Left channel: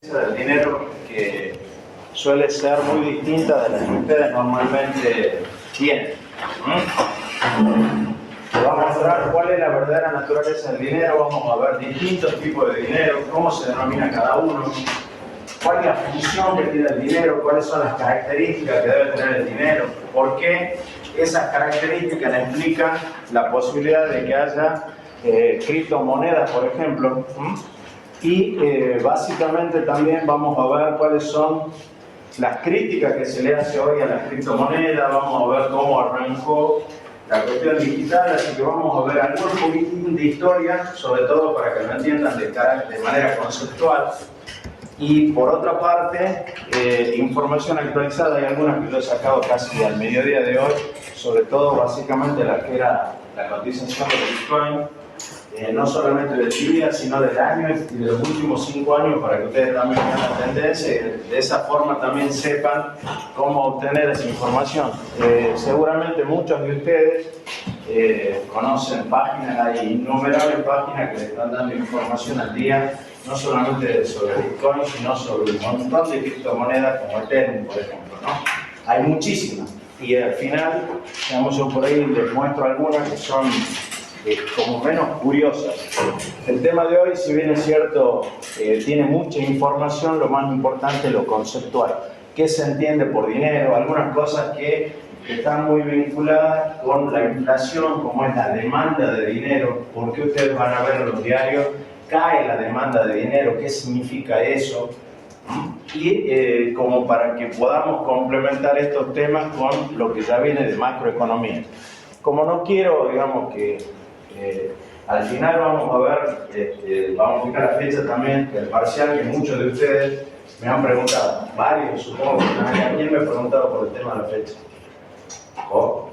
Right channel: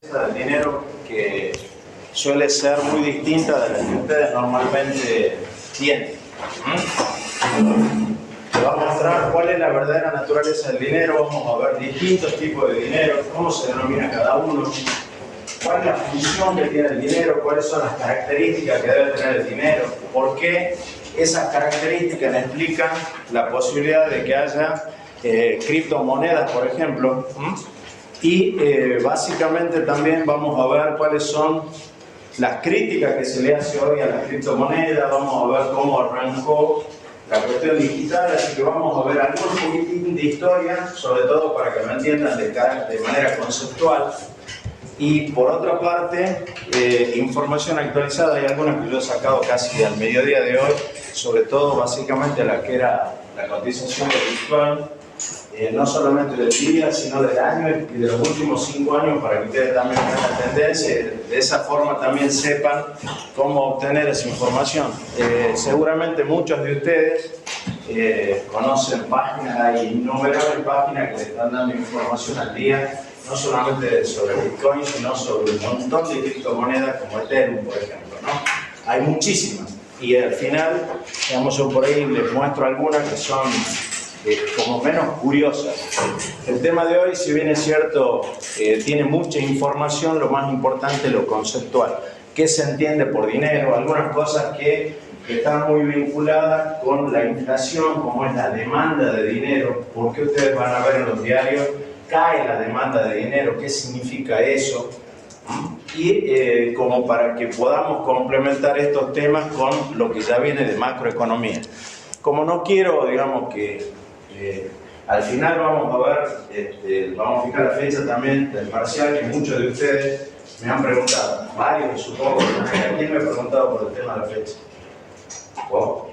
del dinero que suele ser muy distinta de la que ustedes normalmente tienen. Te va a mostrar cuál es la verdadera naturaleza del dinero, vamos a ver distintos tipos de dinero, cómo se denomina cada uno, cuál es la función que tiene el dinero, cuáles son las características que debe tener el dinero, por qué esas características explican la posibilidad de que haya criptomonedas, por ejemplo. Y básicamente también vamos a ver cuáles son las críticas que se le hace hoy a las criptomonedas, vamos a ver cómo arrancó la cuestión digital, así que vamos a ver algún poquitín de historia, sobre todo para que lo entiendan de manera conceptual. Y por otra parte, información actualizada, hay algunas que yo he sacado casi al mediodía de hoy, sobre todo básicamente la que era la cotización de Bitcoin, no solamente del día, sino del año y de los últimos 5 años, para que ustedes también vean la tendencia y de esa forma también sepan cómo obtener esa información. Seguramente muchos de ustedes conocen páginas, hay innumerables páginas que le están dando información al día, no solamente sobre Bitcoin, sino sobre un montón de criptomonedas como Ethereum, por ejemplo, ¿no? Hay muchísimas. Y al final, digamos, yo por ahí les muestro algunas que son como menos curiosas. El tema de hoy, si bien es cierto, tiene mucha información, lo más importante es lo conceptual. ¿Qué se entiende por dinero? Algunas cosas que están muy vinculadas con la inflación, como es la demanda de dinero, porque ustedes van a ver en los diarios, cae la demanda de dinero, ¿qué significa eso? Y como para que podamos complementar estos temas con lo que ya viene de macroeconomía. Como no quiero, digamos, que al final vamos a ver, vamos a fijar la fecha también del parcial que muchos de ustedes me han preguntado, varios supongo, ¿quién me ha preguntado por el tema de la fecha? ¿Oh?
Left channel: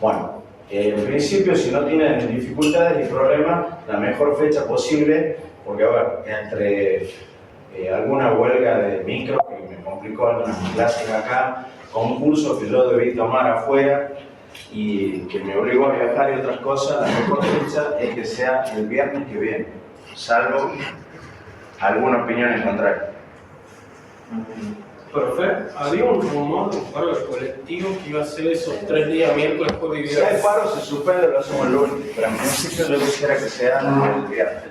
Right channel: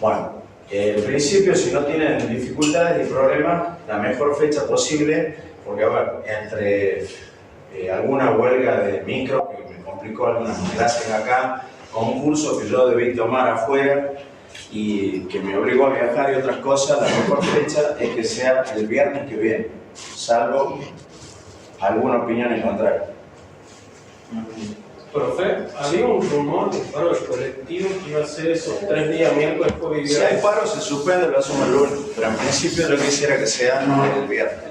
Bueno, en principio, si no tienen dificultades ni problemas, la mejor fecha posible, porque a ver, entre alguna huelga de micro que me complicó algunas clases acá, concursos que yo debí tomar afuera y que me obligó a viajar y otras cosas, la mejor fecha es que sea el viernes que viene, salvo alguna opinión en contrario. Profe, había un rumor de paro colectivo que iba a ser esos 3 días, miércoles, jueves y Si viernes. hay paro, se suspende, lo hacemos el lunes, pero en principio yo quisiera que sea el viernes.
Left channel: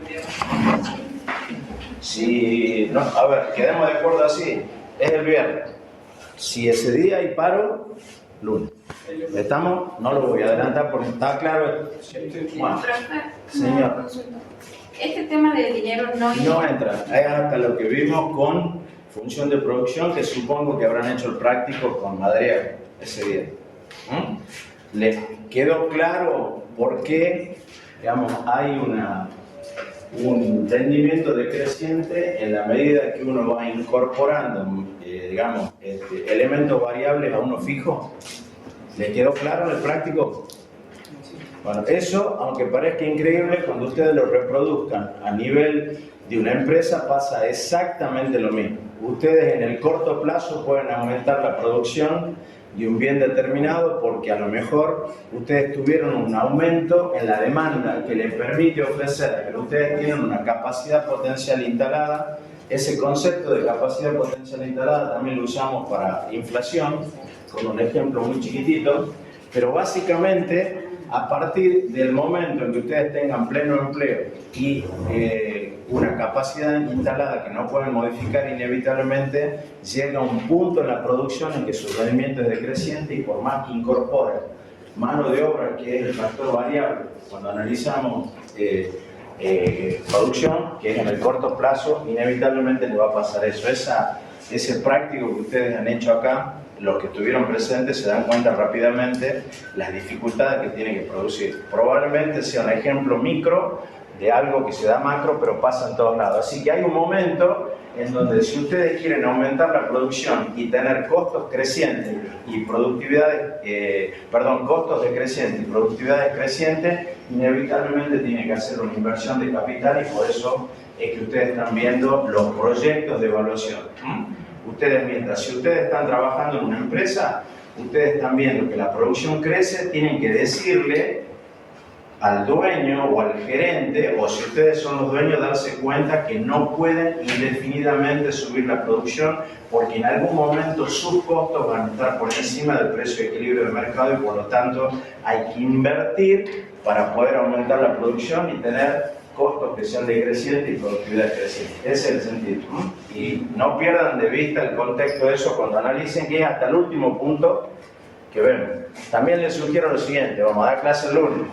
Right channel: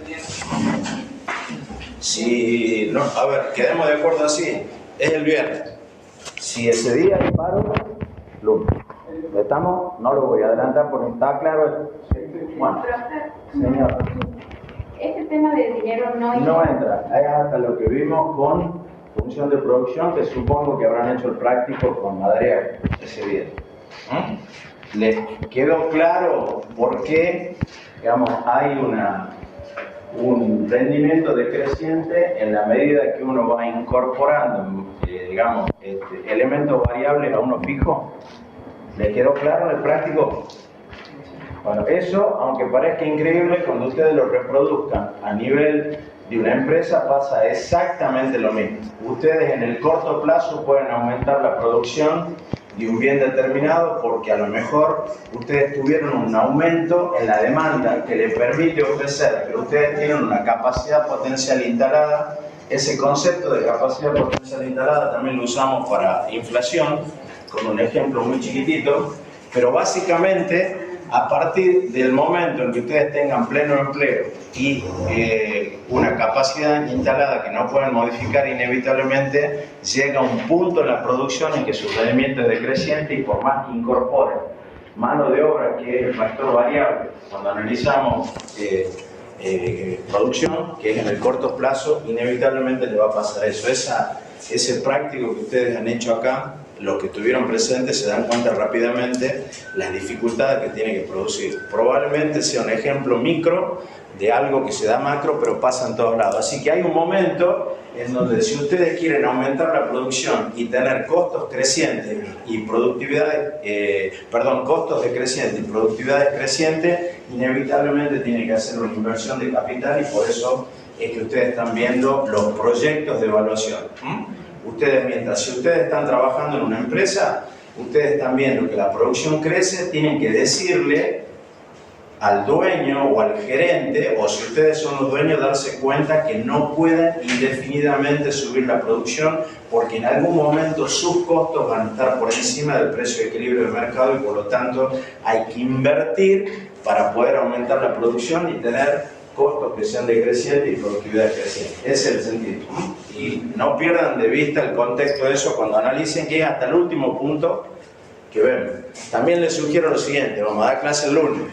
Si no, a ver, quedemos de acuerdo así, es el viernes. Si ese día hay paro, lunes. ¿Estamos? No lo voy a adelantar porque está claro. Bueno, señor. Este tema del dinero No entra. Es hasta lo que vimos con función de producción, que supongo que habrán hecho el práctico con Madrea ese día. ¿Les quedó claro por qué, digamos, hay un rendimiento decreciente en la medida que uno va incorporando, digamos, elementos variables a uno fijo? ¿Le quedó claro el práctico? Bueno, eso, aunque parezca increíble, cuando ustedes lo reproduzcan a nivel de una empresa pasa exactamente lo mismo. Ustedes en el corto plazo pueden aumentar la producción de un bien determinado porque a lo mejor ustedes tuvieron un aumento en la demanda que les permite ofrecer, pero ustedes tienen una capacidad potencial instalada. Ese concepto de capacidad potencial instalada también lo usamos para inflación, con un ejemplo muy chiquitito, pero básicamente a partir del momento en que ustedes tengan pleno empleo y una capacidad instalada que no pueden modificar inevitablemente, llega un punto en la producción en que su rendimiento es decreciente y por más que incorporen mano de obra, que es el factor variable, cuando analizamos producción, que es en el corto plazo, inevitablemente le va a pasar eso. Ese práctico que ustedes han hecho acá, los que estuvieron presentes se dan cuenta rápidamente las dificultades que tiene que producir. Probablemente sea un ejemplo micro de algo que se da macro, pero pasa en todos lados. Así que hay un momento en donde si ustedes quieren aumentar la producción y tener costos crecientes y costos decrecientes y productividad crecientes, inevitablemente tienen que hacer una inversión de capital y por eso es que ustedes están viendo los proyectos de evaluación. Si ustedes están trabajando en una empresa, ustedes están viendo que la producción crece, tienen que decirle al dueño o al gerente, o si ustedes son los dueños, darse cuenta que no pueden indefinidamente subir la producción porque en algún momento sus costos van a estar por encima del precio de equilibrio del mercado y por lo tanto hay que invertir para poder aumentar la producción y tener costos que sean decrecientes y productividad creciente. Ese es el sentido. Y no pierdan de vista el contexto de eso cuando analicen, que es hasta el último punto que vemos. También les sugiero lo siguiente, vamos a dar clase el lunes.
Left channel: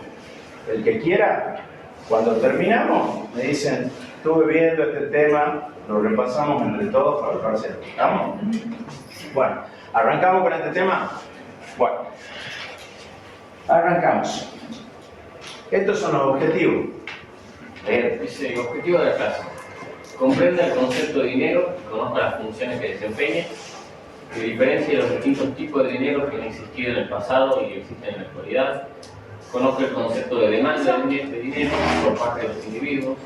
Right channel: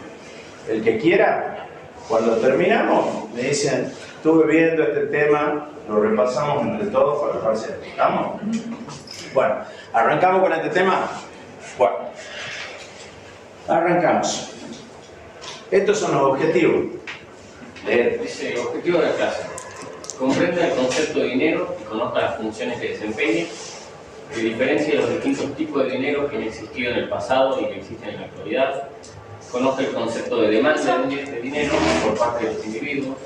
El que quiera, cuando terminamos, me dicen, estuve viendo este tema, lo repasamos entre todos para el parcial. ¿Estamos? Bueno, ¿arrancamos con este tema? Bueno, arrancamos. Estos son los objetivos. Dice, objetivo de la clase. Comprenda el concepto de dinero y conozca las funciones que desempeña, que diferencia los distintos tipos de dinero que han existido en el pasado y que existen en la actualidad. Conozca el concepto de demanda de dinero por parte de los individuos.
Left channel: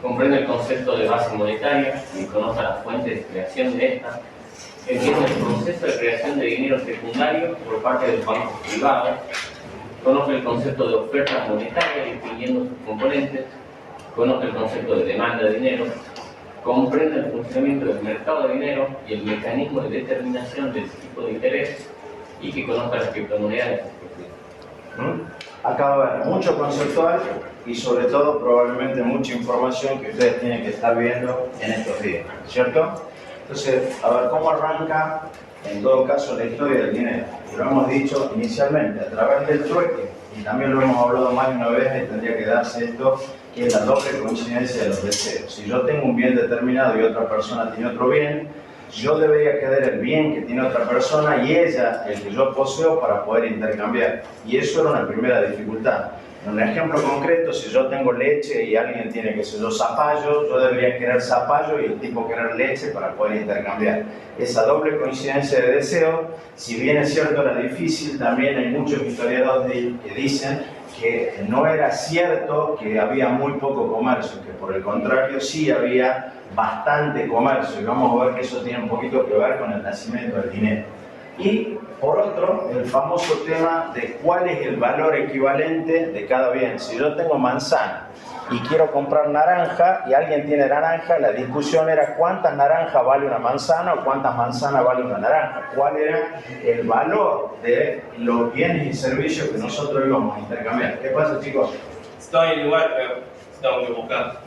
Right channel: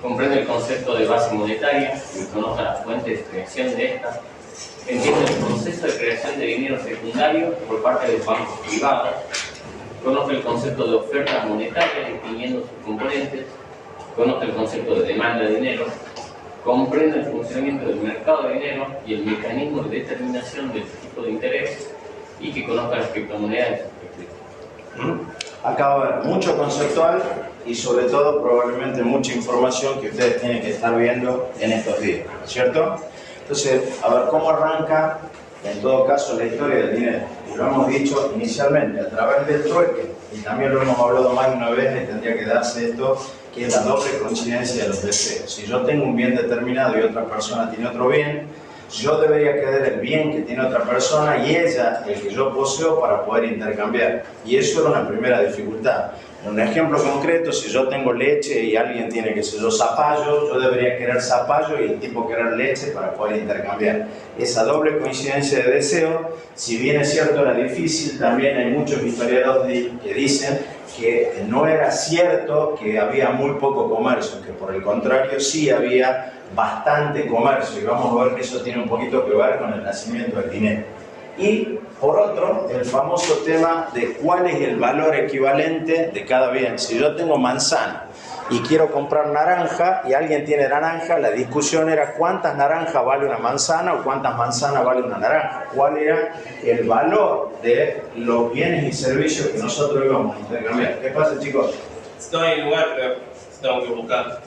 Comprende el concepto de base monetaria y conozca las fuentes de creación de esta. Entienda el proceso de creación de dinero secundario por parte de los bancos privados. Conozca el concepto de oferta monetaria distinguiendo sus componentes. Conozca el concepto de demanda de dinero. Comprenda el funcionamiento del mercado de dinero y el mecanismo de determinación del tipo de interés, y que conozca las criptomonedas. Acá va a haber mucho conceptual y sobre todo probablemente mucha información que ustedes tienen que estar viendo en estos días, ¿cierto? Entonces, a ver cómo arranca en todo caso la historia del dinero. Lo hemos dicho inicialmente a través del trueque, y también lo hemos hablado más de una vez, y tendría que darse esto, que es la doble coincidencia de los deseos. Si yo tengo un bien determinado y otra persona tiene otro bien, yo debería querer el bien que tiene otra persona y ella el que yo poseo para poder intercambiar. Y eso era una primera dificultad. En un ejemplo concreto, si yo tengo leche y alguien tiene, qué sé yo, zapallo, yo debería querer zapallo y el tipo querer leche para poder intercambiar. Esa doble coincidencia de deseo, si bien es cierto era difícil, también hay muchos historiadores que dicen que no era cierto que había muy poco comercio, que por el contrario sí había bastante comercio, y vamos a ver que eso tiene un poquito que ver con el nacimiento del dinero. Y por otro, el famoso tema de cuál es el valor equivalente de cada bien. Si yo tengo manzana y quiero comprar naranja y alguien tiene naranja, la discusión era cuántas naranjas vale una manzana o cuántas manzanas vale una naranja. ¿Cuál era el valor de los bienes y servicios que nosotros íbamos a intercambiar? ¿Qué pasa, chicos? Estoy en el lugar, pero tengo que buscar.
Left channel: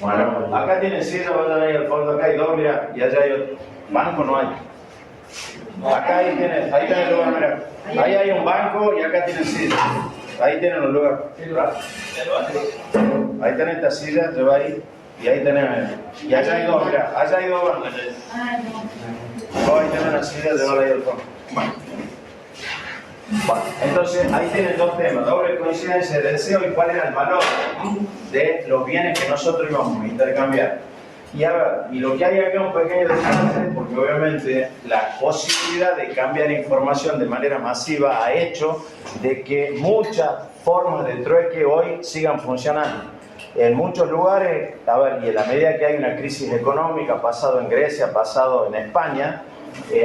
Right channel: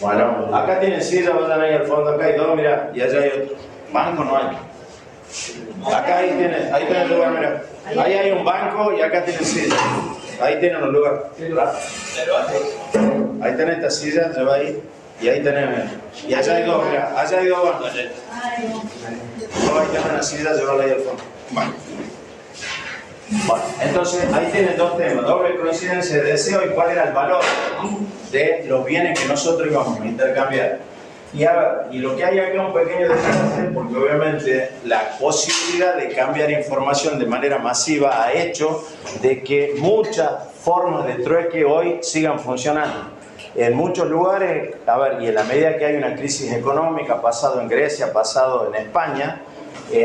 Bueno, acá tienen silla, vayan ahí al fondo, acá hay dos, mira, y allá hay otro. Banco no hay. Acá ahí tienen el lugar, mira. Ahí hay un banco y acá tienen silla. Ahí tienen un lugar. Ahí tenés esta silla, lleva ahí. Y ahí tenés. Y allá hay dos, mira. Allá hay dos bancos. Ahí tenés una silla, llevala ahí al fondo. Bueno, entonces ahí tienen dos temas. Doble coincidencia de deseo y cuál era el valor de los bienes que nosotros íbamos a intercambiar. Y lo que hay acá es un pequeño detalle, porque obviamente la posibilidad de cambiar información de manera masiva ha hecho de que muchas formas de trueque hoy sigan funcionando. En muchos lugares, y en la medida que hay una crisis económica, pasado en Grecia, pasado en España,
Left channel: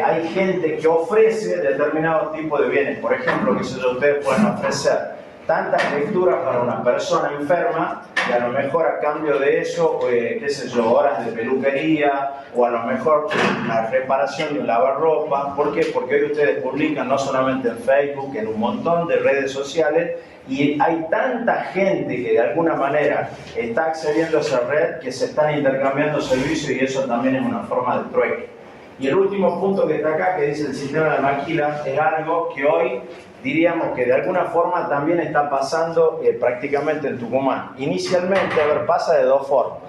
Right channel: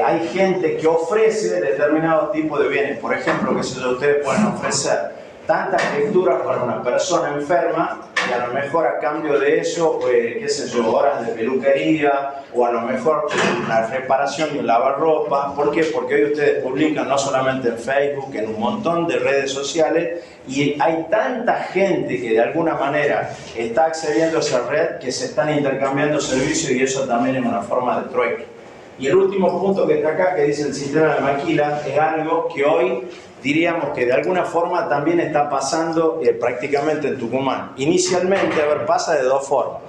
hay gente que ofrece determinados tipos de bienes. Por ejemplo, que ustedes pueden ofrecer tantas lecturas para una persona enferma, y a lo mejor a cambio de eso, horas de peluquería, o a lo mejor la reparación de un lavarropa. ¿Por qué? Porque hoy ustedes publican no solamente en Facebook, en un montón de redes sociales, y hay tanta gente que de alguna manera está accediendo a esa red que se están intercambiando servicios, y eso también es una forma de trueque. Y el último punto que está acá, que dice el sistema de maquila, es algo que hoy diríamos que de alguna forma también está pasando prácticamente en Tucumán. Inicialmente, pasa de dos formas.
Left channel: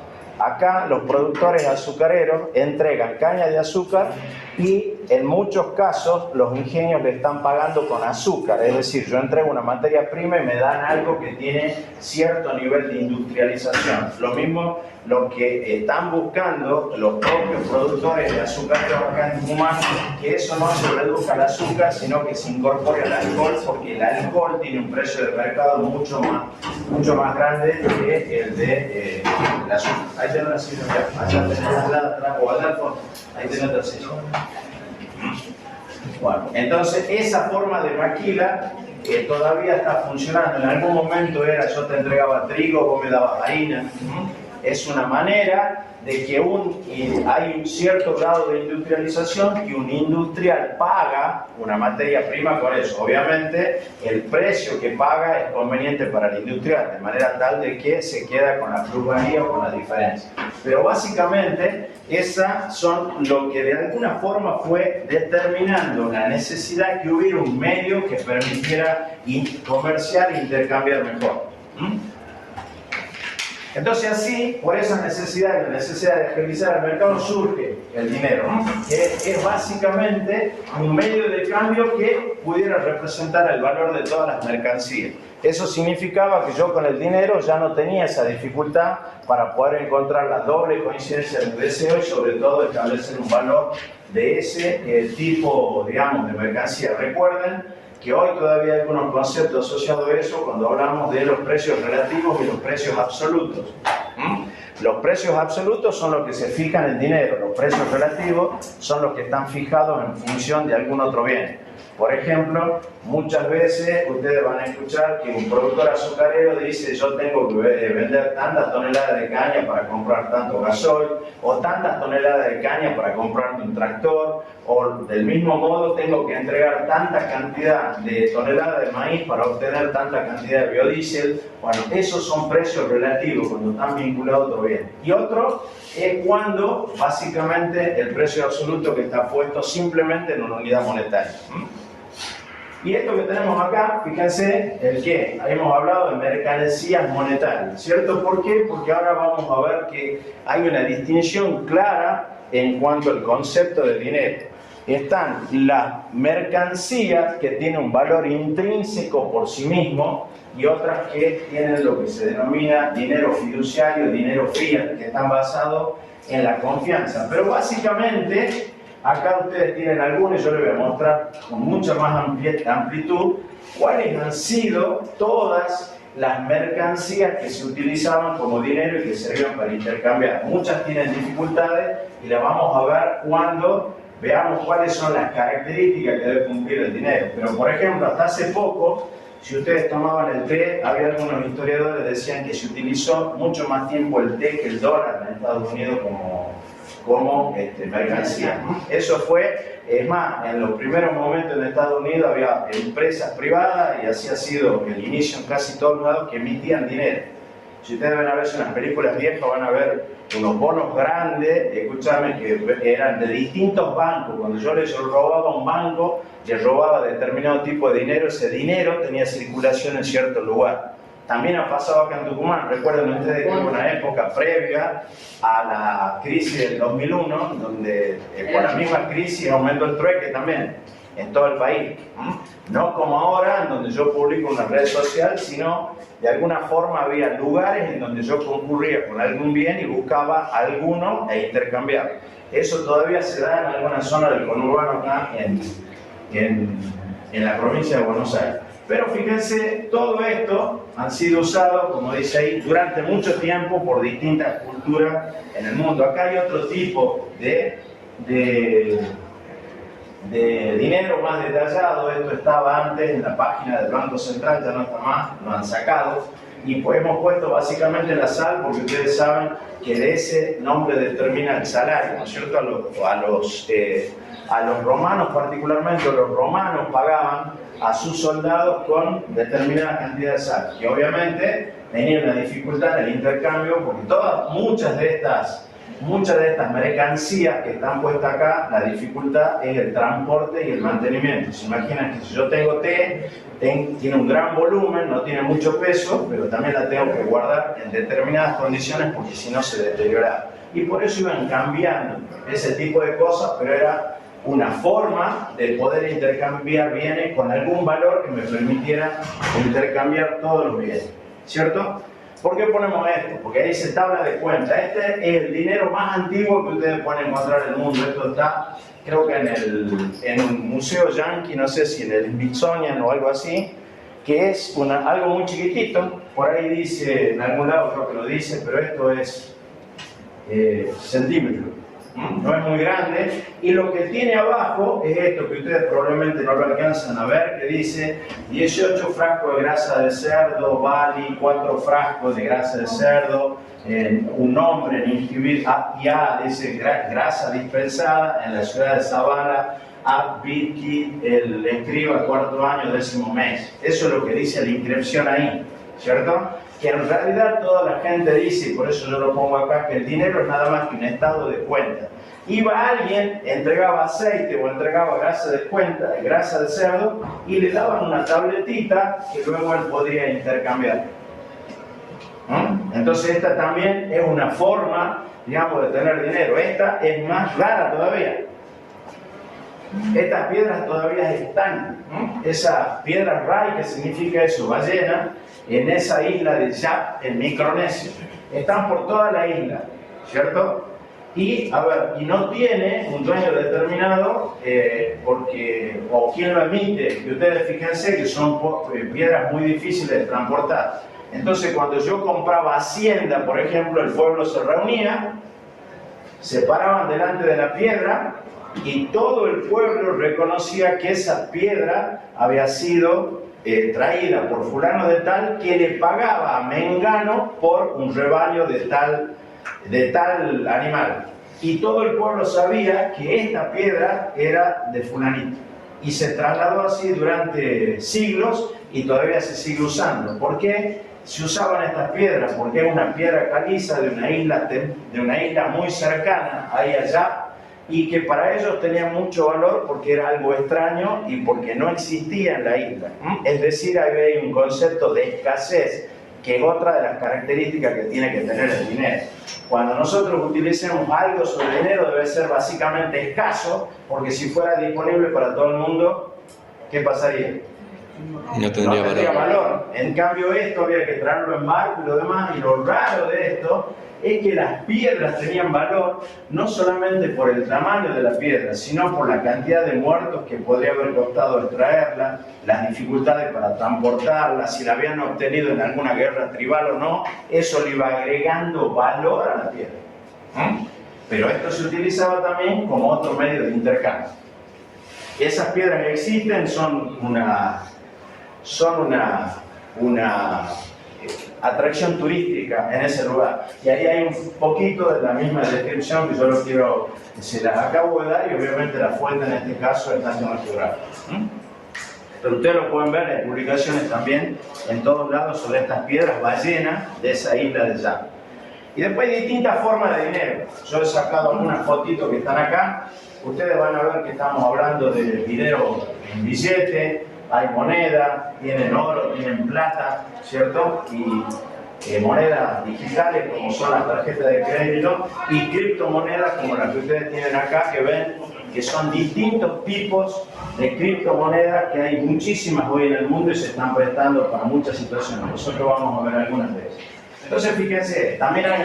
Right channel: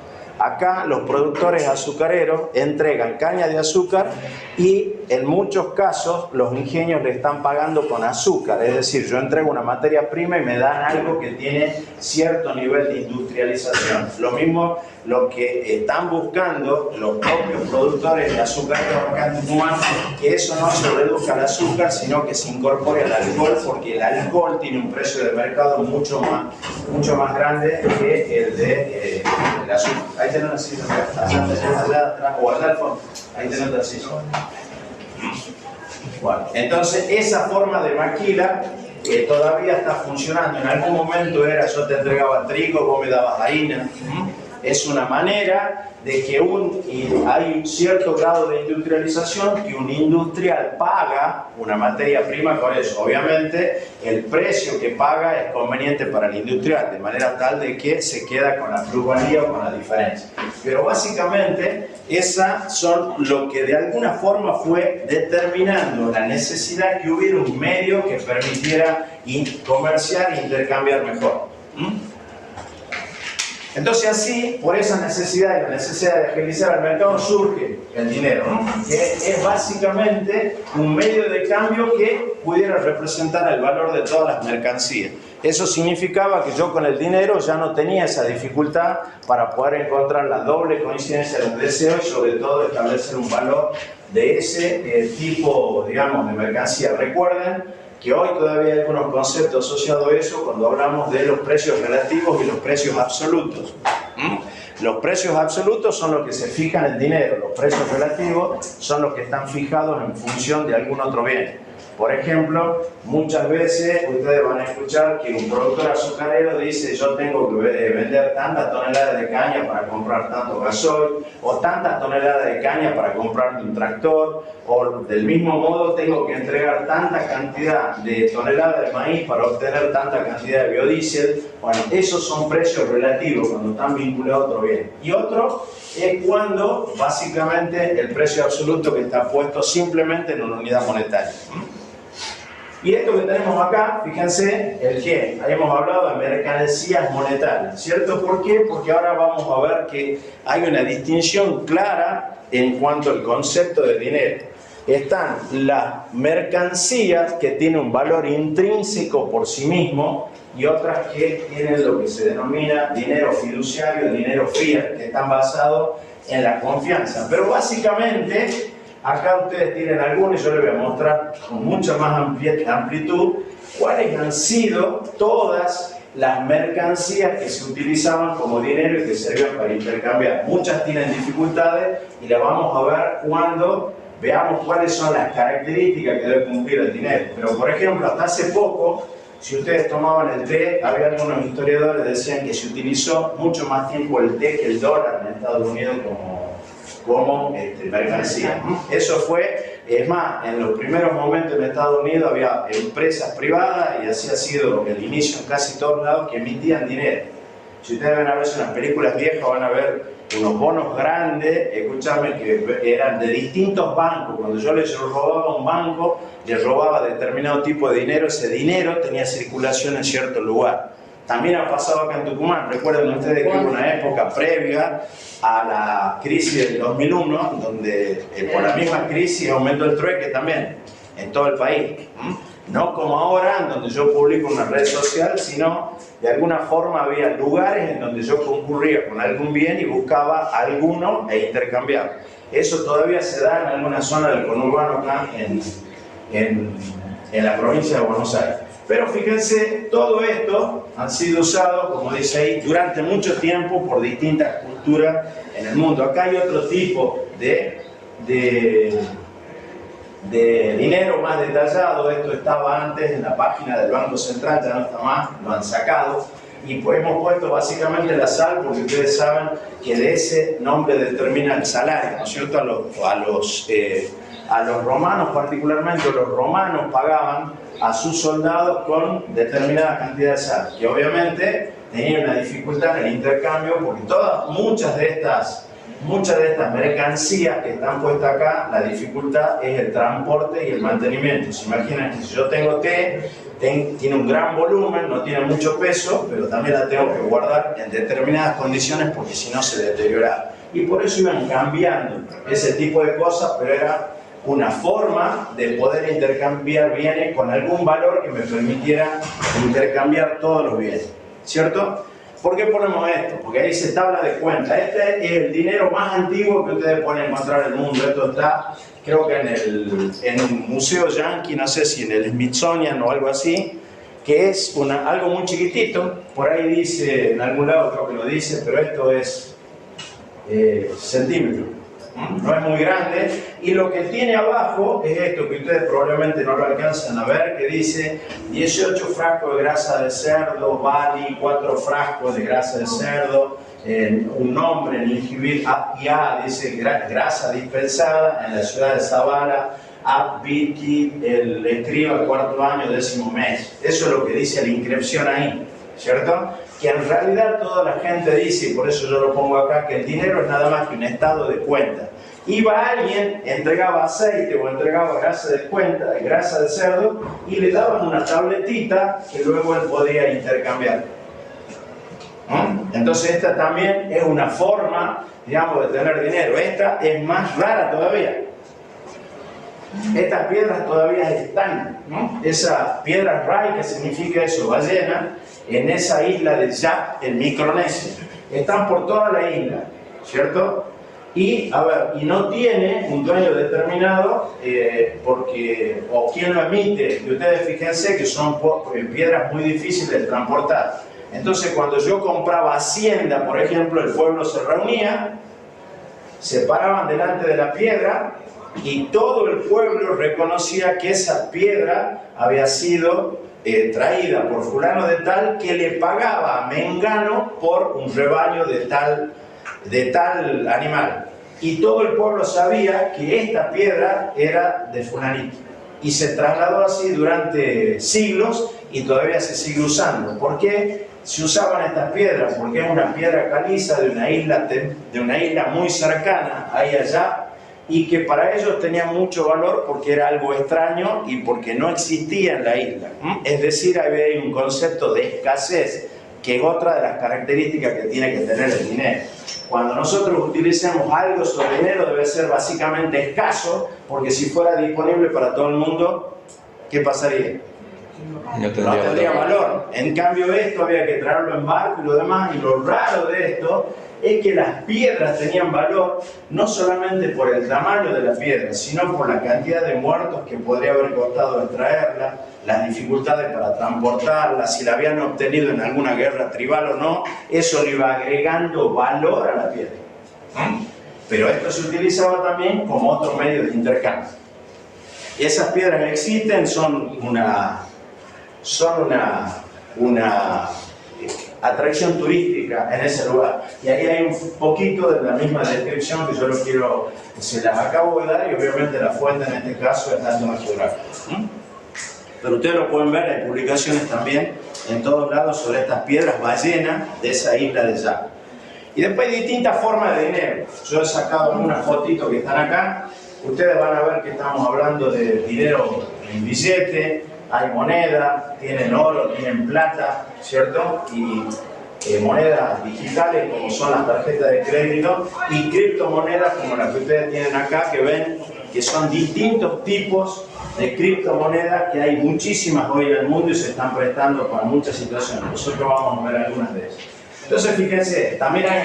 Acá los productores azucareros entregan caña de azúcar y en muchos casos los ingenios le están pagando con azúcar. Es decir, yo entrego una materia prima y me dan algo que tiene cierto nivel de industrialización. Lo mismo lo que están buscando los propios productores de azúcar acá en Tucumán, que eso no se reduzca al azúcar, sino que se incorpore al alcohol, porque el alcohol tiene un precio de mercado mucho más grande que el de el azúcar. Ahí tenés la silla, allá atrás, o allá al fondo. Ahí tenés la silla. Bueno, entonces esa forma de maquila todavía está funcionando. En algún momento era yo te entregaba trigo, vos me dabas harina. Es una manera de que hay un cierto grado de industrialización y un industrial paga una materia prima con eso. Obviamente el precio que paga es conveniente para el industrial, de manera tal de que se queda con la plusvalía o con la diferencia. Pero básicamente esas son lo que de alguna forma fue determinando la necesidad que hubiera un medio que permitiera comerciar e intercambiar mejor. Entonces así, por esa necesidad y la necesidad de agilizar el mercado, surge el dinero, que es básicamente un medio de cambio que pudiera representar el valor de todas las mercancías. Eso significaba que yo con el dinero ya no tenía esa dificultad para poder encontrar la doble coincidencia del deseo y sobre todo establecer un valor de ese tipo, digamos, de mercancía. Recuerden que hoy todavía hay algunos conceptos asociados a eso cuando hablamos de los precios relativos y los precios absolutos. Los precios absolutos son los que se fijan en dinero, los precios relativos son los que están fijados en función de algún otro bien. Por ejemplo, muchas veces ustedes van a escuchar que un productor azucarero dice yo tengo que vender tantas toneladas de caña para comprar tanto gasoil, o tantas toneladas de caña para comprar un tractor, o del mismo modo tengo que entregar tanta cantidad de toneladas de maíz para obtener tanta cantidad de biodiesel. Bueno, esos son precios relativos cuando están vinculados a otro bien. Y otro es cuando básicamente el precio absoluto que está puesto simplemente en una unidad monetaria. Y esto que tenemos acá, fíjense, el que hemos hablado de mercancías monetarias, ¿cierto? ¿Por qué? Porque ahora vamos a ver que hay una distinción clara en cuanto al concepto de dinero. Están las mercancías que tienen un valor intrínseco por sí mismo y otras que tienen lo que se denomina dinero fiduciario, dinero fiat, que están basados en la confianza. Pero básicamente acá ustedes tienen algunos y yo les voy a mostrar con mucha más amplitud cuáles han sido todas las mercancías que se utilizaban como dinero y que servían para intercambiar. Muchas tienen dificultades y las vamos a ver cuando veamos cuáles son las características que debe cumplir el dinero. Pero por ejemplo, hasta hace poco, si ustedes tomaban el té, había algunos historiadores que decían que se utilizó mucho más tiempo el té que el dólar en Estados Unidos como mercancía. Eso fue, es más, en los primeros momentos en Estados Unidos había empresas privadas y así ha sido el inicio en casi todos lados que emitían dinero. Si ustedes van a ver unas películas viejas van a ver unos bonos grandes, escúchame, que eran de distintos bancos. Cuando yo les robaba a un banco, les robaba determinado tipo de dinero, ese dinero tenía circulación en cierto lugar. También ha pasado acá en Tucumán. Recuerden ustedes que hubo una época previa a la crisis del 2001, donde por la misma crisis aumentó el trueque también en todo el país. No como ahora, en donde yo publico una red social, sino de alguna forma había lugares en donde yo concurría con algún bien y buscaba alguno e intercambiar. Eso todavía se da en alguna zona del conurbano acá en la provincia de Buenos Aires. Pero fíjense, todo esto han sido usados, como dice ahí, durante mucho tiempo por distintas culturas en el mundo. Acá hay otro tipo de dinero más detallado. Esto estaba antes en la página del Banco Central, ya no está más, lo han sacado. Y pues hemos puesto básicamente la sal porque ustedes saben que de ese nombre determina el salario, ¿no es cierto? A los romanos particularmente, los romanos pagaban a sus soldados con determinada cantidad de sal, que obviamente tenían una dificultad en el intercambio porque muchas de estas mercancías que están puestas acá, la dificultad es el transporte y el mantenimiento. Se imaginan que si yo tengo té, tiene un gran volumen, no tiene mucho peso, pero también la tengo que guardar en determinadas condiciones porque si no se deteriora. Y por eso iban cambiando ese tipo de cosas, pero era una forma de poder intercambiar bienes con algún valor que me permitiera intercambiar todos los bienes, ¿cierto? ¿Por qué ponemos esto? Porque ahí dice tabla de cuenta. Este es el dinero más antiguo que ustedes pueden encontrar en el mundo. Esto está, creo que en un museo yankee, no sé si en el Smithsonian o algo así, que es algo muy chiquitito. Por ahí dice, en algún lado creo que lo dice, pero esto es centímetro. no es muy grande, y lo que tiene abajo es esto que ustedes probablemente no lo alcanzan a ver, que dice 18 frascos de grasa de cerdo, Bali, 4 frascos de grasa de cerdo, un nombre en Injibir, ya dice grasa dispensada en la ciudad de Zabala, Abiki, el escriba, 4º año, 10º mes. Eso es lo que dice la inscripción ahí, ¿cierto? Que en realidad toda la gente dice, y por eso yo lo pongo acá, que el dinero es nada más que un estado de cuenta. Iba alguien, entregaba aceite o entregaba grasa de cuenta, grasa de cerdo, y le daban una tabletita que luego él podía intercambiar. Entonces esta también es una forma, digamos, de tener dinero. Esta es más rara todavía. Estas piedras todavía están. Esa piedra Rai, que significa eso, ballena, en esa isla de Yap, en Micronesia. Están por toda la isla, ¿cierto? Y, a ver, y no tiene un dueño determinado, porque, o quien lo emite, y ustedes fíjense que son piedras muy difíciles de transportar. Entonces, cuando yo compraba hacienda, por ejemplo, el pueblo se reunía, se paraban delante de la piedra, y todo el pueblo reconocía que esa piedra había sido traída por fulano de tal, que le pagaba a Mengano por un rebaño de tal animal. Y todo el pueblo sabía que esta piedra era de fulanito. Y se trasladó así durante siglos y todavía se sigue usando. ¿Por qué se usaban estas piedras? Porque es una piedra caliza de una isla muy cercana, ahí allá, y que para ellos tenía mucho valor porque era algo extraño y porque no existía en la isla. Es decir, había un concepto de escasez, que es otra de las características que tiene que tener el dinero. Cuando nosotros utilicemos algo sobre dinero debe ser básicamente escaso, porque si fuera disponible para todo el mundo, ¿qué pasaría? No tendría valor. En cambio esto había que traerlo en barco y lo demás, y lo raro de esto es que las piedras tenían valor no solamente por el tamaño de la piedra, sino por la cantidad de muertos que podría haber costado extraerla, las dificultades para transportarla, si la habían obtenido en alguna guerra tribal o no, eso le iba agregando valor a la piedra. Pero esto se utilizaba también como otro medio de intercambio. Esas piedras existen, son una atracción turística en ese lugar. Y ahí hay un poquito de la misma descripción que yo se las acabo de dar, y obviamente la fuente en este caso es National Geographic. Pero ustedes lo pueden ver, hay publicaciones también en todos lados sobre estas piedras ballenas de esa isla de Yap. Y después hay distintas formas de dinero. Yo he sacado unas fotitos que están acá. Ustedes van a ver que estamos hablando de dinero en billete, hay moneda, tienen oro, tienen plata, ¿cierto? Y monedas digitales como son las tarjetas de crédito, y criptomonedas como las que ustedes tienen acá, que ven que son distintos tipos de criptomonedas, que hay muchísimas hoy en el mundo y se están prestando para muchas situaciones. Nosotros vamos a ver algunas de ellas. Entonces fíjense, también hay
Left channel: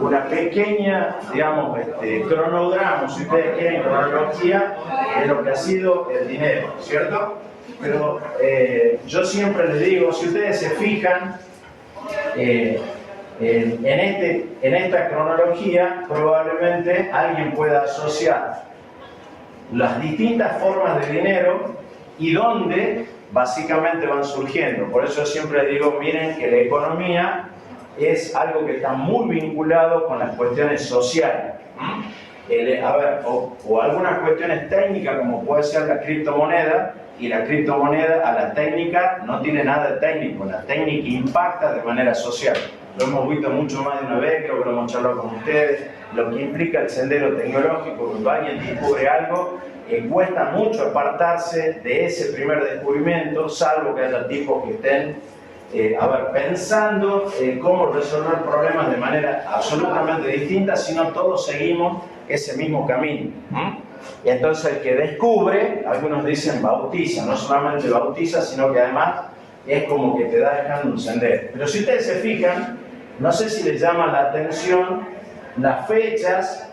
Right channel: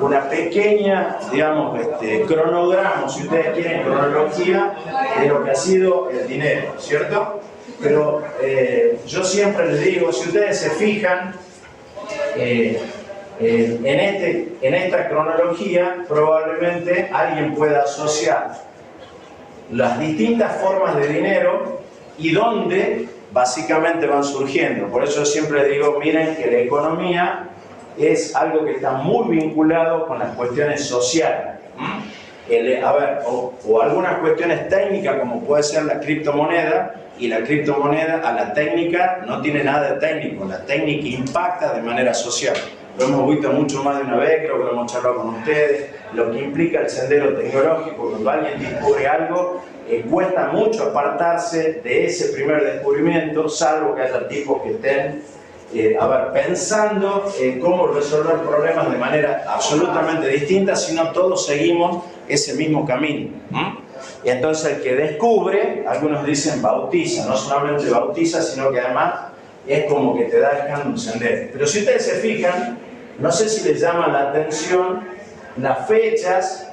una pequeña, digamos, cronograma, si ustedes quieren, cronología de lo que ha sido el dinero, ¿cierto? Pero yo siempre les digo, si ustedes se fijan en esta cronología, probablemente alguien pueda asociar las distintas formas de dinero y dónde básicamente van surgiendo. Por eso yo siempre digo, miren que la economía es algo que está muy vinculado con las cuestiones sociales. O algunas cuestiones técnicas, como puede ser la criptomoneda, y la criptomoneda a la técnica no tiene nada de técnico, la técnica impacta de manera social. Lo hemos visto mucho más de una vez, creo que lo hemos charlado con ustedes, lo que implica el sendero tecnológico. Cuando alguien descubre algo, cuesta mucho apartarse de ese primer descubrimiento, salvo que haya tipos que estén pensando en cómo resolver problemas de manera absolutamente distinta, sino todos seguimos ese mismo camino. Y entonces el que descubre, algunos dicen bautiza, no solamente bautiza, sino que además es como que te da dejando un sendero. Pero si ustedes se fijan, no sé si les llama la atención las fechas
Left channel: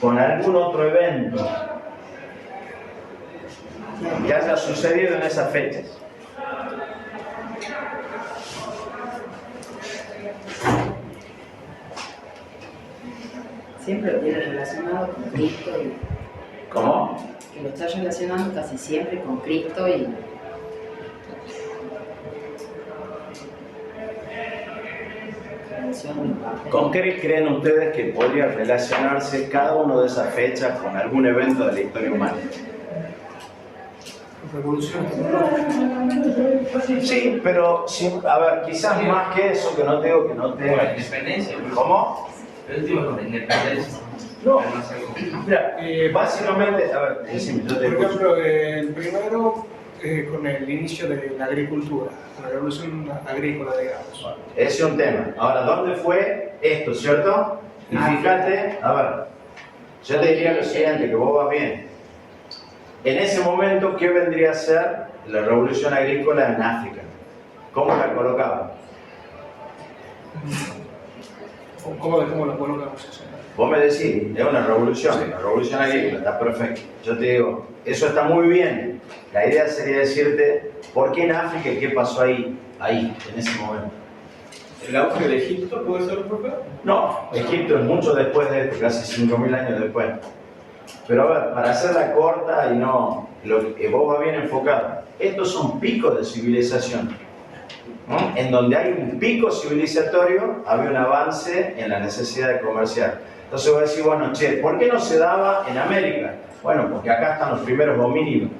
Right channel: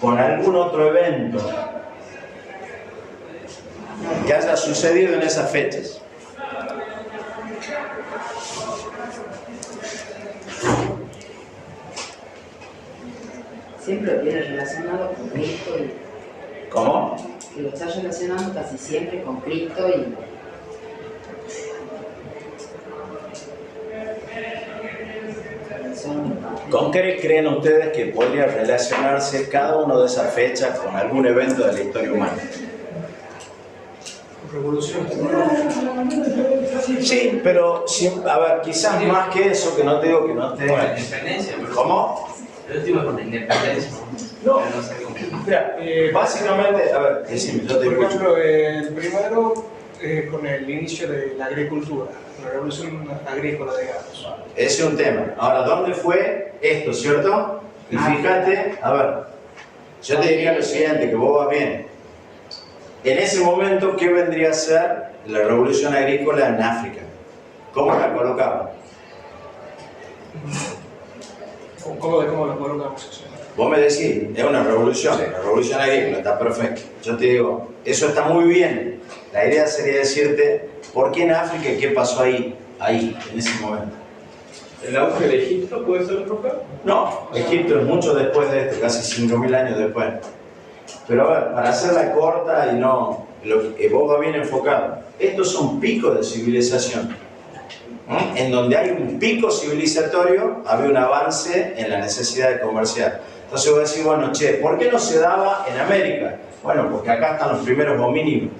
con algún otro evento que haya sucedido en esas fechas. Siempre lo tiene relacionado con Cristo y ¿Cómo? que lo está relacionando casi siempre con Cristo y ¿Con qué creen ustedes que podría relacionarse cada una de esas fechas con algún evento de la historia humana? Revolución. Sí, pero a ver, quizás más que eso, que no te digo que no Con la tenga. independencia. ¿Cómo? El último con la independencia. No. Pero no sé cómo. Mira, Básicamente, a ver, decime, yo te por escucho. ejemplo, el primero con el inicio de la agricultura, la revolución agrícola, digamos. Ese es un tema. Ahora, ¿dónde fue esto, cierto? Y fíjate, a ver, yo te diría lo siguiente, que vos vas bien. En ese momento, ¿qué vendría a ser la revolución agrícola en África? ¿Cómo la colocaban? ¿Cómo lo colocamos eso? Vos me decís, es una revolución, Sí. la revolución agrícola, está perfecto. Yo te digo, eso está muy bien. La idea sería decirte, ¿por qué en África y qué pasó ahí, en ese momento? ¿El auge de Egipto puede ser por acá? No, Egipto es mucho después de esto, casi 5.000 años después. Pero a ver, para hacerla corta y no, lo que vos vas bien enfocado, estos son picos de civilización. ¿Mm? En donde hay un pico civilizatorio, había un avance en la necesidad de comerciar. Entonces vos decís, bueno, che, ¿por qué no se daba en América? Bueno, porque acá están los primeros homínidos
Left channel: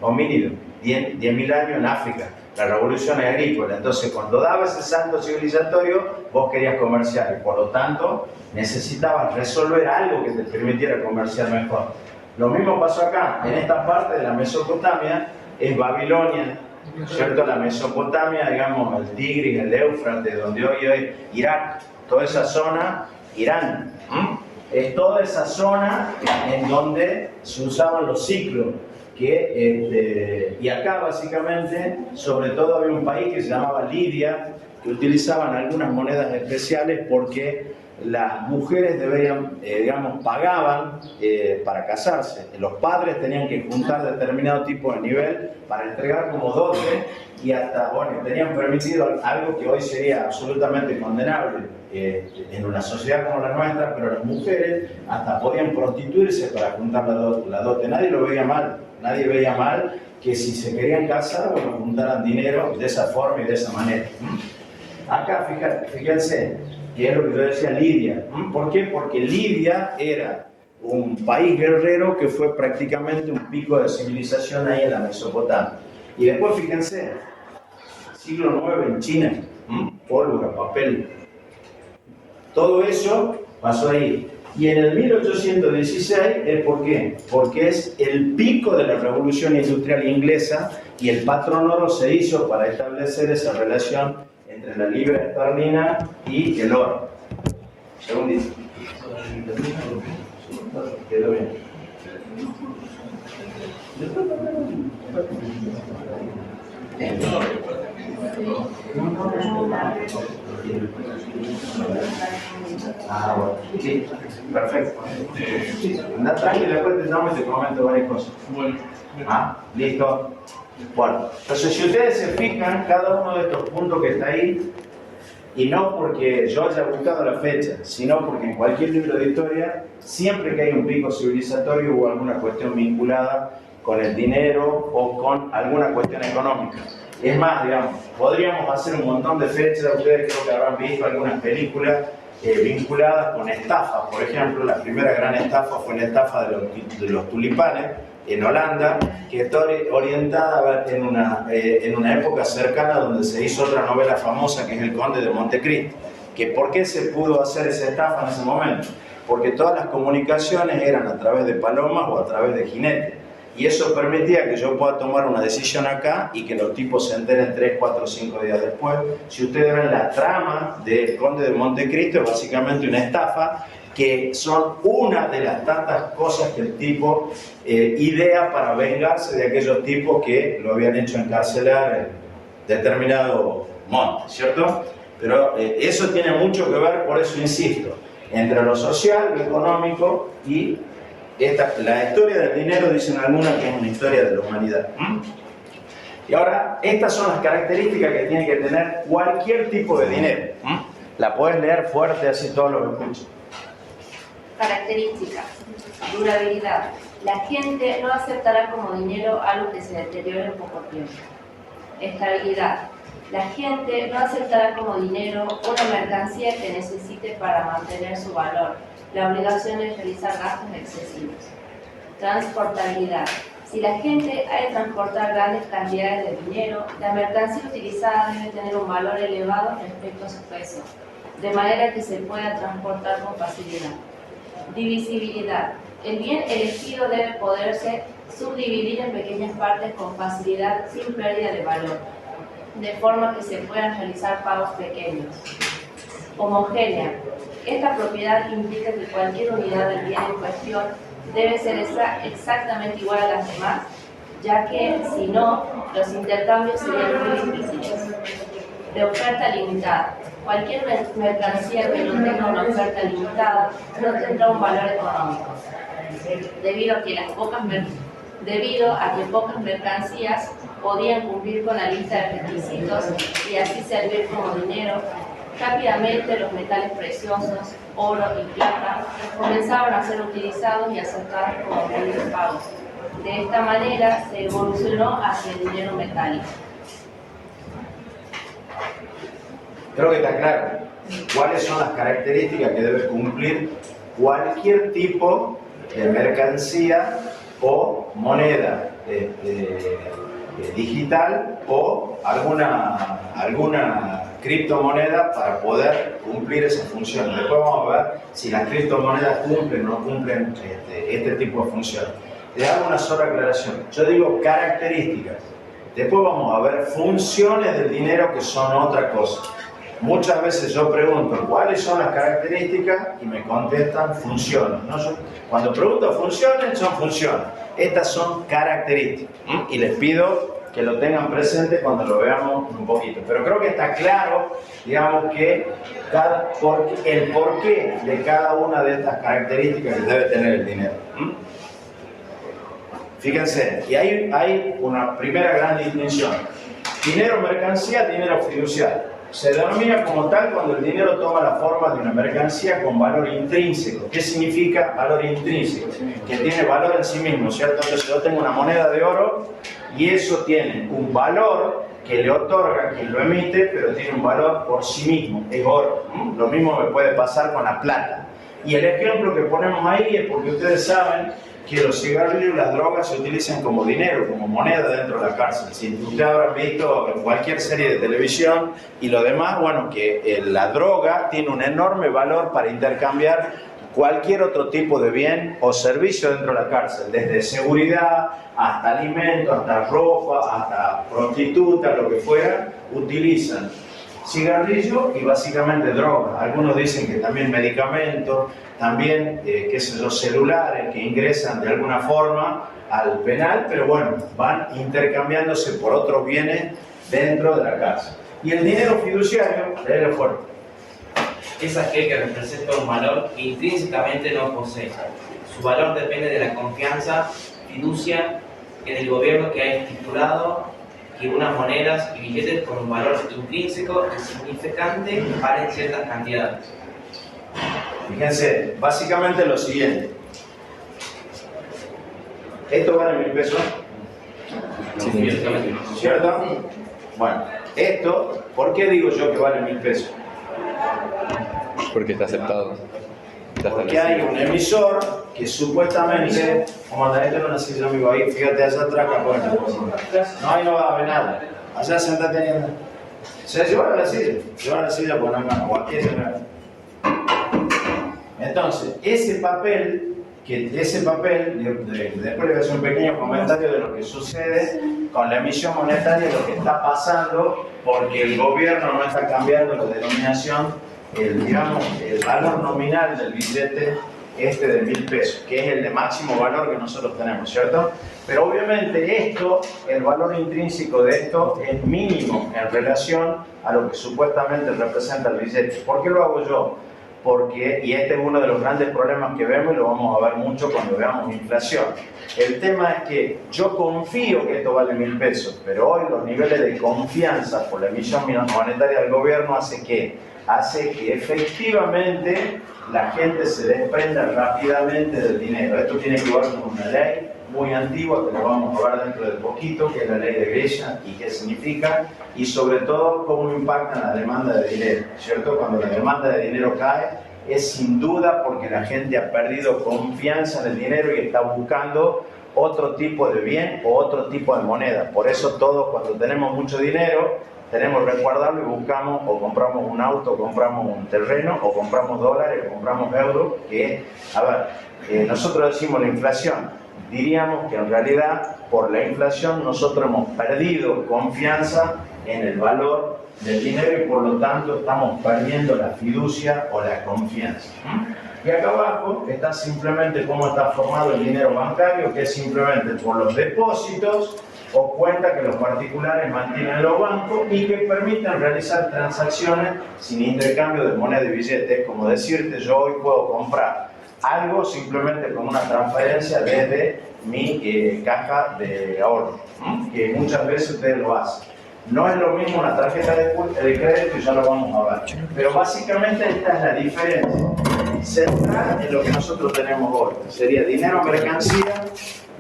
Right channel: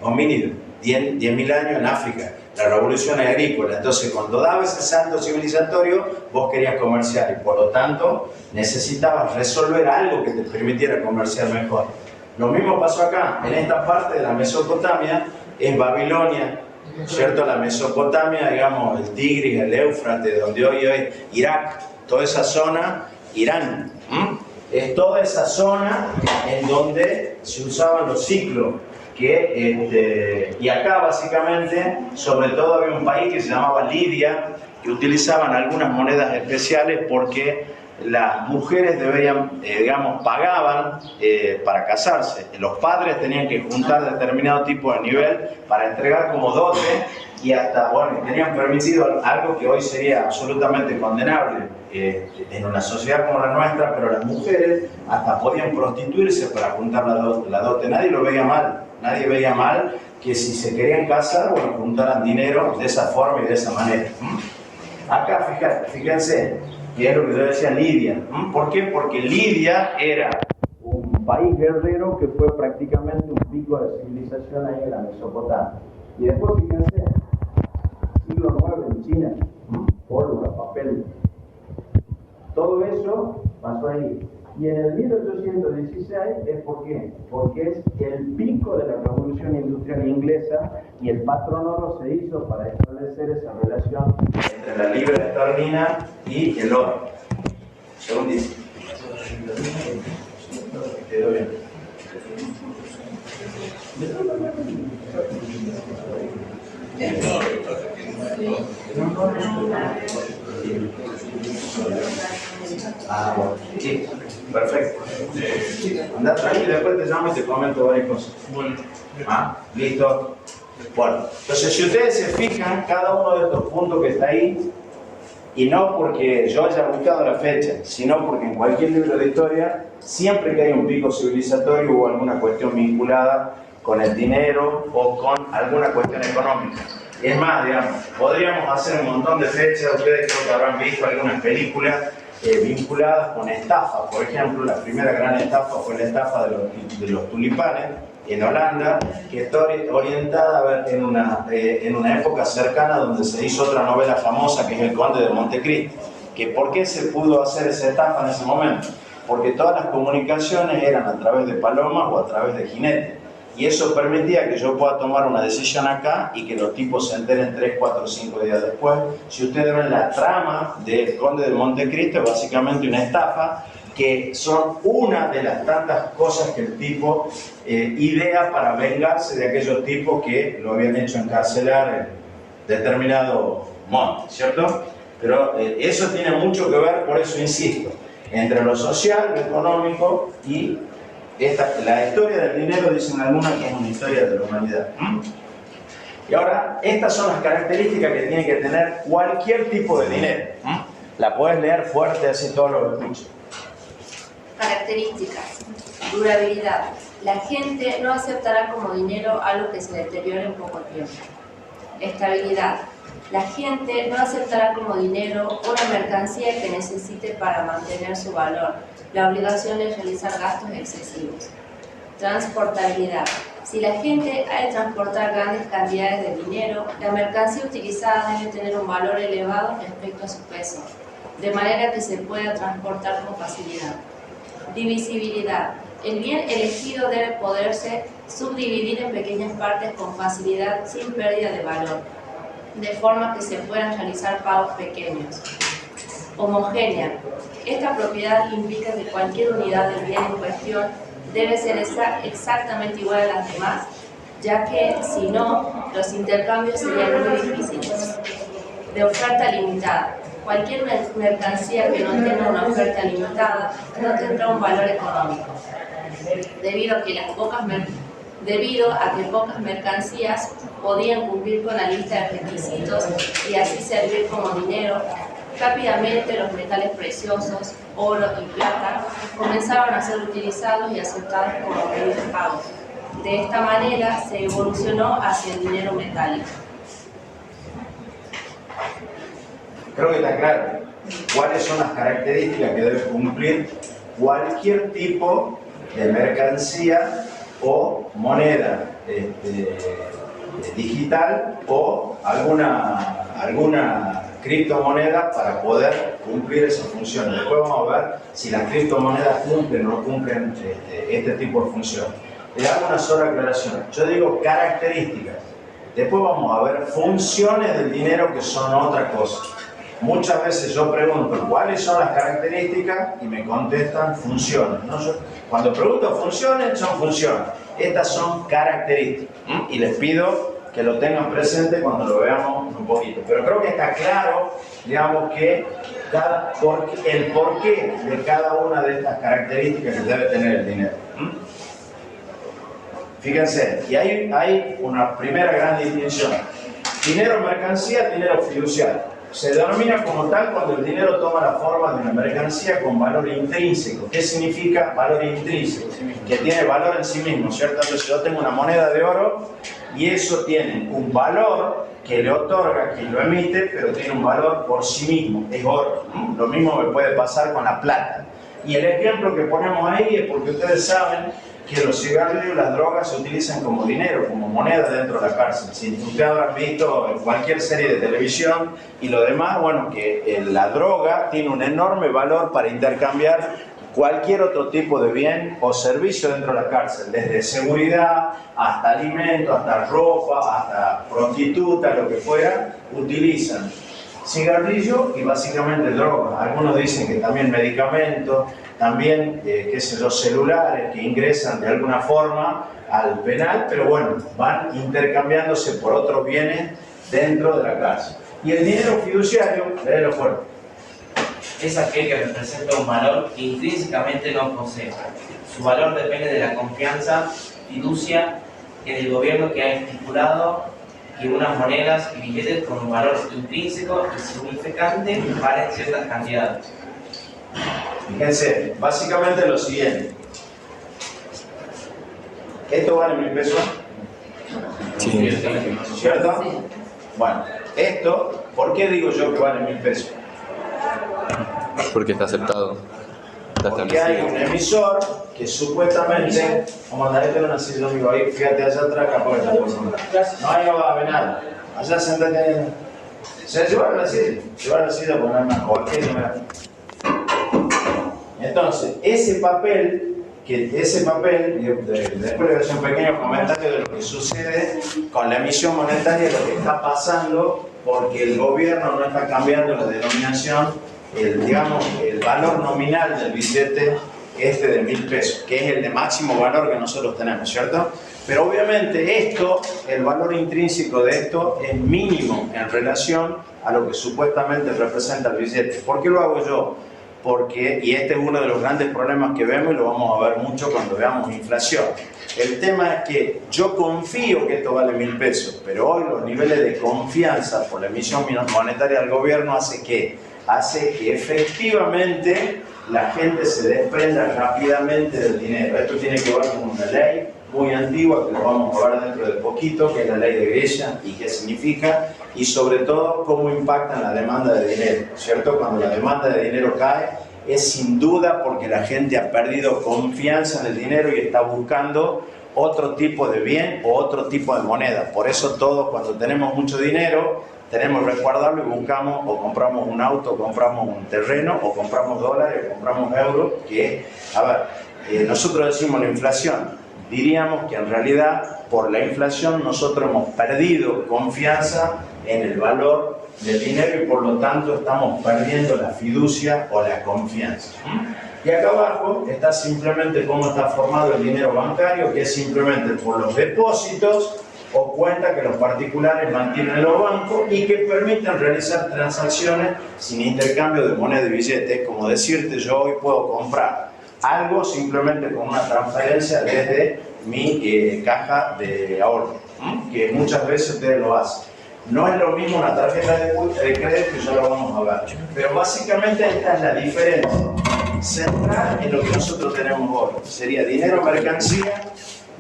10.000 años en África, la revolución agrícola. Entonces, cuando daba ese salto civilizatorio, vos querías comerciar y por lo tanto necesitabas resolver algo que te permitiera comerciar mejor. Lo mismo pasó acá, en esta parte de la Mesopotamia, es Babilonia, ¿cierto? La Mesopotamia, digamos, el Tigris, el Éufrates, donde hoy es Irak, toda esa zona, Irán. Es toda esa zona en donde se usaban los ciclos. Y acá básicamente, sobre todo había un país que se llamaba Lidia, que utilizaban algunas monedas especiales porque las mujeres pagaban para casarse. Los padres tenían que juntar determinado tipo de nivel para entregar como dote y hasta, bueno, tenían permitido algo que hoy sería absolutamente condenable en una sociedad como la nuestra, pero las mujeres hasta podían prostituirse para juntar la dote. Nadie lo veía mal. Nadie veía mal que si se querían casar, bueno, juntaran dinero de esa forma y de esa manera. Acá, fíjense, que es lo que yo decía, Lidia. ¿Por qué? Porque Lidia era un país guerrero que fue prácticamente un pico de civilización ahí en la Mesopotamia. Y después, fíjense, siglo IX en China, pólvora, papel. Todo eso pasó ahí. Y en el 1816 ¿por qué? Porque es el pico de la revolución industrial inglesa y el patrón oro se hizo para establecer esa relación entre la libra esterlina y el oro. Según dice. Quedó bien. Ah, bueno. Sí, perfecto. Andá tranquilo y después te llamo y te comento varias cosas. Bueno. Ah, listo. Bueno, entonces si ustedes se fijan, cada uno de estos puntos que está ahí, y no porque yo haya buscado la fecha, sino porque en cualquier libro de historia, siempre que hay un pico civilizatorio o alguna cuestión vinculada con el dinero o con alguna cuestión económica. Es más, digamos, podríamos hacer un montón de fechas, ustedes creo que habrán visto algunas películas vinculadas con estafas. Por ejemplo, la primera gran estafa fue la estafa de los tulipanes en Holanda, que está orientada en una época cercana donde se hizo otra novela famosa que es El Conde de Montecristo. ¿Por qué se pudo hacer esa estafa en ese momento? Porque todas las comunicaciones eran a través de palomas o a través de jinetes. Y eso permitía que yo pueda tomar una decisión acá y que los tipos se enteren 3, 4, 5 días después. Si ustedes ven la trama del Conde de Montecristo, es básicamente una estafa que son una de las tantas cosas que el tipo idea para vengarse de aquellos tipos que lo habían hecho encarcelar en determinado monte, ¿cierto? Pero eso tiene mucho que ver, por eso insisto, entre lo social, lo económico y la historia del dinero, dicen algunos, que es una historia de la humanidad. Y ahora, estas son las características que tiene que tener cualquier tipo de dinero. La puedes leer fuerte, así todos lo escuchan. Características. Durabilidad. La gente no aceptará como dinero algo que se deteriore en poco tiempo. Estabilidad. La gente no aceptará como dinero una mercancía que necesite para mantener su valor. La obligación es realizar gastos excesivos. Transportabilidad. Si la gente ha de transportar grandes cantidades de dinero, la mercancía utilizada debe tener un valor elevado respecto a su peso, de manera que se pueda transportar con facilidad. Divisibilidad. El bien elegido debe poderse subdividir en pequeñas partes con facilidad sin pérdida de valor, de forma que se puedan realizar pagos pequeños. Homogénea. Esta propiedad implica que cualquier unidad del bien en cuestión debe ser exactamente igual a las demás, ya que, si no, los intercambios serían muy difíciles. De oferta limitada. Cualquier mercancía que no tenga una oferta limitada no tendrá un valor económico, debido a que pocas mercancías podían cumplir con la lista de requisitos y así servir como dinero. Rápidamente los metales preciosos, oro y plata, comenzaron a ser utilizados y aceptados como medios de pago. De esta manera se evolucionó hacia el dinero metálico. Creo que está claro cuáles son las características que debe cumplir cualquier tipo de mercancía o moneda digital o alguna criptomoneda para poder cumplir esas funciones. Después vamos a ver si las criptomonedas cumplen o no cumplen este tipo de funciones. Le hago una sola aclaración. Yo digo características. Después vamos a ver funciones del dinero que son otra cosa. Muchas veces yo pregunto cuáles son las características y me contestan funciones. ¿No? Cuando pregunto funciones, son funciones. Estas son características. Y les pido que lo tengan presente cuando lo veamos un poquito. Pero creo que está claro, digamos, que el porqué de cada una de estas características que debe tener el dinero. Fíjense, y hay una primera gran distinción. Dinero mercancía, dinero fiduciario. Se denomina como tal cuando el dinero toma la forma de una mercancía con valor intrínseco. ¿Qué significa valor intrínseco? Que tiene valor en sí mismo, ¿cierto? Entonces yo tengo una moneda de oro y eso tiene un valor que le otorga quien lo emite, pero tiene un valor por sí mismo, es oro. Lo mismo me puede pasar con la plata. Y el ejemplo que ponemos ahí es porque ustedes saben que los cigarrillos y las drogas se utilizan como dinero, como moneda dentro de la cárcel. Si ustedes habrán visto cualquier serie de televisión y lo demás, bueno, que la droga tiene un enorme valor para intercambiar cualquier otro tipo de bien o servicio dentro de la cárcel, desde seguridad hasta alimentos, hasta ropa, hasta prostituta, lo que fuera, utilizan cigarrillo y básicamente droga. Algunos dicen que también medicamentos, también, qué sé yo, celulares que ingresan de alguna forma al penal, pero bueno, van intercambiándose por otros bienes dentro de la cárcel. Y el dinero fiduciario, léelo fuerte. Es aquel que representa un valor que intrínsecamente no posee. Su valor depende de la confianza, fiducia en el gobierno que ha estipulado que unas monedas y billetes con un valor intrínseco y significante valen ciertas cantidades. Fíjense, básicamente lo siguiente. ¿Esto vale 1.000 pesos? Sí. ¿Cierto? Sí. Bueno, esto, ¿por qué digo yo que vale 1.000 pesos? Porque está aceptado. Está Porque hay un emisor que supuestamente, como la gente de una silla, amigo, ahí, fíjate allá atrás, no, ahí no va a haber nada. Allá sentate ahí. Se lleva la silla, pues no hay más, o aquí no hay. Entonces, ese papel, después le voy a hacer un pequeño comentario de lo que sucede con la emisión monetaria, lo que está pasando, porque el gobierno no está cambiando la denominación, el valor nominal del billete de 1.000 pesos, que es el de máximo valor que nosotros tenemos, ¿cierto? Pero obviamente el valor intrínseco de esto es mínimo en relación a lo que supuestamente representa el billete. ¿Por qué lo hago yo? Porque, y este es uno de los grandes problemas que vemos y lo vamos a ver mucho cuando veamos inflación. El tema es que yo confío que esto vale 1.000 pesos, pero hoy los niveles de confianza por la emisión monetaria del gobierno hace que efectivamente la gente se desprenda rápidamente del dinero. Esto tiene que ver con una ley muy antigua, que lo vamos a ver dentro de poquito, que es la ley de Gresham y qué significa, y sobre todo cómo impacta en la demanda de dinero, ¿cierto? Cuando la demanda de dinero cae, es sin duda porque la gente ha perdido confianza en el dinero y está buscando otro tipo de bien o otro tipo de moneda. Por eso todos, cuando tenemos mucho dinero, tenemos que resguardarlo y buscamos o compramos un auto, o compramos un terreno, o compramos dólares, o compramos euros, que, a ver, nosotros decimos la inflación. Diríamos que en realidad por la inflación nosotros hemos perdido confianza en el valor del dinero y por lo tanto estamos perdiendo la fiducia o la confianza. Y acá abajo está simplemente cómo está formado el dinero bancario, que es simplemente por los depósitos o cuentas que los particulares mantienen en los bancos y que permiten realizar transacciones sin intercambio de moneda y billetes. Como decirte, yo hoy puedo comprar algo simplemente con una transferencia desde mi caja de ahorro, que muchas veces ustedes lo hacen. No es lo mismo una tarjeta de crédito, ya lo vamos a ver. Pero básicamente esta es la diferencia central en lo que nosotros tenemos hoy. Sería dinero mercancía,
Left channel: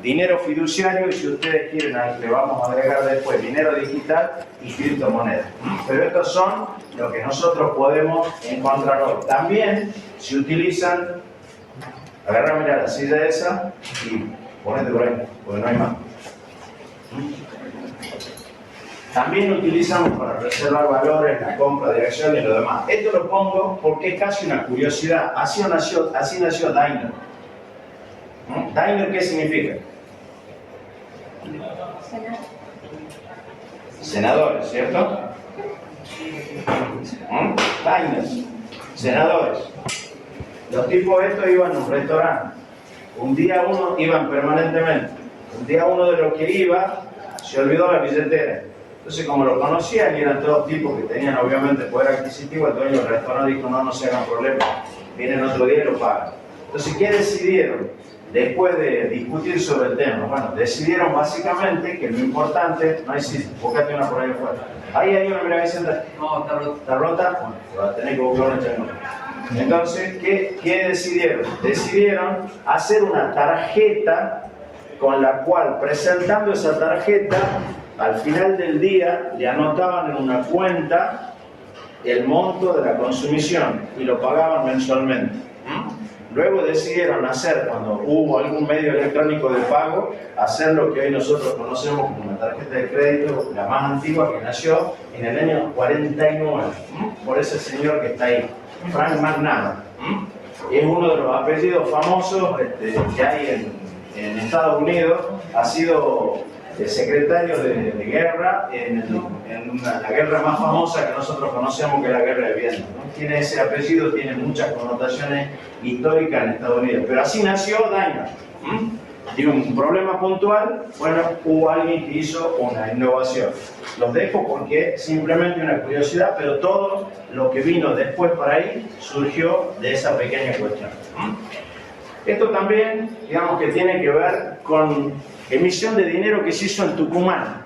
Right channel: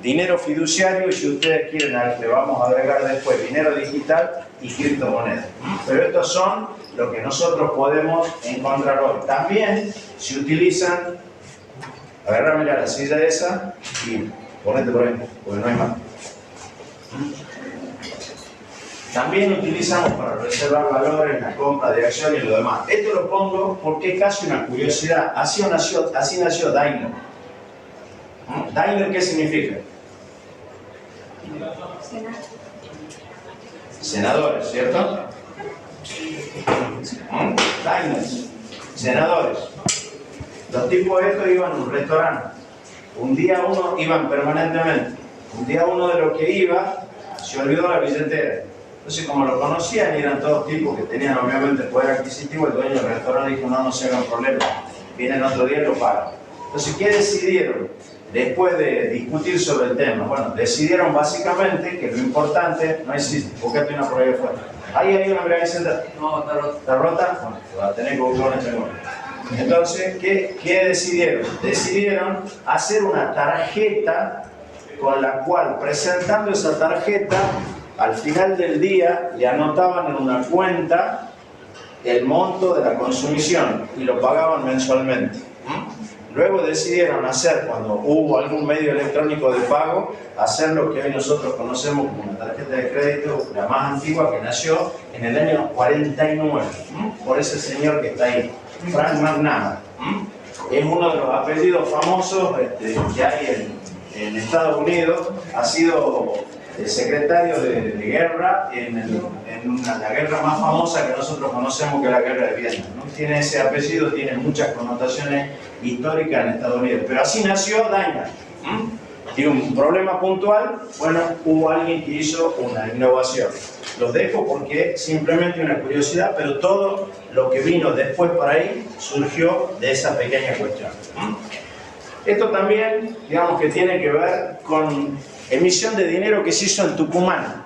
dinero fiduciario y si ustedes quieren le vamos a agregar después dinero digital y criptomonedas. Pero estos son lo que nosotros podemos encontrar hoy. También se utilizan. Agarra, mira la silla esa y ponete por ahí, porque no hay más. También utilizamos para reservar valores, la compra de acciones y lo demás. Esto lo pongo porque es casi una curiosidad. Así nació Daimler. ¿Daimler qué significa? Senadores, ¿cierto? Daimler, senadores. Los tipos estos iban a un restaurante. Un día uno, iban permanentemente. Un día uno de los que iba se olvidó la billetera. Entonces, como lo conocían y eran todos tipos que tenían obviamente poder adquisitivo, el dueño del restaurante dijo: no se hagan problema, vienen otro día y lo pagan. Entonces, ¿qué decidieron? Después de discutir sobre el tema, bueno, decidieron básicamente que lo importante, no existe, buscate una por ahí afuera. Ahí hay una, mira, Vicenta. No, está rota. ¿Está rota? Bueno, va a tener que buscar una changona. Entonces, ¿qué decidieron? Decidieron hacer una tarjeta con la cual, presentando esa tarjeta, al final del día le anotaban en una cuenta el monto de la consumición y lo pagaban mensualmente. Luego decidieron hacer, cuando hubo algún medio electrónico de pago, hacer lo que hoy nosotros conocemos como una tarjeta de crédito, la más antigua, que nació en el año 49, por ese señor que está ahí, Frank McNamara. Es uno de los apellidos famosos que hay en Estados Unidos. Ha sido secretario de guerra en la guerra más famosa que nosotros conocemos, que es la guerra de Vietnam, ¿no? Tiene ese apellido, tiene muchas connotaciones históricas en Estados Unidos, pero así nació Daimler. Tiene un problema puntual, bueno, hubo alguien que hizo una innovación. Los dejo porque simplemente una curiosidad, pero todo lo que vino después para ahí surgió de esa pequeña cuestión. Esto también, digamos que tiene que ver con emisión de dinero que se hizo en Tucumán.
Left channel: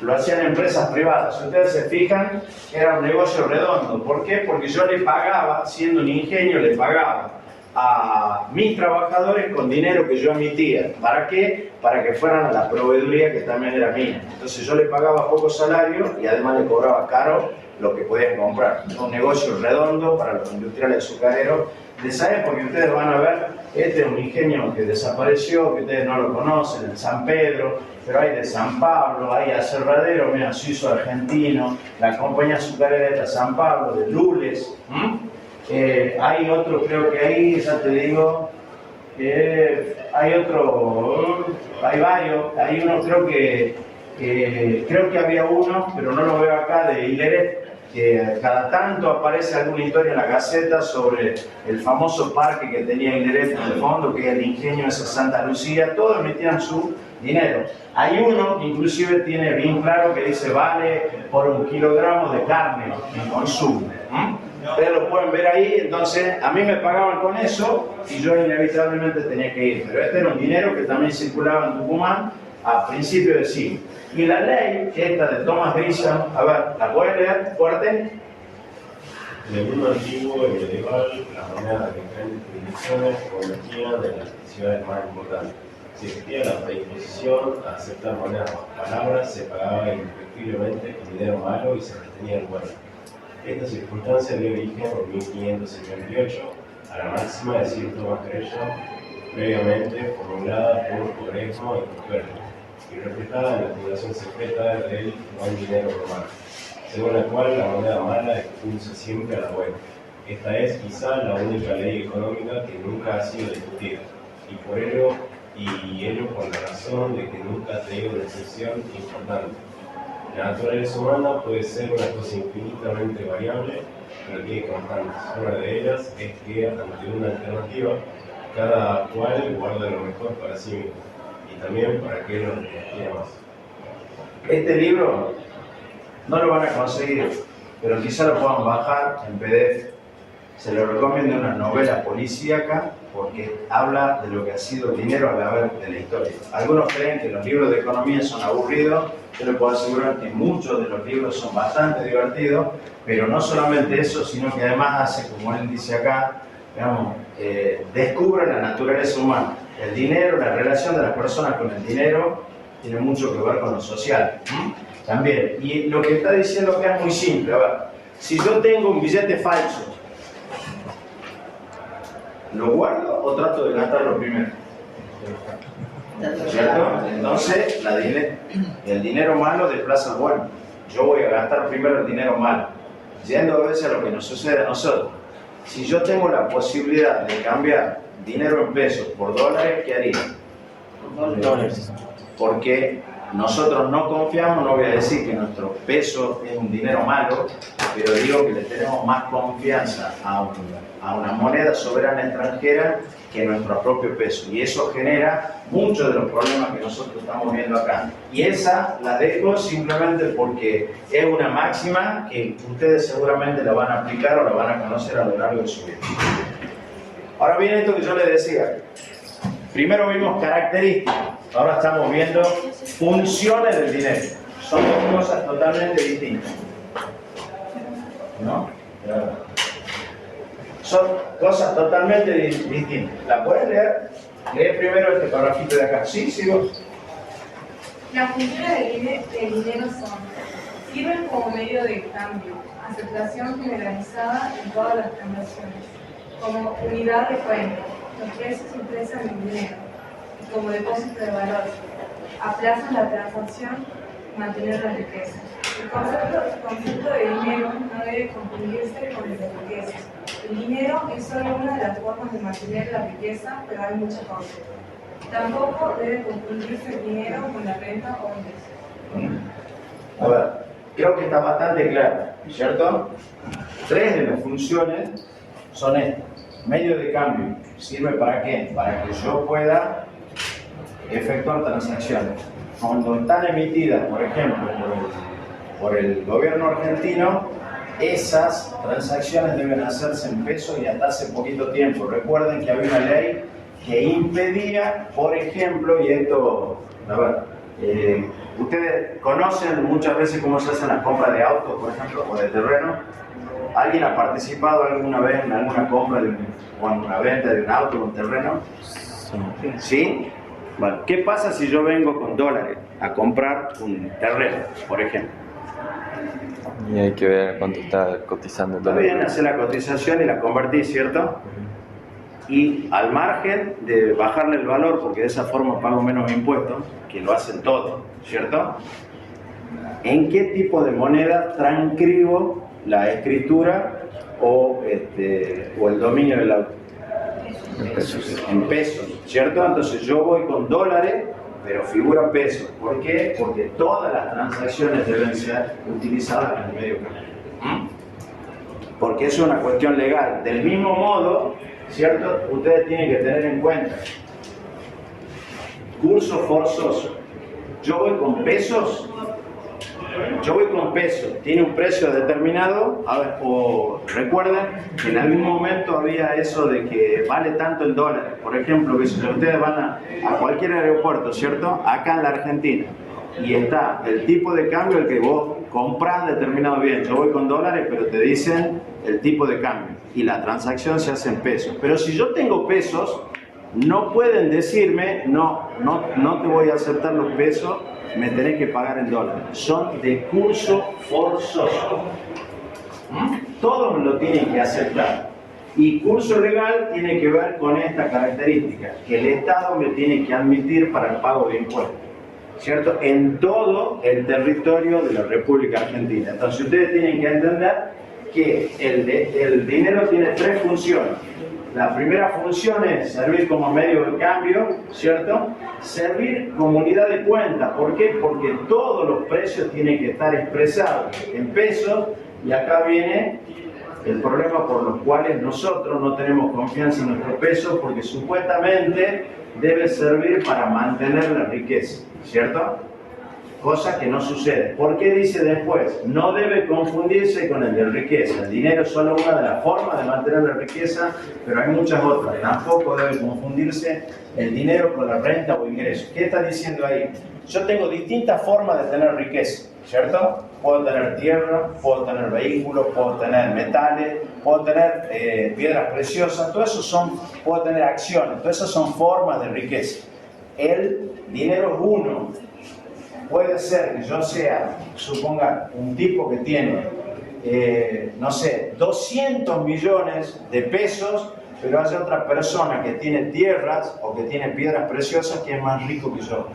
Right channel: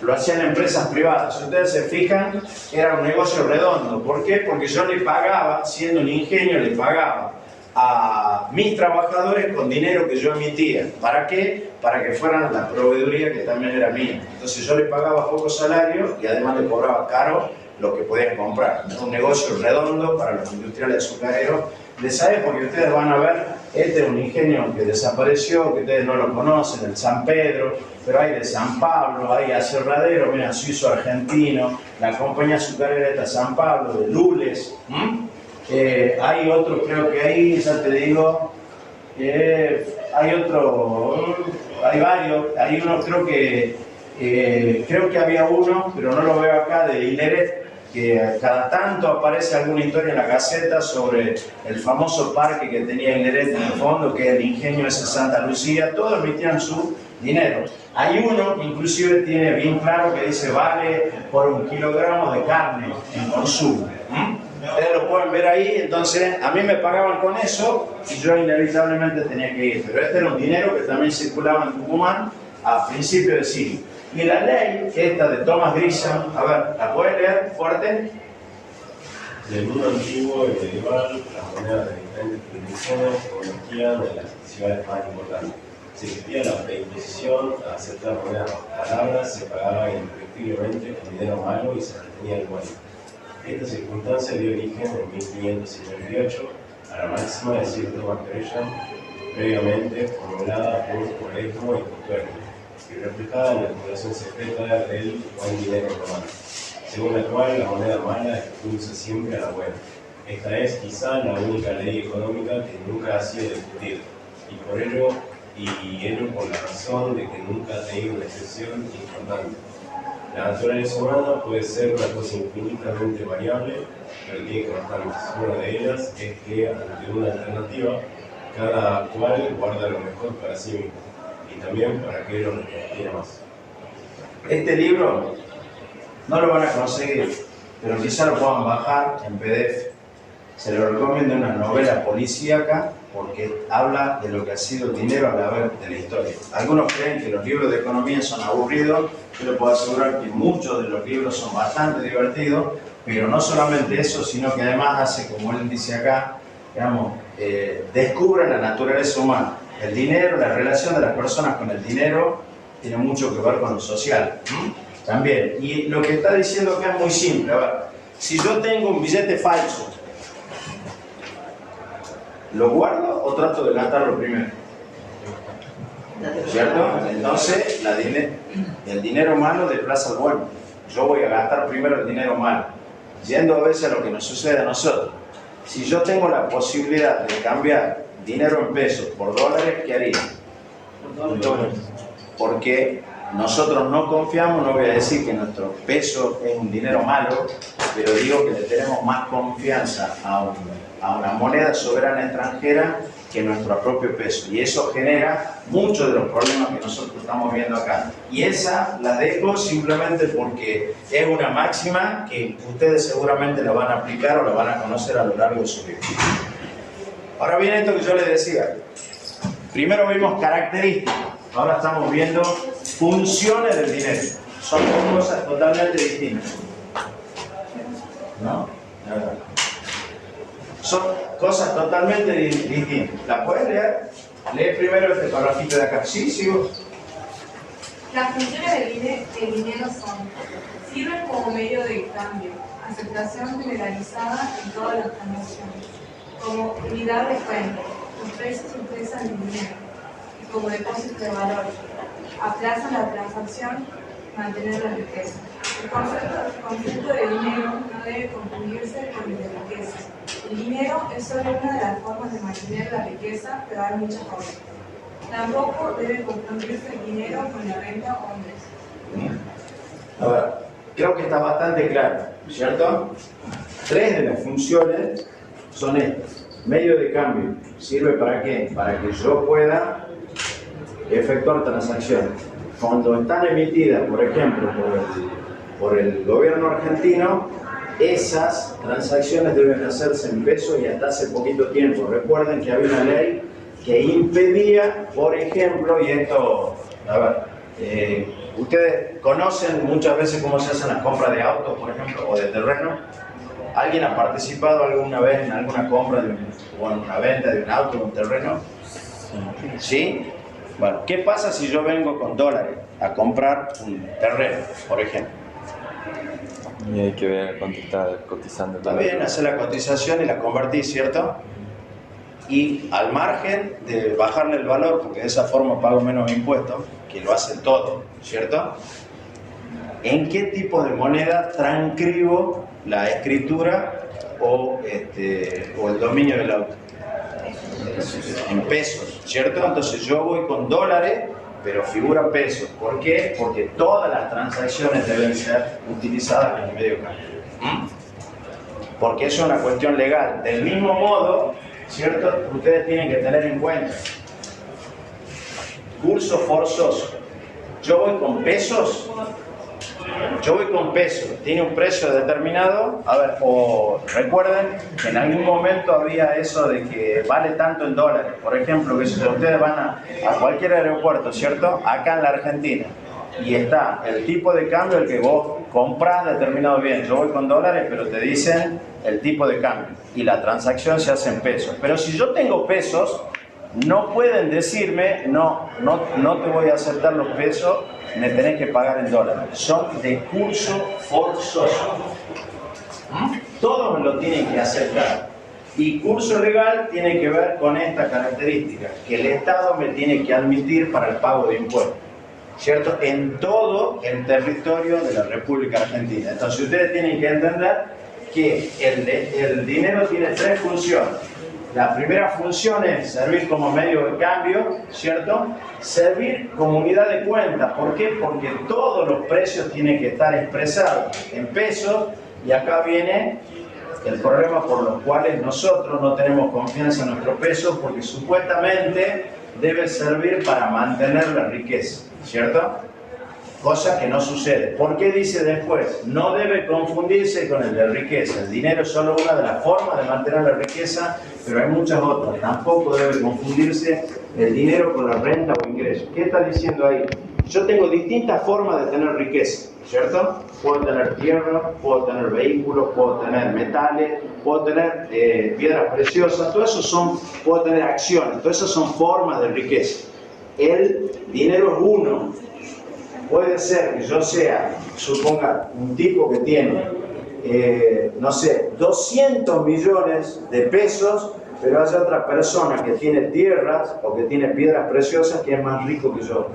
Lo hacían empresas privadas. Si ustedes se fijan, era un negocio redondo. ¿Por qué? Porque yo le pagaba, siendo un ingenio, le pagaba a mis trabajadores con dinero que yo emitía. ¿Para qué? Para que fueran la proveeduría que también era mía. Entonces yo le pagaba poco salario y además le cobraba caro lo que podían comprar. Es un negocio redondo para los industriales azucareros de esa época, que ustedes van a ver. Este es un ingenio que desapareció, que ustedes no lo conocen, el San Pedro, pero hay de San Pablo, hay aserradero, mira, suizo-argentino, la compañía azucarera esta San Pablo, de Lules. Hay otro, creo que ahí, ya te digo, hay otro, hay varios, hay uno, creo que había uno, pero no lo veo acá, de Hileret, que cada tanto aparece alguna historia en la Gaceta sobre el famoso parque que tenía Hileret en el fondo, que es el ingenio ese Santa Lucía. Todos emitían su dinero. Hay uno que inclusive tiene bien claro que dice: vale por 1 kilogramo de carne en consumo. Ustedes lo pueden ver ahí. Entonces a mí me pagaban con eso y yo inevitablemente tenía que ir. Pero este era un dinero que también circulaba en Tucumán a principios del siglo. Y la ley esta de Thomas Grisham, a ver, ¿la pueden leer fuerte? En el mundo antiguo y medieval, las monedas de diferentes jurisdicciones convertían en las ciudades más importantes. Si existía la predisposición a aceptar monedas bajo palabras, se pagaba indefectiblemente con dinero malo y se retenía el bueno. Esta circunstancia dio origen en 1558 a la máxima de Sir Thomas Gresham, previamente formulada por Oresmo y Cotuerto, y reflejada en la acumulación secreta del buen dinero romano, según la cual la moneda mala expulsa siempre a la buena. Esta es quizá la única ley económica que nunca ha sido discutida, y por ello por la razón de que nunca ha tenido una excepción importante. La naturaleza humana puede ser una cosa infinitamente variable, pero tiene constantes. Una de ellas es que, ante una alternativa, cada cual guarda lo mejor para sí mismo, y también para aquello que quiera más. Este libro no lo van a conseguir, pero quizá lo puedan bajar en PDF. Se lo recomiendo, una novela policíaca, porque habla de lo que ha sido el dinero a la vez de la historia. Algunos creen que los libros de economía son aburridos. Yo les puedo asegurar que muchos de los libros son bastante divertidos, pero no solamente eso, sino que además hace, como él dice acá, digamos, descubre la naturaleza humana. El dinero, la relación de las personas con el dinero, tiene mucho que ver con lo social. También. Y lo que está diciendo acá es muy simple. A ver, si yo tengo un billete falso, ¿lo guardo o trato de gastarlo primero? ¿Cierto? Entonces, el dinero malo desplaza al bueno. Yo voy a gastar primero el dinero malo, yendo a veces a lo que nos sucede a nosotros. Si yo tengo la posibilidad de cambiar dinero en pesos por dólares, ¿qué haría? Dólares. Porque nosotros no confiamos, no voy a decir que nuestro peso es un dinero malo, pero digo que le tenemos más confianza a una moneda soberana extranjera que nuestro propio peso. Y eso genera muchos de los problemas que nosotros estamos viendo acá. Y esa la dejo simplemente porque es una máxima que ustedes seguramente la van a aplicar o la van a conocer a lo largo de su vida. Ahora viene esto que yo les decía. Primero vimos características, ahora estamos viendo funciones del dinero. Son dos cosas totalmente distintas. ¿No? Son cosas totalmente distintas. ¿La puedes leer? Lee primero este parrafito de acá. ¿Sí? ¿Sigo? Las funciones del dinero son: sirven como medio de cambio, aceptación generalizada en todas las transacciones, como unidad de cuenta, los precios se expresan en dinero, y como depósito de valor, aplazan la transacción, mantener la riqueza. El concepto de dinero no debe confundirse con el de riqueza. El dinero es solo una de las formas de mantener la riqueza, pero hay muchas otras. Tampoco debe confundirse el dinero con la renta o ingresos. A ver, creo que está bastante claro, ¿cierto? Tres de las funciones son estas. Medio de cambio. ¿Sirve para qué? Para que yo pueda efectuar transacciones. Cuando están emitidas, por ejemplo, por el gobierno argentino, esas transacciones deben hacerse en pesos y hasta hace poquito tiempo. Recuerden que había una ley que impedía, por ejemplo, y esto, a ver, ustedes conocen muchas veces cómo se hacen las compras de autos, por ejemplo, o de terreno. ¿Alguien ha participado alguna vez en alguna compra o en una venta de un auto o un terreno? Sí. ¿Sí? Bueno, ¿qué pasa si yo vengo con dólares a comprar un terreno, por ejemplo? Y hay que ver cuánto está cotizando. Está bien, hacer la cotización y la convertir, ¿cierto? Y al margen de bajarle el valor, porque de esa forma pago menos impuestos, que lo hacen todos, ¿cierto? ¿En qué tipo de moneda transcribo la escritura o el dominio del auto? En pesos, ¿cierto? Entonces yo voy con dólares, pero figura pesos. ¿Por qué? Porque todas las transacciones deben ser utilizadas en el medio cambio. Porque eso es una cuestión legal. Del mismo modo, ¿cierto? Ustedes tienen que tener en cuenta. Curso forzoso. Yo voy con pesos. Tiene un precio determinado. A ver, o recuerden que en algún momento había eso de que vale tanto en dólares. Por ejemplo, que si ustedes van a cualquier aeropuerto, ¿cierto? Acá en la Argentina. Y está el tipo de cambio el que vos comprás determinado bien. Yo voy con dólares, pero te dicen el tipo de cambio y la transacción se hace en pesos. Pero si yo tengo pesos, no pueden decirme, no te voy a aceptar los pesos, me tenés que pagar en dólares. Son de curso forzoso. Todos lo tienen que aceptar. Y curso legal tiene que ver con esta característica, que el Estado me tiene que admitir para el pago de impuestos, ¿cierto? En todo el territorio de la República Argentina. Entonces ustedes tienen que entender que el dinero tiene tres funciones. La primera función es servir como medio de cambio, ¿cierto? Servir como unidad de cuenta. ¿Por qué? Porque todos los precios tienen que estar expresados en pesos, y acá viene el problema por los cuales nosotros no tenemos confianza en nuestro peso, porque supuestamente debe servir para mantener la riqueza, ¿cierto? Cosa que no sucede. ¿Por qué dice después? No debe confundirse con el de riqueza. El dinero es solo una de las formas de mantener la riqueza, pero hay muchas otras. Tampoco debe confundirse el dinero con la renta o ingreso. ¿Qué está diciendo ahí? Yo tengo distintas formas de tener riqueza, ¿cierto? Puedo tener tierra, puedo tener vehículos, puedo tener metales, puedo tener piedras preciosas, todo eso puedo tener acciones, todas esas son formas de riqueza. El dinero es uno. Puede ser que yo sea, suponga, un tipo que tiene, no sé, 200 millones de pesos, pero haya otra persona que tiene tierras o que tiene piedras preciosas que es más rico que yo.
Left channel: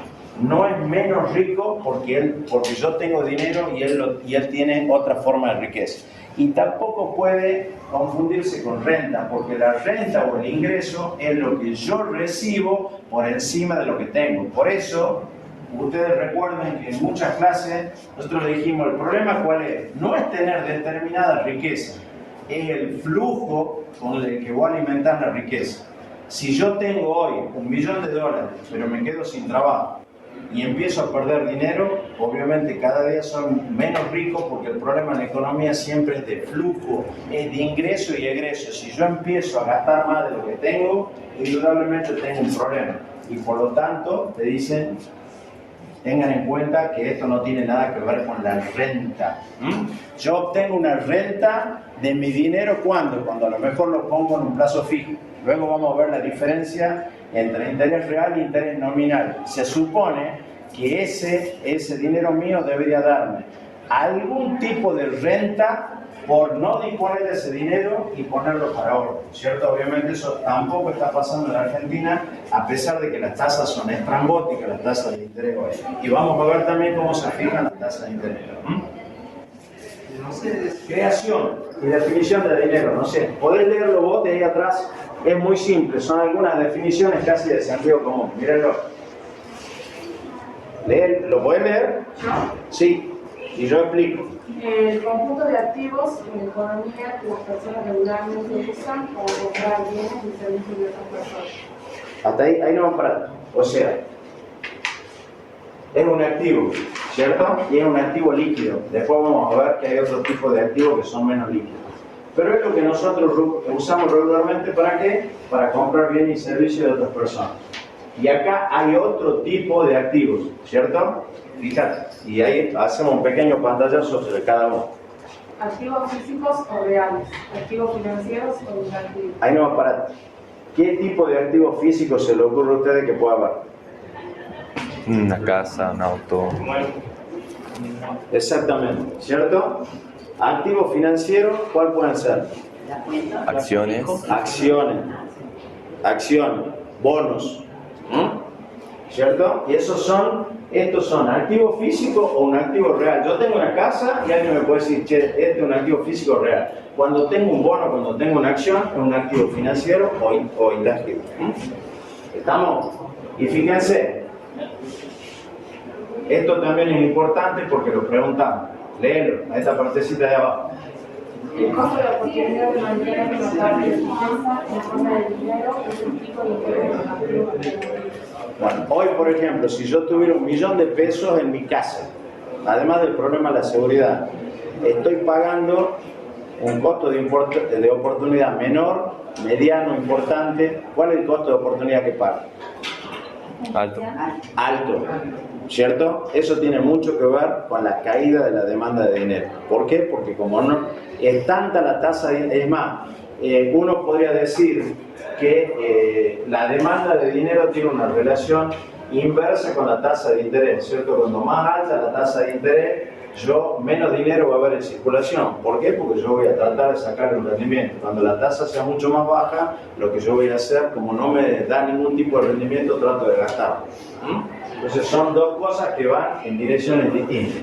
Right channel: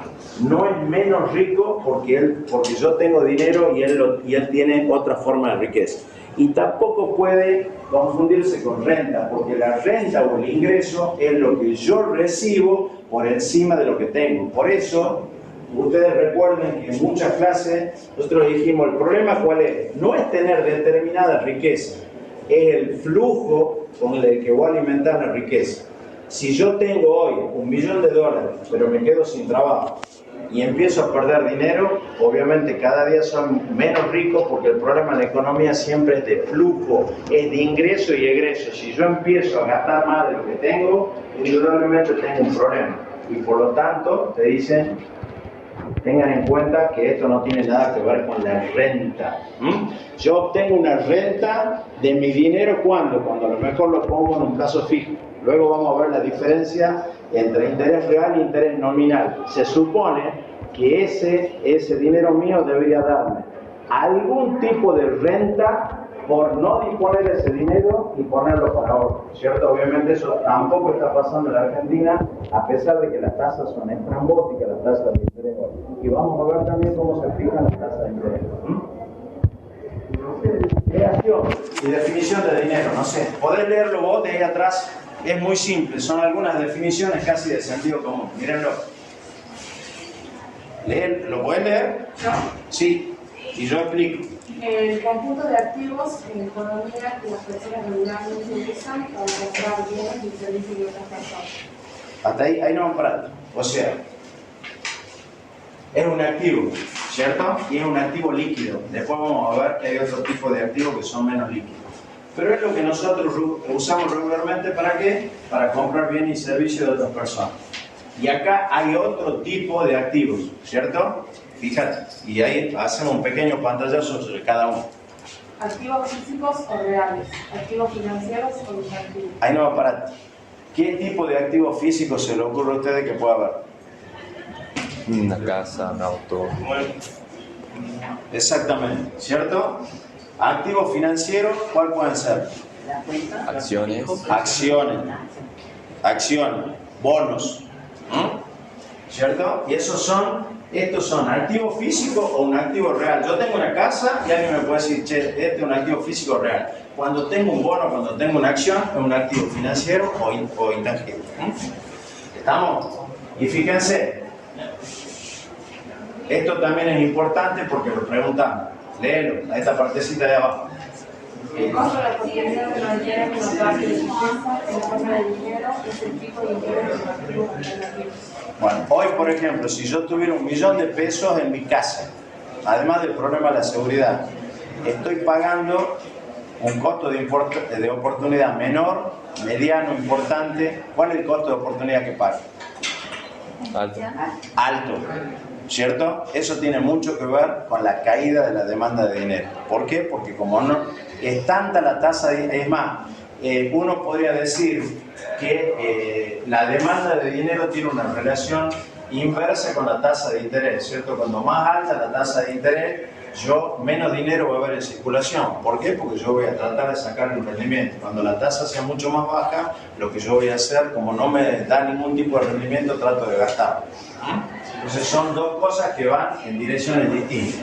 No es menos rico porque yo tengo dinero y él tiene otra forma de riqueza. Y tampoco puede confundirse con renta, porque la renta o el ingreso es lo que yo recibo por encima de lo que tengo. Por eso, ustedes recuerden que en muchas clases nosotros dijimos, el problema ¿cuál es? No es tener determinada riqueza, es el flujo con el que voy a alimentar la riqueza. Si yo tengo hoy $1.000.000, pero me quedo sin trabajo y empiezo a perder dinero, obviamente cada día soy menos rico, porque el problema en la economía siempre es de flujo, es de ingreso y egreso. Si yo empiezo a gastar más de lo que tengo, indudablemente tengo un problema. Y por lo tanto, te dicen, tengan en cuenta que esto no tiene nada que ver con la renta. Yo obtengo una renta de mi dinero, ¿cuándo? Cuando a lo mejor lo pongo en un plazo fijo. Luego vamos a ver la diferencia entre interés real e interés nominal. Se supone que ese dinero mío debería darme algún tipo de renta por no disponer de ese dinero y ponerlo para ahorro, ¿cierto? Obviamente eso tampoco está pasando en la Argentina, a pesar de que las tasas son estrambóticas, las tasas de interés hoy. Y vamos a ver también cómo se fijan las tasas de interés. Creación y definición de dinero, no sé, podés leerlo vos de ahí atrás, es muy simple, son algunas definiciones casi de sentido común, mírenlo. ¿Lo podés leer? ¿No? Sí, y yo explico. El conjunto de activos en economía que las personas regularmente usan para comprar bienes y servicios de otras personas. Hasta ahí no vamos para. O sea, es un activo, ¿cierto? Y es un activo líquido. Después vamos a ver que hay otro tipo de activos que son menos líquidos. Pero es lo que nosotros usamos regularmente, ¿para qué? Para comprar bienes y servicios de otras personas. Y acá hay otro tipo de activos, ¿cierto? Fíjate, y ahí hacemos un pequeño pantallazo sobre cada uno. Activos físicos o reales, activos financieros o inactivos. Ahí no va a parar. ¿Qué tipo de activos físicos se le ocurre a ustedes que pueda haber? Una casa, un auto. Exactamente, ¿cierto? Activos financieros, ¿cuál pueden ser? Acciones. Acciones, bonos, ¿cierto? Y estos son activos físicos o un activo real. Yo tengo una casa y alguien me puede decir, che, este es un activo físico real. Cuando tengo un bono, cuando tengo una acción, es un activo financiero o intangible. ¿Estamos? Y fíjense, esto también es importante porque lo preguntamos. Léelo, a esta partecita de abajo. El costo de la oportunidad de mantener una parte de su cuenta en forma de dinero es el tipo de interés de los activos alternativos. Bueno, hoy por ejemplo, si yo tuviera $1.000.000 en mi casa, además del problema de la seguridad, estoy pagando un costo de oportunidad menor, mediano, importante. ¿Cuál es el costo de oportunidad que pago? Alto. Alto, ¿cierto? Eso tiene mucho que ver con la caída de la demanda de dinero. ¿Por qué? Porque como no es tanta la tasa de... Es más, uno podría decir que la demanda de dinero tiene una relación inversa con la tasa de interés, ¿cierto? Cuando más alta la tasa de interés, menos dinero va a haber en circulación. ¿Por qué? Porque yo voy a tratar de sacar un rendimiento. Cuando la tasa sea mucho más baja, lo que yo voy a hacer, como no me da ningún tipo de rendimiento, trato de gastarlo. Entonces son dos cosas que van en direcciones distintas.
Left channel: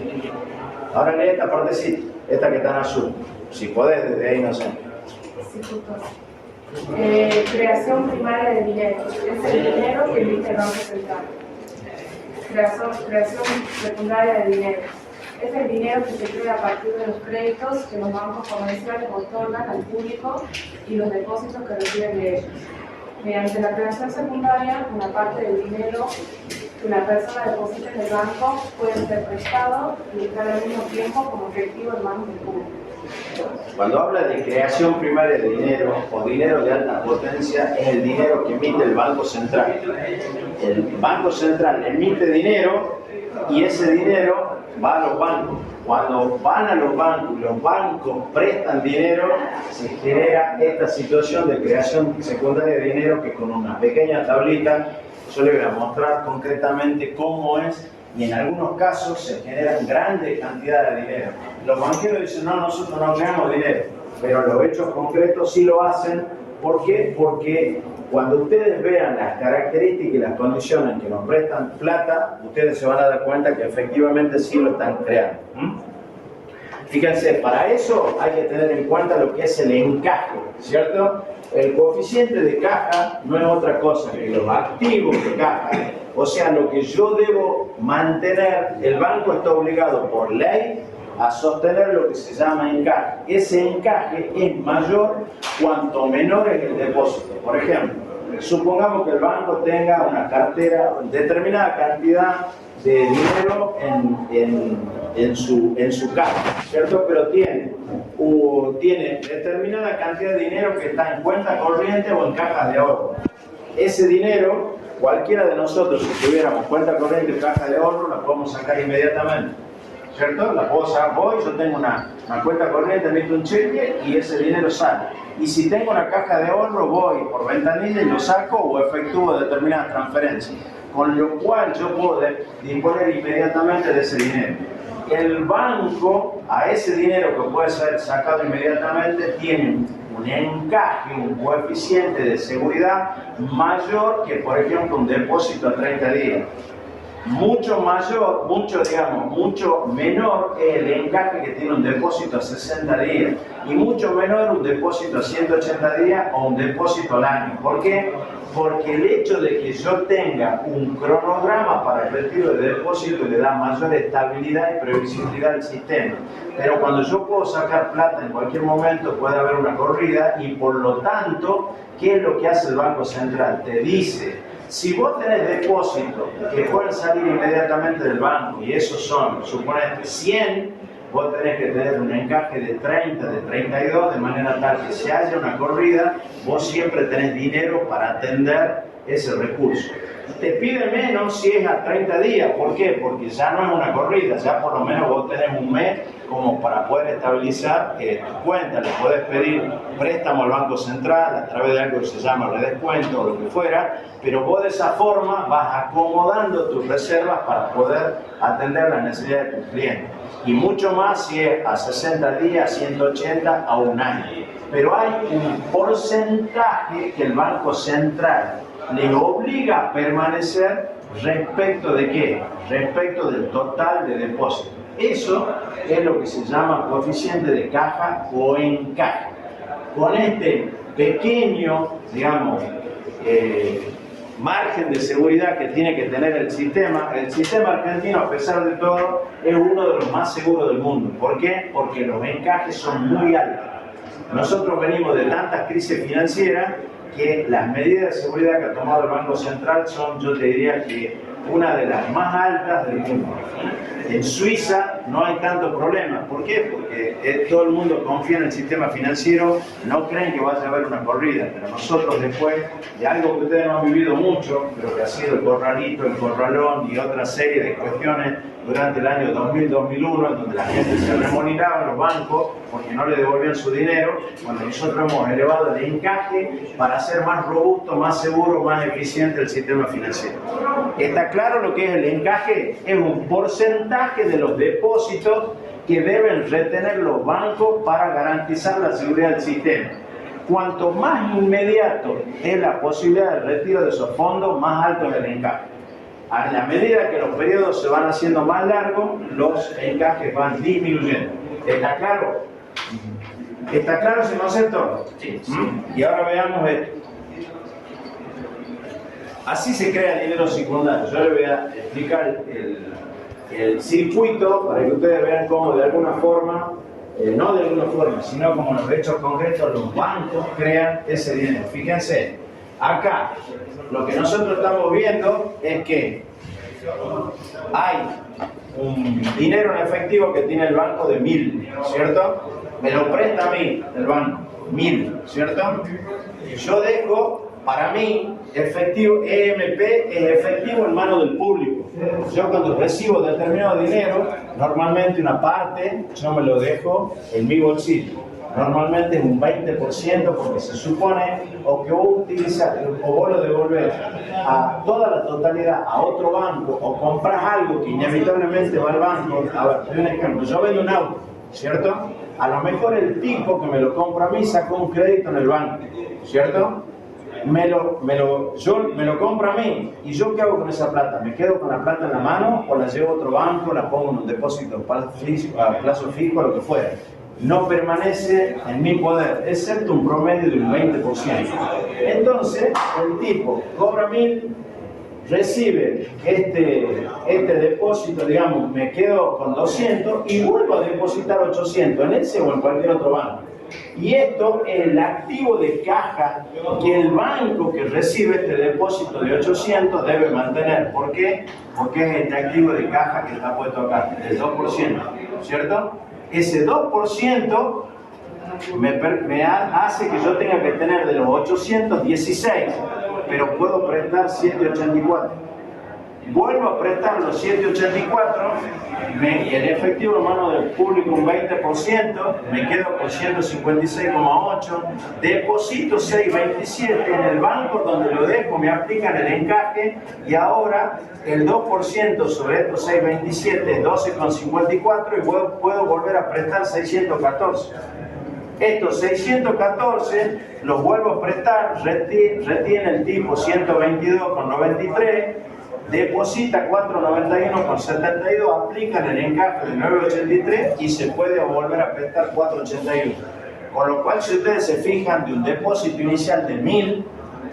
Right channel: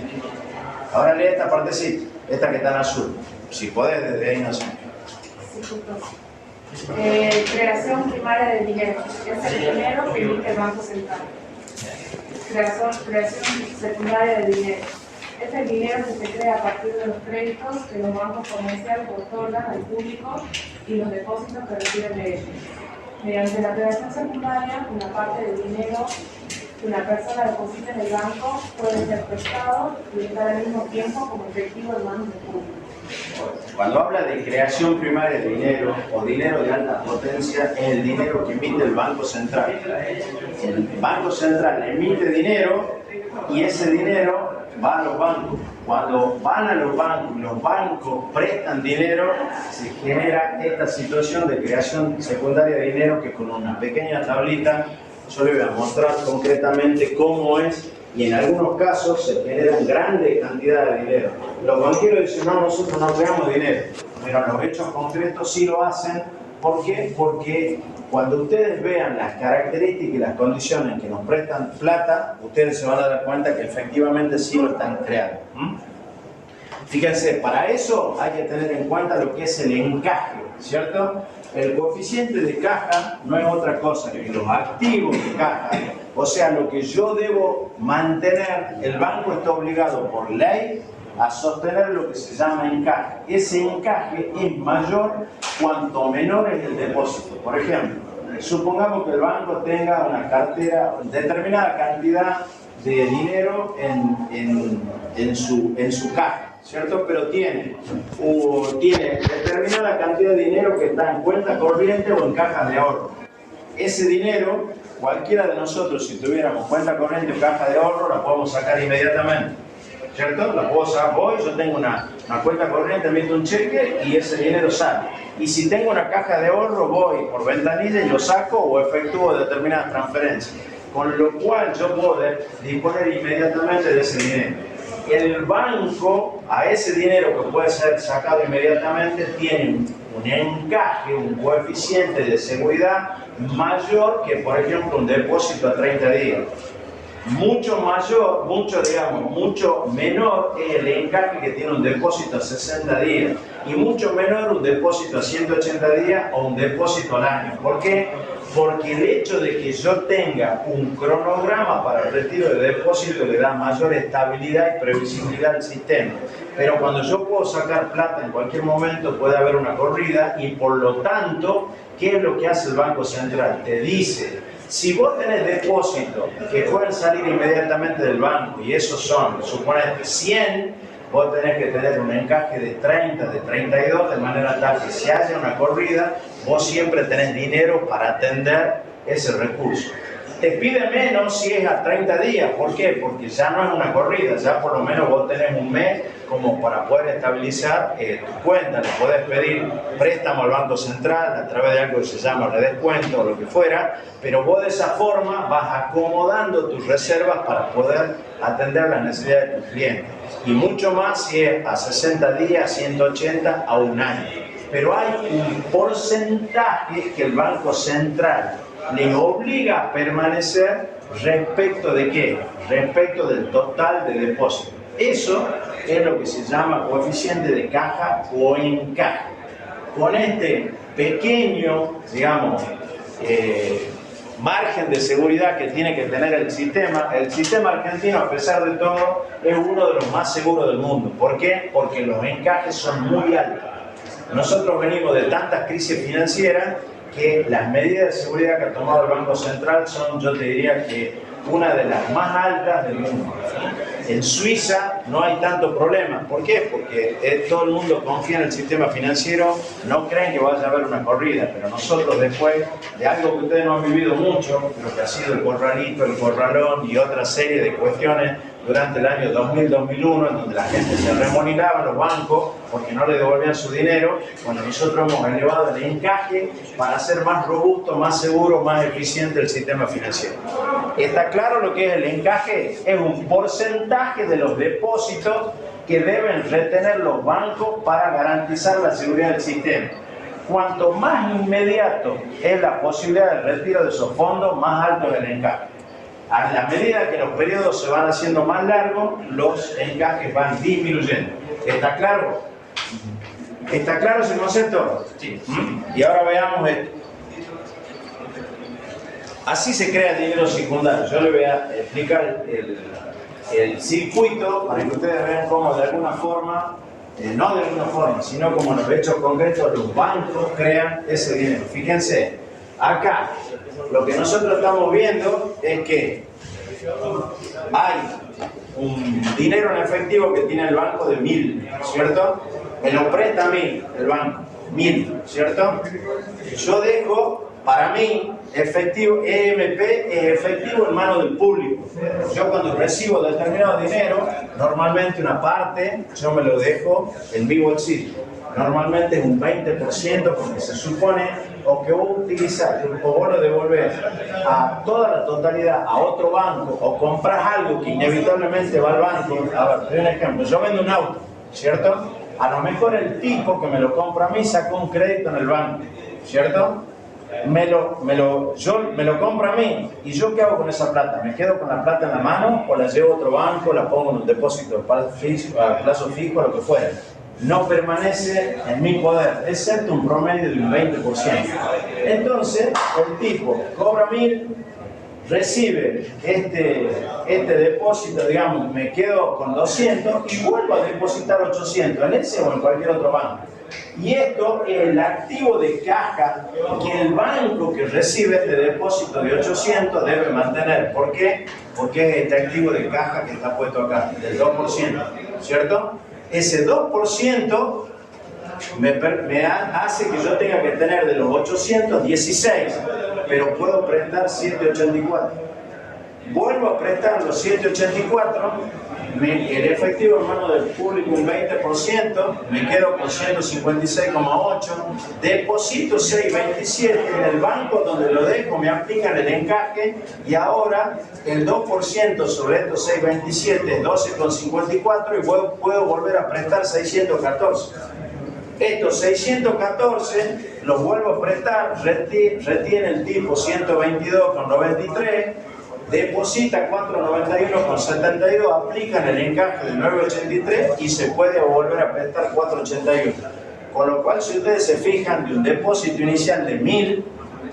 Ahora lee esta partecita, esta que está en azul. Si podés, desde ahí no sé. Creación primaria de dinero. Es el dinero que emite el Banco Central. Creación secundaria de dinero. Es el dinero que se crea a partir de los créditos que los bancos comerciales otorgan al público y los depósitos que reciben de ellos. Mediante la creación secundaria, una parte del dinero que una persona deposita en el banco puede ser prestado y estar al mismo tiempo como efectivo en manos del público. Cuando habla de creación primaria de dinero o dinero de alta potencia, es el dinero que emite el Banco Central. El Banco Central emite dinero y ese dinero va a los bancos. Cuando van a los bancos y los bancos prestan dinero, se genera esta situación de creación secundaria de dinero que con una pequeña tablita yo le voy a mostrar concretamente cómo es, y en algunos casos se generan grandes cantidades de dinero. Los banqueros dicen, no, nosotros no creamos dinero, pero los hechos concretos sí lo hacen. ¿Por qué? Porque cuando ustedes vean las características y las condiciones que nos prestan plata, ustedes se van a dar cuenta que efectivamente sí lo están creando. Fíjense, para eso hay que tener en cuenta lo que es el encaje, ¿cierto? El coeficiente de caja no es otra cosa que los activos de caja, o sea, lo que yo debo mantener. El banco está obligado por ley a sostener lo que se llama encaje. Ese encaje es mayor cuanto menor es el depósito. Por ejemplo, supongamos que el banco tenga una cartera, determinada cantidad de dinero en su caja, ¿cierto? Pero tiene determinada cantidad de dinero que está en cuenta corriente o en cajas de ahorro. Ese dinero, cualquiera de nosotros, si tuviéramos cuenta corriente o caja de ahorro, la podemos sacar inmediatamente, ¿cierto? La puedo sacar, yo tengo una cuenta corriente, emito un cheque y ese dinero sale. Y si tengo una caja de ahorro, voy por ventanilla y lo saco o efectúo determinadas transferencias. Con lo cual yo puedo disponer inmediatamente de ese dinero. El banco, a ese dinero que puede ser sacado inmediatamente, tiene un encaje, un coeficiente de seguridad mayor que, por ejemplo, un depósito a 30 días. Mucho menor es el encaje que tiene un depósito a 60 días y mucho menor un depósito a 180 días o un depósito al año. ¿Por qué? Porque el hecho de que yo tenga un cronograma para el retiro de depósito le da mayor estabilidad y previsibilidad al sistema. Pero cuando yo puedo sacar plata en cualquier momento puede haber una corrida y por lo tanto, ¿qué es lo que hace el Banco Central? Te dice, si vos tenés depósitos que pueden salir inmediatamente del banco y esos son, suponete 100, vos tenés que tener un encaje de 30, de 32, de manera tal que si haya una corrida, vos siempre tenés dinero para atender ese recurso. Te pide menos si es a 30 días, ¿por qué? Porque ya no es una corrida, ya por lo menos vos tenés un mes como para poder estabilizar tu cuenta. Le podés pedir préstamo al Banco Central a través de algo que se llama redescuento o lo que fuera, pero vos de esa forma vas acomodando tus reservas para poder atender las necesidades de tus clientes. Y mucho más si es a 60 días, 180, a un año. Pero hay un porcentaje que el Banco Central le obliga a permanecer respecto de ¿qué? Respecto del total de depósito. Eso es lo que se llama coeficiente de caja o encaje. Con este pequeño, digamos, margen de seguridad que tiene que tener el sistema argentino, a pesar de todo, es uno de los más seguros del mundo. ¿Por qué? Porque los encajes son muy altos. Nosotros venimos de tantas crisis financieras que las medidas de seguridad que ha tomado el Banco Central son, yo te diría que una de las más altas del mundo. En Suiza no hay tanto problema. ¿Por qué? Porque todo el mundo confía en el sistema financiero, no creen que vaya a haber una corrida, pero nosotros después de algo que ustedes no han vivido mucho, lo que ha sido el corralito, el corralón y otra serie de cuestiones durante el año 2000-2001, en donde la gente se remolinaba en los bancos porque no le devolvían su dinero, bueno, nosotros hemos elevado el encaje para hacer más robusto, más seguro, más eficiente el sistema financiero. ¿Está claro lo que es el encaje? Es un porcentaje de los depósitos que deben retener los bancos para garantizar la seguridad del sistema. Cuanto más inmediato es la posibilidad de retiro de esos fondos, más alto es el encaje. A la medida que los periodos se van haciendo más largos, los encajes van disminuyendo. ¿Está claro? ¿Está claro ese concepto? Sí. Y ahora veamos esto. Así se crea dinero secundario. Yo les voy a explicar el circuito para que ustedes vean cómo de alguna forma, no de alguna forma, sino como en los hechos concretos, los bancos crean ese dinero. Fíjense, acá lo que nosotros estamos viendo es que hay un dinero en efectivo que tiene el banco de 1000, ¿cierto? Me lo presta a mí el banco, 1000, ¿cierto? Yo dejo para mí efectivo, EMP es efectivo en manos del público. Yo cuando recibo determinado dinero, normalmente una parte yo me lo dejo en mi bolsillo. Normalmente es un 20% porque se supone o que vos utilizás o vos lo devolvés a toda la totalidad a otro banco o compras algo que inevitablemente va al banco. A ver, te doy un ejemplo. Yo vendo un auto, ¿cierto? A lo mejor el tipo que me lo compra a mí sacó un crédito en el banco, ¿cierto? Me lo compra a mí. ¿Y yo qué hago con esa plata? ¿Me quedo con la plata en la mano o la llevo a otro banco, la pongo en un depósito a plazo fijo, lo que fuera? No permanece en mi poder, excepto un promedio de un 20%. Entonces, el tipo cobra 1000, recibe este depósito, digamos, me quedo con 200 y vuelvo a depositar 800 en ese o en cualquier otro banco. Y esto es el activo de caja que el banco que recibe este depósito de 800 debe mantener. ¿Por qué? Porque es este activo de caja que está puesto acá, del 2%, ¿cierto? Ese 2% me hace que yo tenga que tener de los 800, 16, pero puedo prestar 784. Vuelvo a prestar los 784, el efectivo en mano del público un 20%, me quedo con 156,8, deposito 627 en el banco donde lo dejo, me aplican el encaje y ahora el 2% sobre estos 627 es 12,54 y puedo volver a prestar 614. Estos 614 los vuelvo a prestar, retiene el tipo 122,93, deposita 491,72, aplican el encaje de 9,83 y se puede volver a prestar 4,81. Con lo cual, si ustedes se fijan, de un depósito inicial de 1000,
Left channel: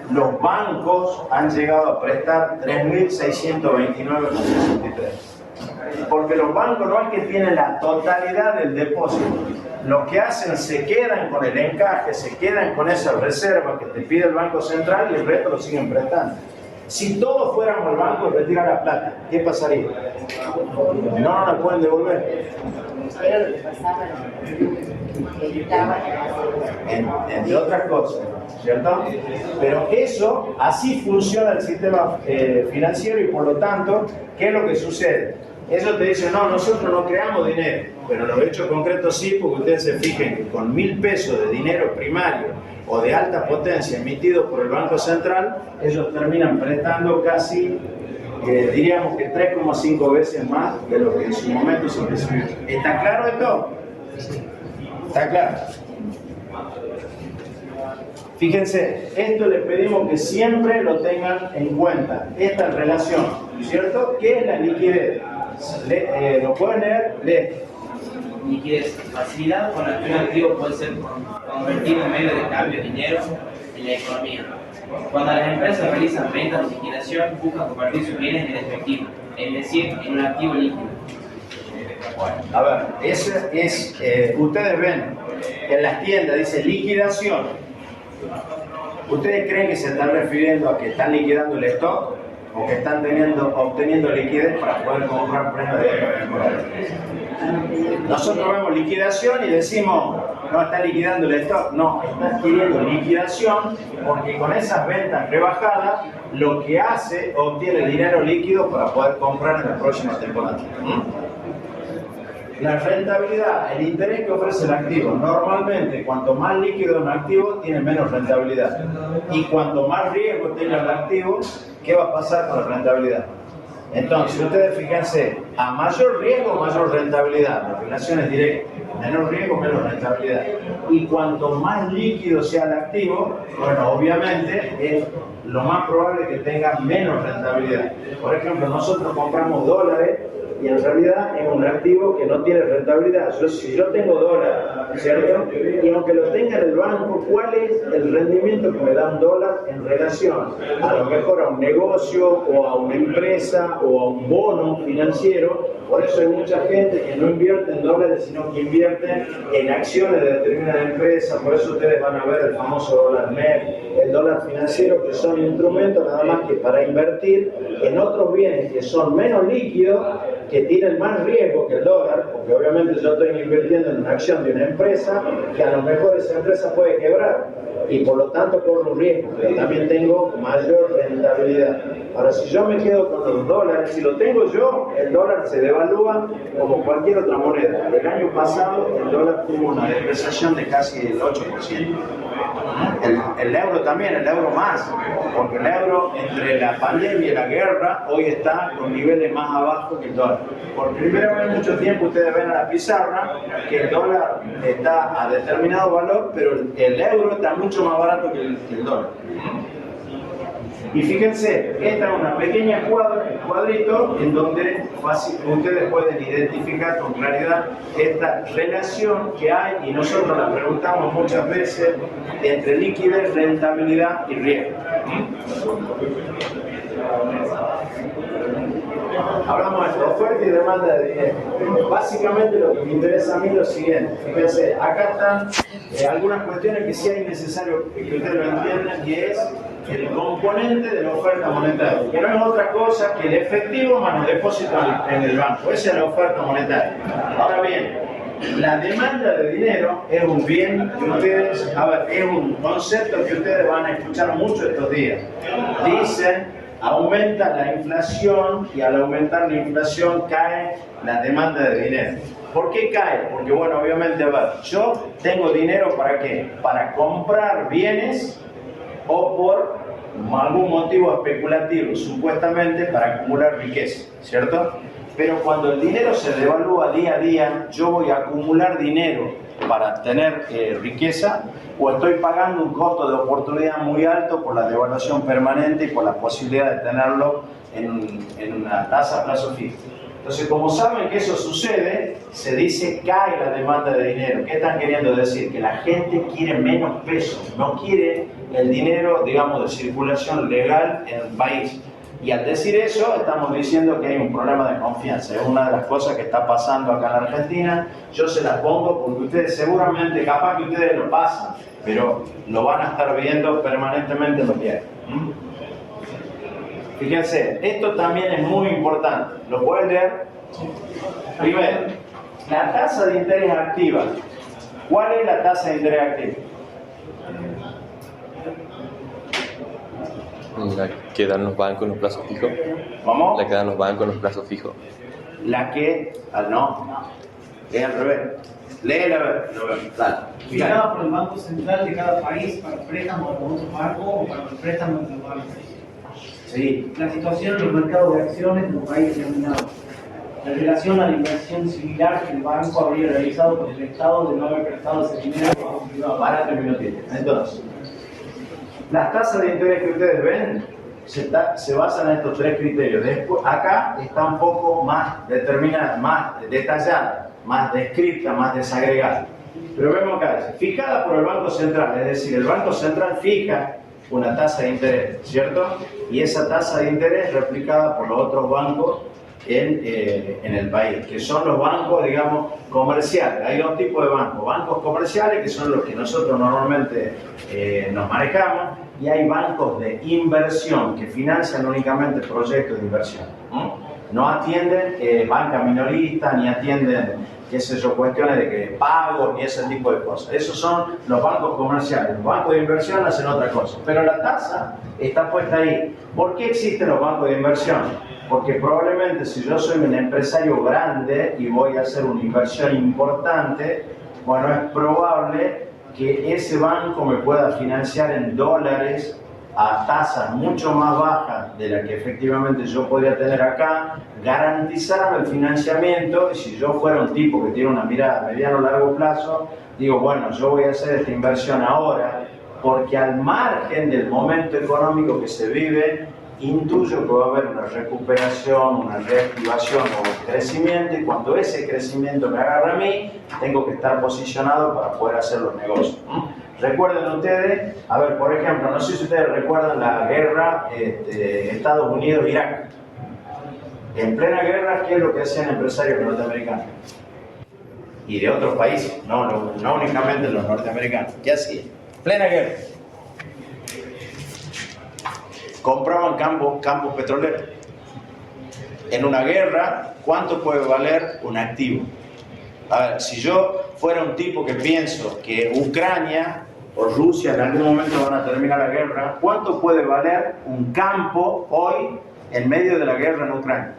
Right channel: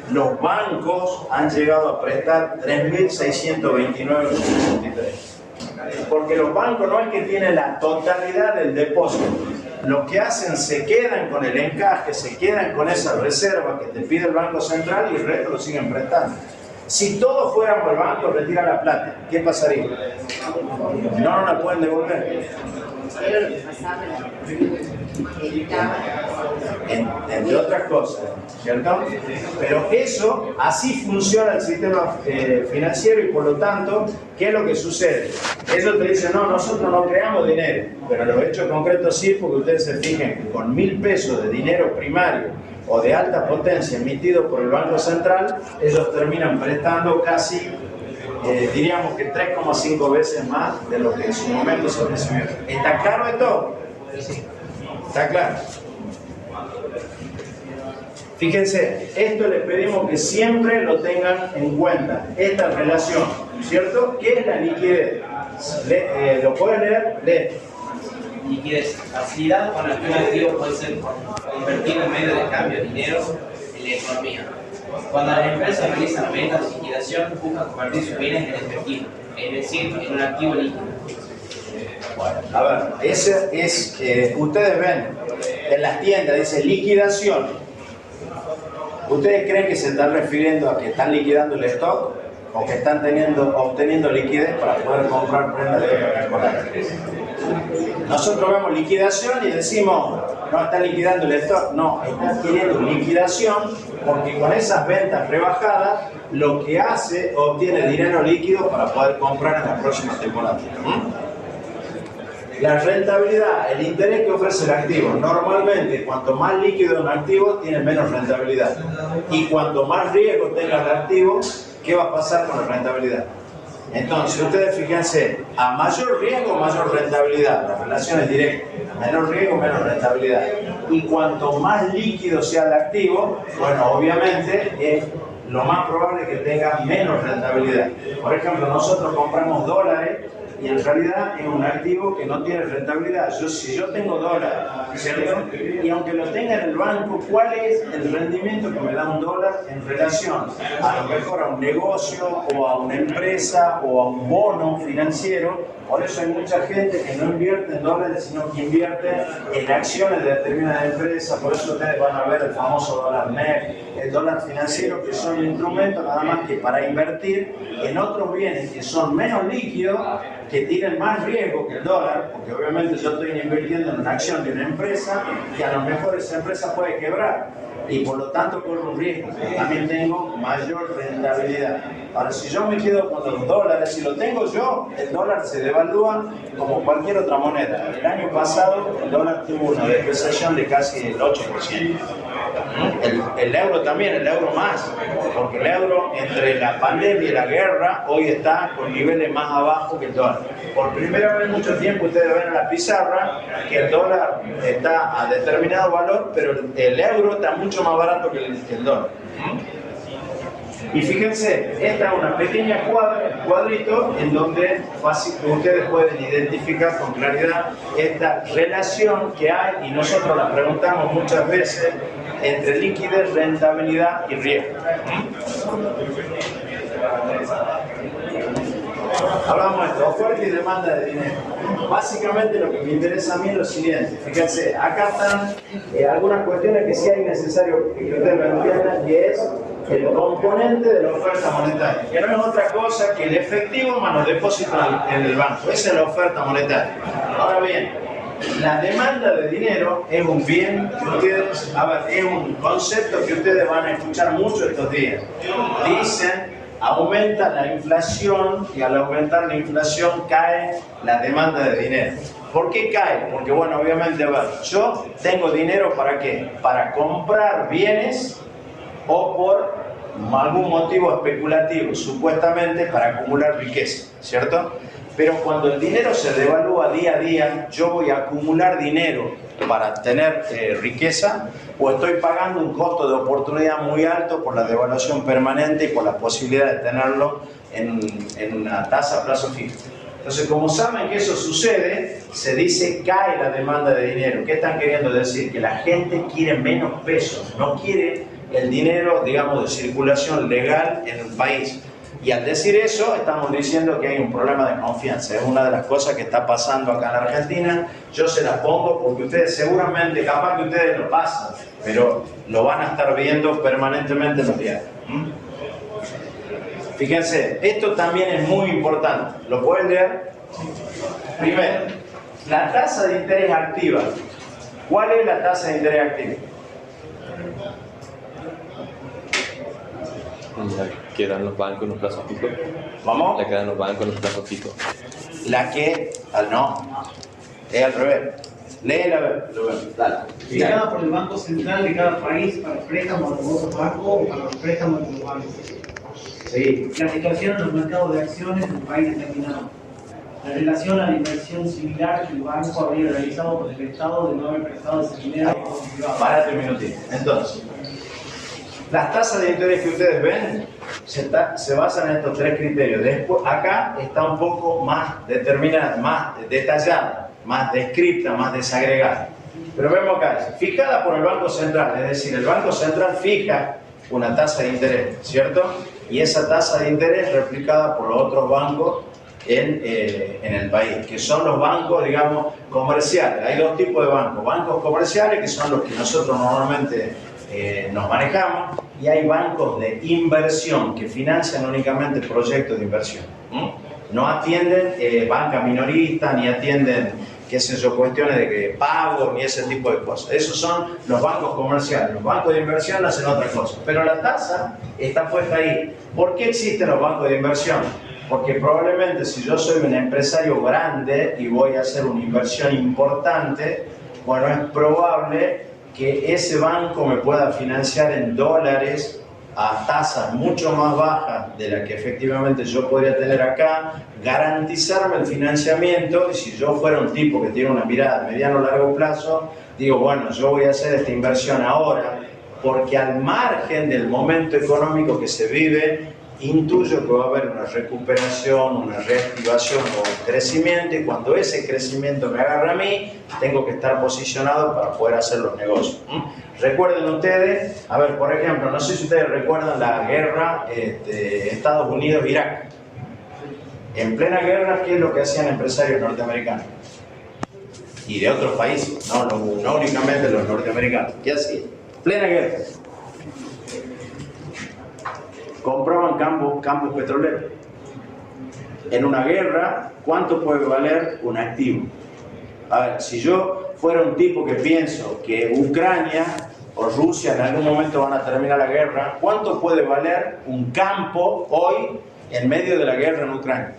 los bancos han llegado a prestar 3.629,63. Porque los bancos no es que tienen la totalidad del depósito. Lo que hacen, se quedan con el encaje, se quedan con esa reserva que te pide el Banco Central y el resto lo siguen prestando. Si todos fuéramos al banco a retirar la plata, ¿qué pasaría? No la pueden devolver. Era lo que pasaba Entre otras cosas, ¿cierto? Pero eso, así funciona el sistema financiero y por lo tanto, ¿qué es lo que sucede? Ellos te dicen, no, nosotros no creamos dinero, pero los hechos concretos sí, porque ustedes se fijen que con 1000 pesos de dinero primario o de alta potencia emitido por el Banco Central, ellos terminan prestando casi, diríamos que 3,5 veces más de lo que en su momento se recibió. ¿Está claro esto? ¿Está claro? Fíjense, esto les pedimos que siempre lo tengan en cuenta, esta relación, ¿cierto? ¿Qué es la liquidez? ¿Lo pueden leer? Lee. Liquidez, facilidad con la que un activo puede ser convertido en medio de cambio de dinero en la economía. Cuando las empresas realizan ventas de liquidación, buscan convertir sus bienes en efectivo, es decir, en un activo líquido. A ver, ese es, ustedes ven en las tiendas dice liquidación. ¿Ustedes creen que se están refiriendo a que están liquidando el stock? o que están obteniendo liquidez para poder comprar prendas de colección. Nosotros vemos liquidación y decimos, no está liquidando el stock, no, está adquiriendo liquidación porque con esas ventas rebajadas lo que hace, obtiene dinero líquido para poder comprar en la próxima temporada. La rentabilidad, el interés que ofrece el activo, normalmente cuanto más líquido es un activo, tiene menos rentabilidad. Y cuanto más riesgo tenga el activo, ¿qué va a pasar con la rentabilidad? Entonces, ustedes fíjense, a mayor riesgo, mayor rentabilidad. La relación es directa. Menor riesgo, menos rentabilidad. Y cuanto más líquido sea el activo, bueno, obviamente es lo más probable que tenga menos rentabilidad. Por ejemplo, nosotros compramos dólares y en realidad es un activo que no tiene rentabilidad. Si yo tengo dólares, ¿cierto? Y aunque lo tenga en el banco, ¿cuál es el rendimiento que me da un dólar en relación a lo mejor a un negocio o a una empresa o a un bono financiero? Por eso hay mucha gente que no invierte en dólares, sino que invierte en acciones de determinadas empresas. Por eso ustedes van a ver el famoso dólar MEP, el dólar financiero, que son instrumentos nada más que para invertir en otros bienes que son menos líquidos, que tienen más riesgo que el dólar, porque obviamente yo estoy invirtiendo en una acción de una empresa que a lo mejor esa empresa puede quebrar y por lo tanto corro un riesgo, pero también tengo mayor rentabilidad. Ahora, si yo me quedo con los dólares, si lo tengo yo, el dólar se devalúa como cualquier otra moneda. El año pasado el dólar tuvo una depreciación de casi el 8%. El euro también, el euro más, porque el euro entre la pandemia y la guerra hoy está con niveles más abajo que el dólar. Por primera vez en mucho tiempo ustedes ven a la pizarra que el dólar está a determinado valor, pero el euro está mucho más barato que el dólar. Y fíjense, esta es una pequeña cuadrito en donde ustedes pueden identificar con claridad esta relación que hay, y nosotros la preguntamos muchas veces, entre liquidez, rentabilidad y riesgo. Hablamos de esto, oferta y demanda de dinero. Básicamente lo que me interesa a mí es lo siguiente. Fíjense, acá están algunas cuestiones que sí hay necesario que ustedes lo entiendan, y es el componente de la oferta monetaria, que no es otra cosa que el efectivo más los depósitos en el banco. Esa es la oferta monetaria. Ahora bien, la demanda de dinero es un bien que ustedes, es un concepto que ustedes van a escuchar mucho estos días. Dicen, aumenta la inflación y al aumentar la inflación cae la demanda de dinero. ¿Por qué cae? Porque, bueno, obviamente, yo tengo dinero ¿para qué? Para comprar bienes o por algún motivo especulativo, supuestamente para acumular riqueza, ¿cierto? Pero cuando el dinero se devalúa día a día, yo voy a acumular dinero para tener riqueza, o estoy pagando un costo de oportunidad muy alto por la devaluación permanente y por la posibilidad de tenerlo en una tasa a plazo fijo. Entonces, como saben que eso sucede, se dice cae la demanda de dinero. ¿Qué están queriendo decir? Que la gente quiere menos pesos, no quiere el dinero, digamos, de circulación legal en el país. Y al decir eso, estamos diciendo que hay un problema de confianza. Es una de las cosas que está pasando acá en la Argentina. Yo se las pongo porque ustedes seguramente, capaz que ustedes lo pasan, pero lo van a estar viendo permanentemente en los diarios. Fíjense, esto también es muy importante. ¿Lo pueden leer? Primero, la tasa de interés activa. ¿Cuál es la tasa de interés activa? La que dan los bancos en los plazos fijos. ¿Vamos? La que dan los bancos en los plazos fijos. La que... no. Es al revés. Léela, a ver. Dale. Fijada por el Banco Central de cada país para préstamos de otros bancos o para los préstamos de los bancos. Sí. La situación en los mercados de acciones de un país determinado. En relación a la inversión similar que el banco habría realizado con el Estado de no haber prestado ese dinero a un privado. Parate un minutito. Entonces, las tasas de interés que ustedes ven se basan en estos tres criterios. Después, acá está un poco más determinada, más detallada, más descripta, más desagregada. Pero vemos acá, fijada por el Banco Central, es decir, el Banco Central fija una tasa de interés, ¿cierto? Y esa tasa de interés replicada por los otros bancos en el país, que son los bancos, digamos, comerciales. Hay dos tipos de bancos. Bancos comerciales, que son los que nosotros normalmente nos manejamos, y hay bancos de inversión, que financian únicamente proyectos de inversión. No atienden banca minorista, ni atienden, qué sé yo, cuestiones de que pagos, ni ese tipo de cosas. Esos son los bancos comerciales. Los bancos de inversión hacen otra cosa. Pero la tasa está puesta ahí. ¿Por qué existen los bancos de inversión? Porque probablemente si yo soy un empresario grande y voy a hacer una inversión importante, bueno, es probable que ese banco me pueda financiar en dólares a tasas mucho más bajas de las que efectivamente yo podría tener acá, garantizarme el financiamiento, y si yo fuera un tipo que tiene una mirada a mediano o largo plazo, digo, bueno, yo voy a hacer esta inversión ahora, porque al margen del momento económico que se vive, intuyo que va a haber una recuperación, una reactivación o un crecimiento, y cuando ese crecimiento me agarra a mí, tengo que estar posicionado para poder hacer los negocios. Recuerden ustedes, a ver, por ejemplo, no sé si ustedes recuerdan la guerra Estados Unidos-Irak. En plena guerra, ¿qué es lo que hacían empresarios norteamericanos? Y de otros países, no únicamente los norteamericanos. ¿Qué hacían? Plena guerra. Compraban campos petroleros. En una guerra, ¿cuánto puede valer un activo? A ver, si yo fuera un tipo que pienso que Ucrania o Rusia en algún momento van a terminar la guerra, ¿cuánto puede valer un campo hoy en medio de la guerra en Ucrania?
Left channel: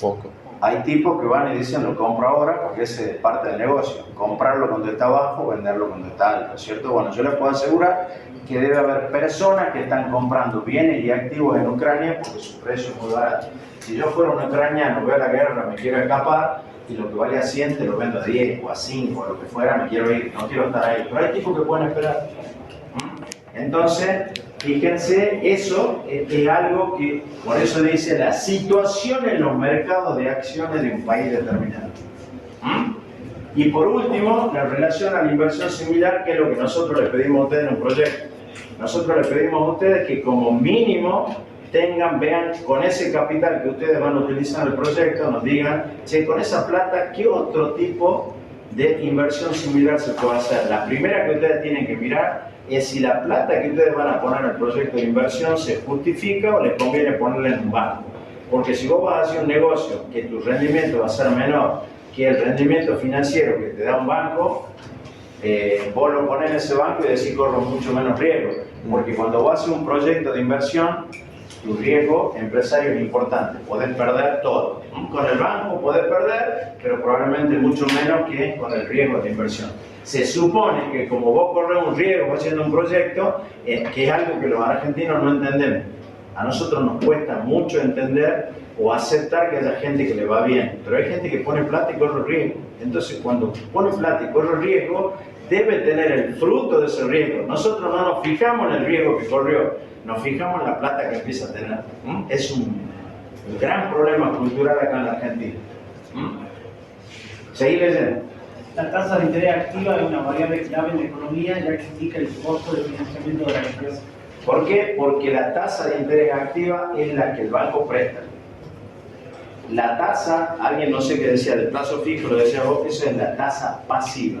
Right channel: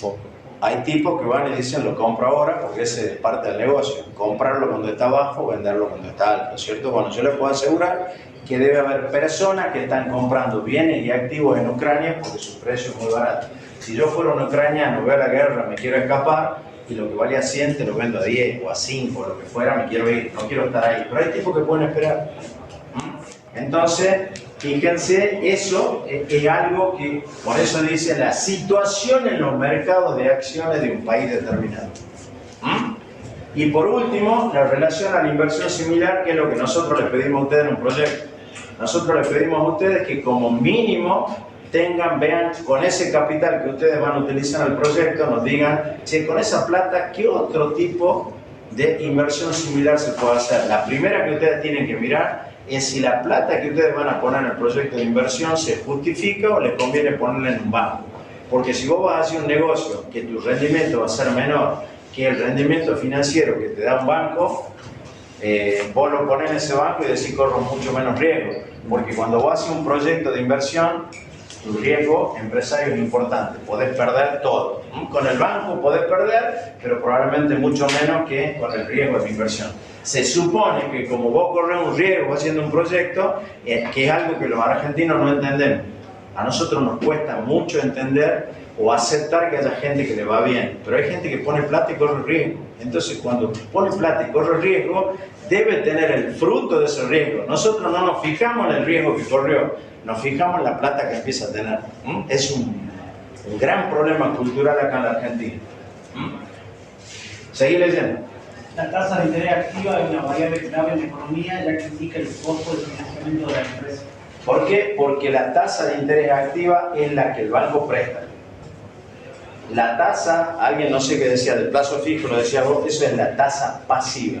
Poco. Hay tipos que van y dicen, lo compro ahora porque ese es parte del negocio. Comprarlo cuando está bajo, venderlo cuando está alto, ¿cierto? Bueno, yo les puedo asegurar que debe haber personas que están comprando bienes y activos en Ucrania porque su precio es muy barato. Si yo fuera un ucraniano, veo la guerra, me quiero escapar, y lo que vale a 100 te lo vendo a 10 o a 5 o lo que fuera, me quiero ir, no quiero estar ahí. Pero hay tipos que pueden esperar. Entonces, fíjense, eso es algo que, por eso dice, la situación en los mercados de acciones de un país determinado. Y por último, la relación a la inversión similar, que es lo que nosotros les pedimos a ustedes en un proyecto. Nosotros les pedimos a ustedes que como mínimo vean con ese capital que ustedes van a utilizar en el proyecto, nos digan, che, con esa plata, ¿qué otro tipo de inversión similar se puede hacer? La primera que ustedes tienen que mirar es si la plata que ustedes van a poner en el proyecto de inversión se justifica o les conviene ponerla en un banco. Porque si vos vas a hacer un negocio que tu rendimiento va a ser menor que el rendimiento financiero que te da un banco, vos lo ponés en ese banco y decís corro mucho menos riesgo. Porque cuando vos haces un proyecto de inversión, tu riesgo empresario es importante, podés perder todo. Con el banco podés perder, pero probablemente mucho menos que con el riesgo de inversión. Se supone que como vos corres un riesgo haciendo un proyecto, que es algo que los argentinos no entendemos. A nosotros nos cuesta mucho entender o aceptar que haya gente que le va bien, pero hay gente que pone plata y corre riesgo. Entonces cuando pone plata y corre riesgo, debe tener el fruto de ese riesgo. Nosotros no nos fijamos en el riesgo que corrió, nos fijamos en la plata que empieza a tener. Es un gran problema cultural acá en la Argentina. Seguí leyendo. La tasa de interés activa es una variable clave en la economía, ya que indica el costo de financiamiento de la empresa. ¿Por qué? Porque la tasa de interés activa es la que el banco presta. La tasa, alguien no sé qué decía, del plazo fijo, lo decía vos, eso es la tasa pasiva.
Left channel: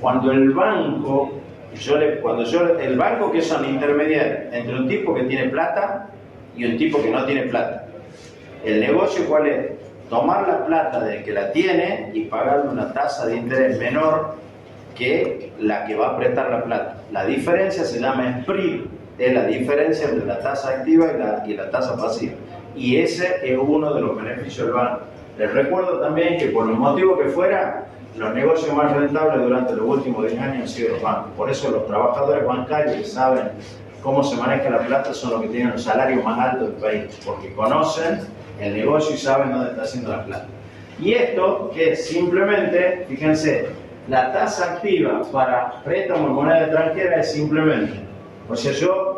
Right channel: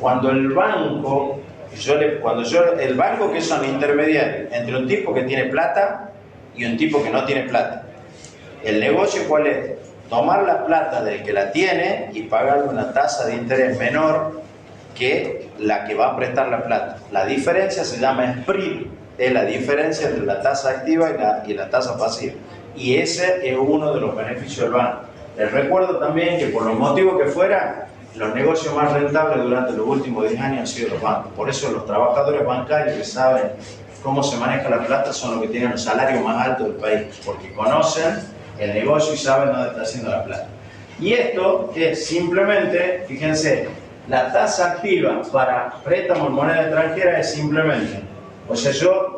Cuando el banco, el banco que es un intermediario entre un tipo que tiene plata y un tipo que no tiene plata. ¿El negocio cuál es? Tomar la plata del que la tiene y pagar una tasa de interés menor que la que va a prestar la plata. La diferencia se llama spread, es la diferencia entre la tasa activa y la tasa pasiva. Y ese es uno de los beneficios del banco. Les recuerdo también que por los motivos que fuera, los negocios más rentables durante los últimos 10 años han sido los bancos. Por eso los trabajadores bancarios que saben cómo se maneja la plata son los que tienen el salario más alto del país, porque conocen el negocio y saben dónde está haciendo la plata. Y esto es simplemente, fíjense, la tasa activa para préstamos en moneda extranjera es simplemente, o sea,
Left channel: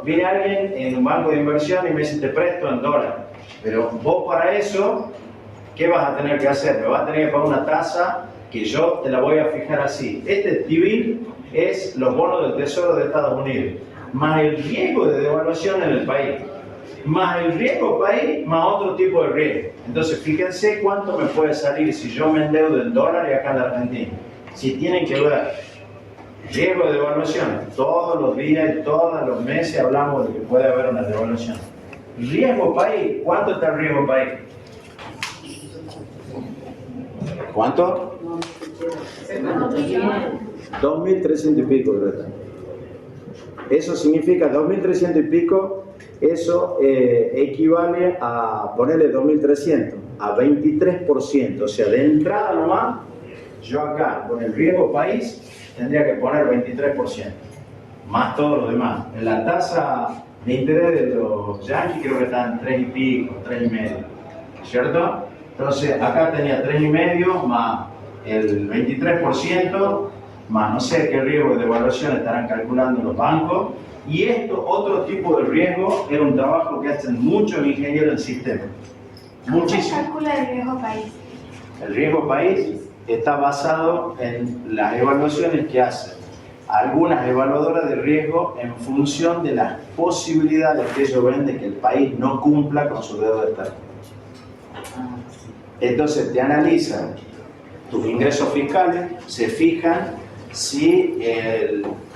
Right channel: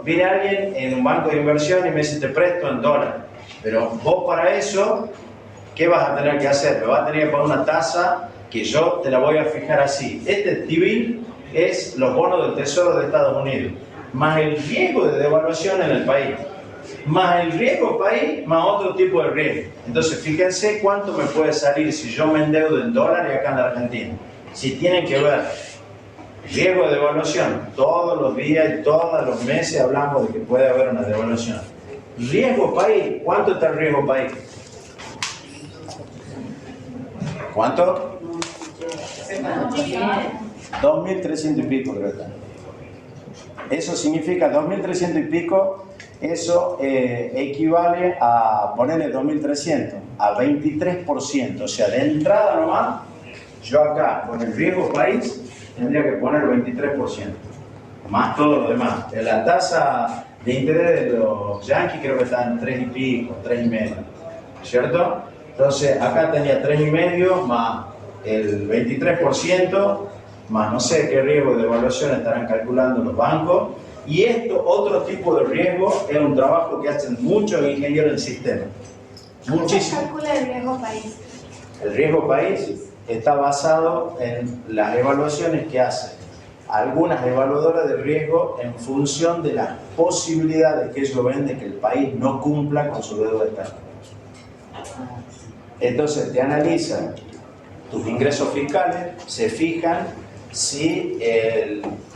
viene alguien en un banco de inversión y me dice te presto en dólares, pero vos para eso, ¿qué vas a tener que hacer? Me vas a tener que pagar una tasa que yo te la voy a fijar así. Este T-bill es los bonos del Tesoro de Estados Unidos, más el riesgo de devaluación en el país. más el riesgo país, más otro tipo de riesgo. Entonces, fíjense cuánto me puede salir si yo me endeudo en dólares acá en la Argentina. Si tienen que ver riesgo de devaluación, todos los días y todos los meses hablamos de que puede haber una devaluación. Riesgo país, ¿cuánto está el riesgo país? ¿Cuánto? 2.300 y pico, creo. Eso significa 2.300 y pico, eso equivale a ponerle 2.300, a 23%. O sea, de entrada nomás, yo acá, con el riesgo país, tendría que poner 23%, más todo lo demás. En la tasa de interés de los yanquis creo que están 3 y pico, 3,5, ¿cierto? Entonces, acá tenía 3,5 más el 23%, más no sé qué riesgo de evaluación estarán calculando los bancos. Y esto, otro tipo de riesgo, es un trabajo que hacen muchos ingenieros en sistema. Muchísimo. ¿Cómo se calcula el riesgo país? El riesgo país está basado en las evaluaciones que hacen algunas evaluadoras de riesgo en función de las posibilidades que ellos ven de que el país no cumpla con su deuda externa. Entonces te analizan tus ingresos fiscales, se fijan si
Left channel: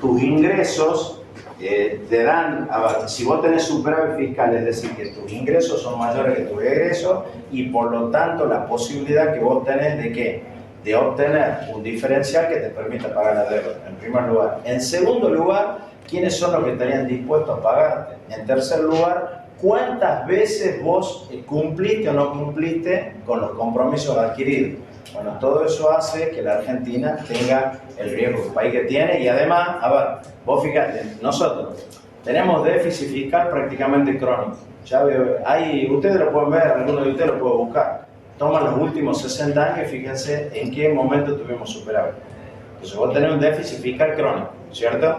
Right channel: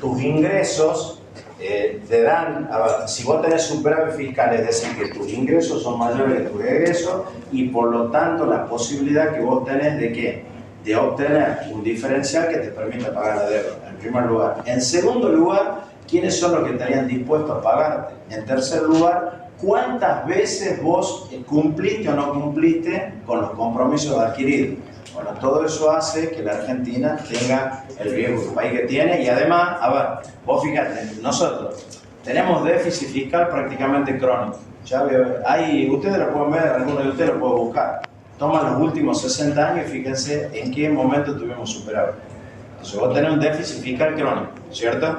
tus ingresos te dan, a ver, si vos tenés superávit fiscal, es decir, que tus ingresos son mayores que tus egresos y por lo tanto la posibilidad que vos tenés de ¿qué? De obtener un diferencial que te permita pagar la deuda, en primer lugar. En segundo lugar, ¿quiénes son los que estarían dispuestos a pagarte? En tercer lugar, ¿cuántas veces vos cumpliste o no cumpliste con los compromisos adquiridos? Bueno, todo eso hace que la Argentina tenga el riesgo del país que tiene y además, a ver, vos fíjate, nosotros tenemos déficit fiscal prácticamente crónico. Ya veo, ustedes lo pueden ver, algunos de ustedes lo pueden buscar. Toman los últimos 60 años y fíjense en qué momento tuvimos superávit. Entonces vos tenés un déficit fiscal crónico, ¿cierto?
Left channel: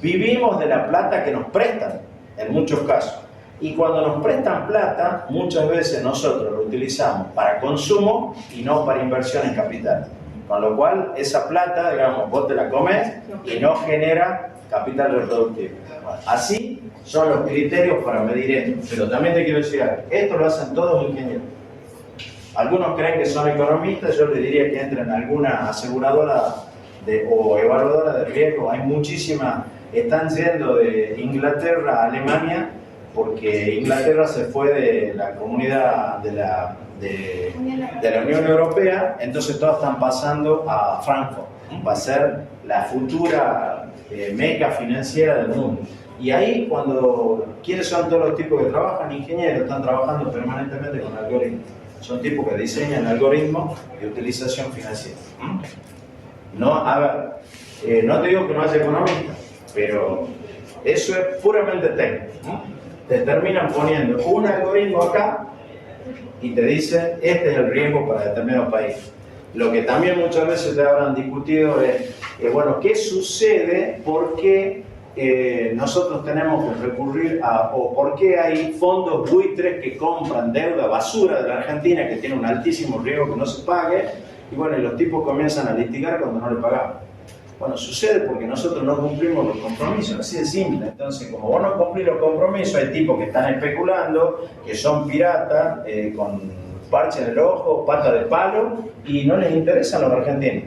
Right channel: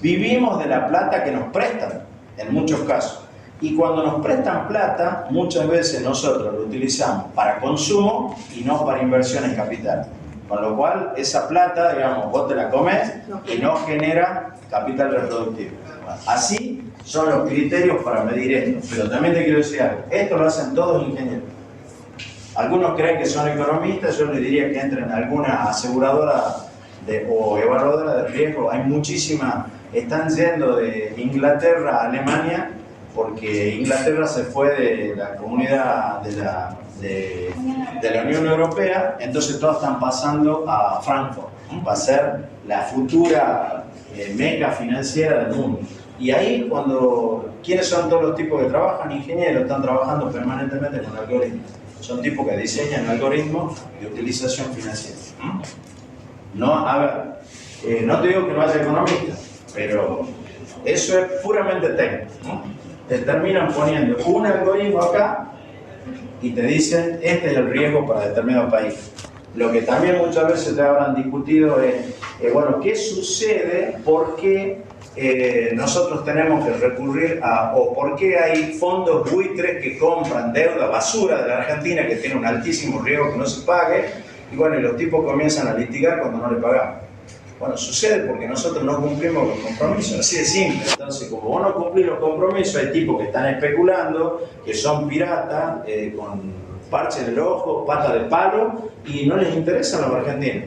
Vivimos de la plata que nos prestan, en muchos casos. Y cuando nos prestan plata, muchas veces nosotros lo utilizamos para consumo y no para inversión en capital. Con lo cual, esa plata, digamos, vos te la comes y no genera capital reproductivo. Bueno, así son los criterios para medir esto. Pero también te quiero decir algo, esto lo hacen todos ingenieros. Algunos creen que son economistas, yo les diría que entren en alguna aseguradora o evaluadora de riesgo. Hay muchísimas, están yendo de Inglaterra a Alemania, porque Inglaterra se fue de la comunidad de la Unión Europea, entonces todos están pasando a Frankfurt, va a ser la futura meca financiera del mundo. Y ahí ¿quiénes son todos los tipos que trabajan? Ingenieros, están trabajando permanentemente con algoritmos. Son tipos que diseñan algoritmos de utilización financiera. No, a ver, no te digo que no haya economistas, pero eso es puramente técnico, ¿no? Te terminan poniendo un algoritmo acá y te dicen, este es el riesgo para determinado país. Lo que también muchas veces te habrán discutido es, bueno, ¿qué sucede? ¿Por qué nosotros tenemos que recurrir o por qué hay fondos buitres que compran deuda basura de la Argentina que tiene un altísimo riesgo que no se pague? Y bueno, y los tipos comienzan a litigar cuando no le pagamos. Bueno, sucede porque nosotros no cumplimos los compromisos, así de simple. Entonces, como vos no cumplís los compromisos, hay tipos que están especulando, que son piratas, con parche en el ojo, pata de palo, y no les interesan los argentinos.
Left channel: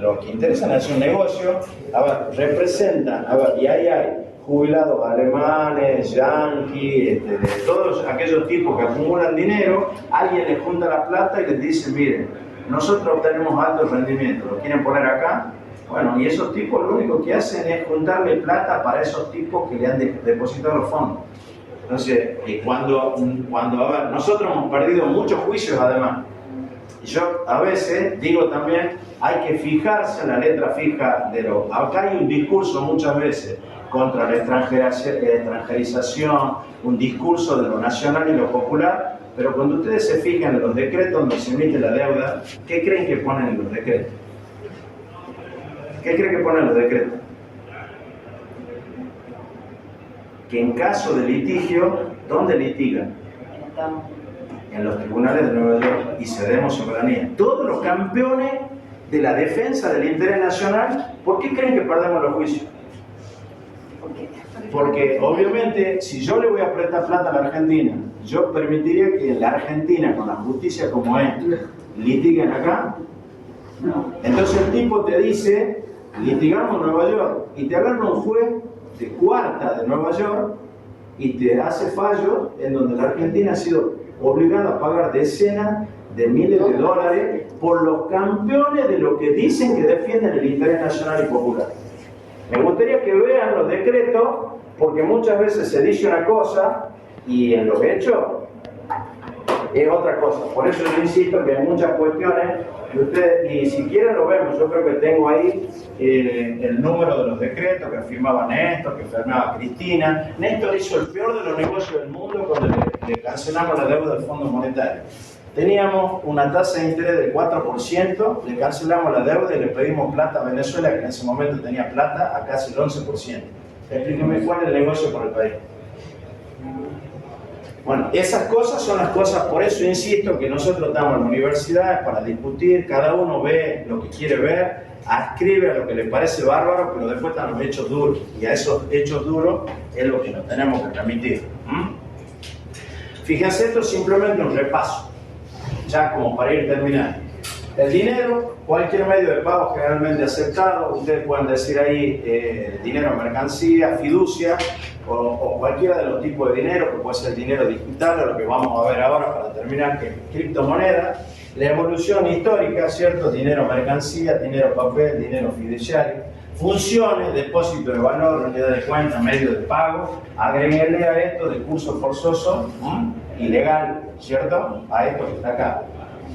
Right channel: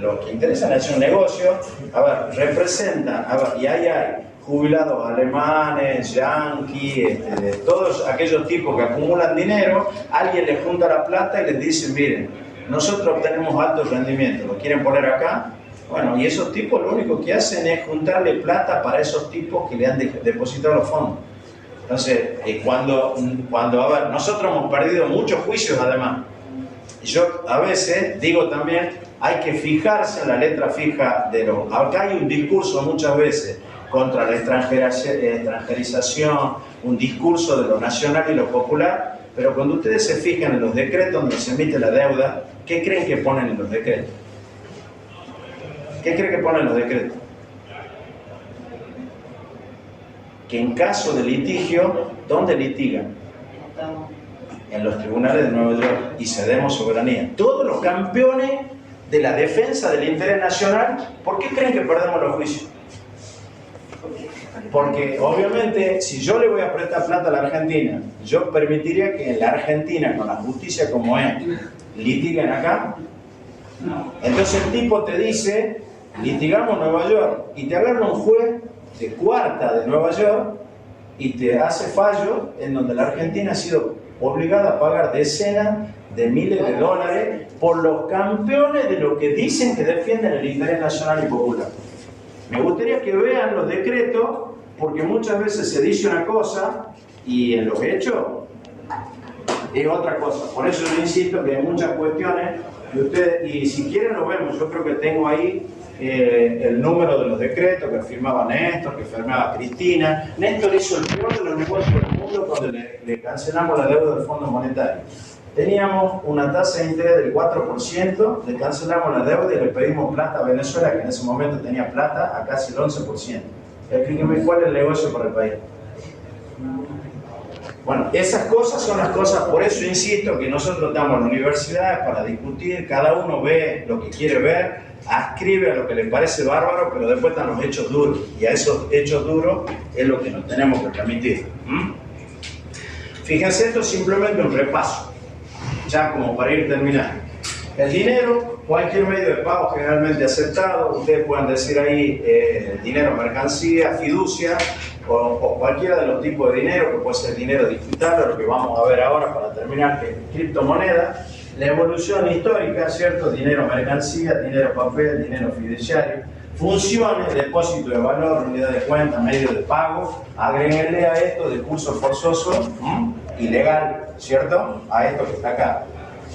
Lo que interesa es hacer un negocio, a ver, representan, y ahí hay jubilados alemanes, yanquis, de todos aquellos tipos que acumulan dinero, alguien les junta la plata y les dice, miren, nosotros obtenemos alto rendimiento, ¿lo quieren poner acá? Bueno, y esos tipos lo único que hacen es juntarle plata para esos tipos que le han depositado los fondos. Entonces, cuando a ver, nosotros hemos perdido muchos juicios además. Y yo a veces digo también, hay que fijarse en la letra fija de lo... Acá hay un discurso muchas veces contra la extranjerización, un discurso de lo nacional y lo popular, pero cuando ustedes se fijan en los decretos donde se emite la deuda, ¿qué creen que ponen en los decretos? ¿Qué creen que ponen en los decretos? Que en caso de litigio, ¿dónde litigan? En los tribunales de Nueva York y cedemos soberanía. Todos los campeones de la defensa del interés nacional, ¿por qué creen que perdemos los juicios? Porque obviamente si yo le voy a prestar plata a la Argentina, yo permitiría que en la Argentina, con la justicia como es, litiguen acá. Entonces el tipo te dice, litigamos en Nueva York, y te agarra un juez de cuarta de Nueva York y te hace fallo en donde la Argentina ha sido obligada a pagar decenas de miles de dólares por los campeones de lo que dicen que defienden el interés nacional y popular. Me gustaría que vean los decretos, porque muchas veces se dice una cosa y en los hechos es otra cosa. Por eso yo insisto que hay muchas cuestiones que ustedes, y si quieren lo vemos, yo creo que tengo ahí el número de los decretos que firmaba Néstor, que firmaba Cristina. Néstor hizo el peor de los negocios del mundo cuando le cancelamos la deuda del Fondo Monetario. Teníamos una tasa de interés del 4%, le cancelamos la deuda y le pedimos plata a Venezuela, que en ese momento tenía plata, a casi el 11%. Explíqueme cuál es el negocio para el país. Bueno, esas cosas son las cosas, por eso insisto que nosotros estamos en la universidad para discutir, cada uno ve lo que quiere ver, ascribe a lo que le parece bárbaro, pero después están los hechos duros, y a esos hechos duros es lo que nos tenemos que remitir. Fíjense, esto es simplemente un repaso, ya como para ir terminando. El dinero, cualquier medio de pago generalmente aceptado, ustedes pueden decir ahí dinero, mercancía, fiducia, o cualquiera de los tipos de dinero, que puede ser dinero digital, lo que vamos a ver ahora para terminar, que es criptomoneda. La evolución histórica, ¿cierto? Dinero, mercancía, dinero, papel, dinero fiduciario. Funciones, depósito de valor, unidad de cuenta, medio de pago. Agréguenle a esto de curso forzoso, ilegal, ¿cierto? A esto que está acá.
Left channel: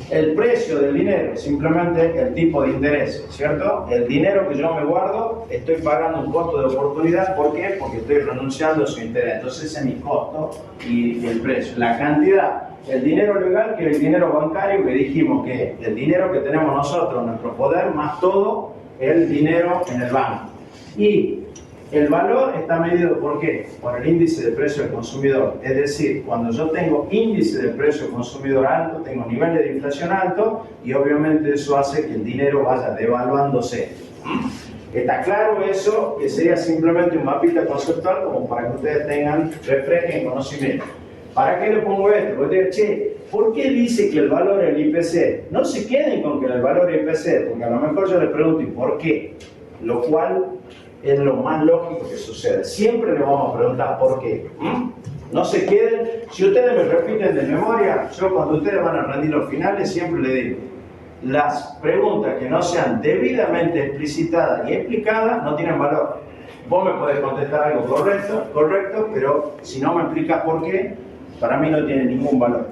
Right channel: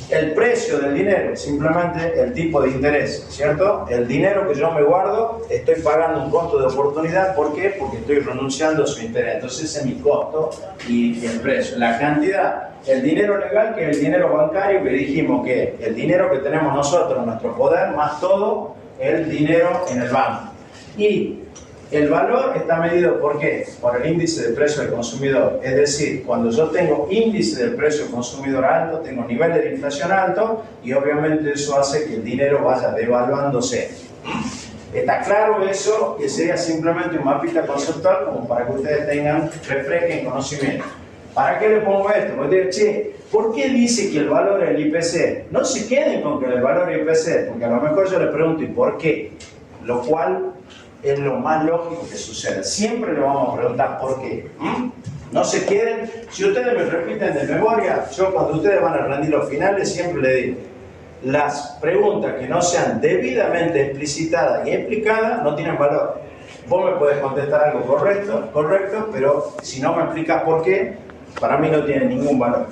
El precio del dinero, simplemente el tipo de interés, ¿cierto? El dinero que yo me guardo, estoy pagando un costo de oportunidad. ¿Por qué? Porque estoy renunciando a su interés. Entonces ese es mi costo y el precio. La cantidad, el dinero legal, que es el dinero bancario, que dijimos que el dinero que tenemos nosotros, nuestro poder, más todo el dinero en el banco. Y el valor está medido ¿por qué? Por el índice de precio del consumidor. Es decir, cuando yo tengo índice de precio del consumidor alto, tengo niveles de inflación alto y obviamente eso hace que el dinero vaya devaluándose. ¿Está claro eso? Que sería simplemente un mapita conceptual como para que ustedes tengan, refresquen conocimiento. ¿Para qué le pongo esto? Porque che, ¿por qué dice que el valor es el IPC? No se queden con que el valor es el IPC, porque a lo mejor yo le pregunto ¿y por qué? Lo cual es lo más lógico que suceda. Siempre le vamos a preguntar por qué. No se queden. Si ustedes me repiten de memoria, yo cuando ustedes van a rendir los finales siempre les digo, las preguntas que no sean debidamente explicitadas y explicadas no tienen valor. Vos me podés contestar algo correcto, pero si no me explicas por qué, para mí no tiene ningún valor.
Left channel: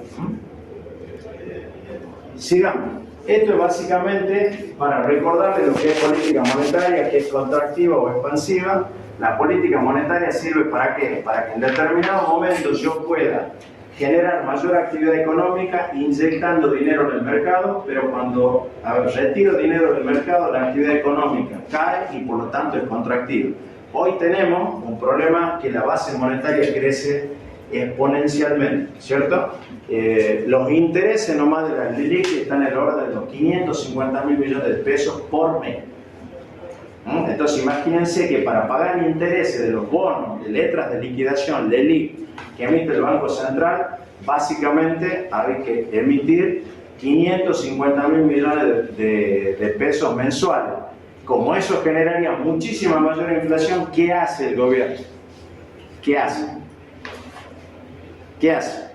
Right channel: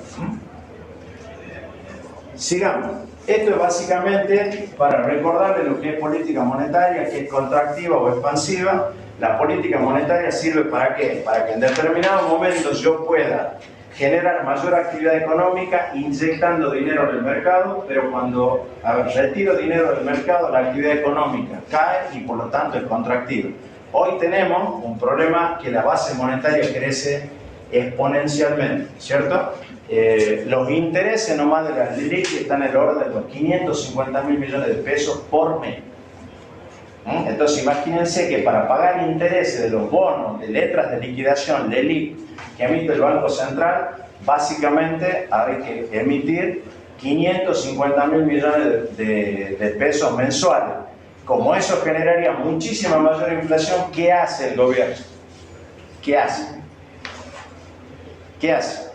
Sigamos. Esto es básicamente para recordarles lo que es política monetaria, que es contractiva o expansiva. La política monetaria sirve ¿para qué? Para que en determinados momentos yo pueda generar mayor actividad económica inyectando dinero en el mercado, pero cuando retiro dinero del mercado, la actividad económica cae y por lo tanto es contractiva. Hoy tenemos un problema que la base monetaria crece exponencialmente, ¿cierto? Los intereses nomás de las LELIQ están en el orden de los 550.000 millones de pesos por mes. Entonces imagínense que para pagar intereses de los bonos de letras de liquidación LELIQ que emite el Banco Central, básicamente hay que emitir 550.000 millones de pesos mensuales. Como eso generaría muchísima mayor inflación, ¿qué hace el gobierno? ¿Qué hace? ¿Qué hace?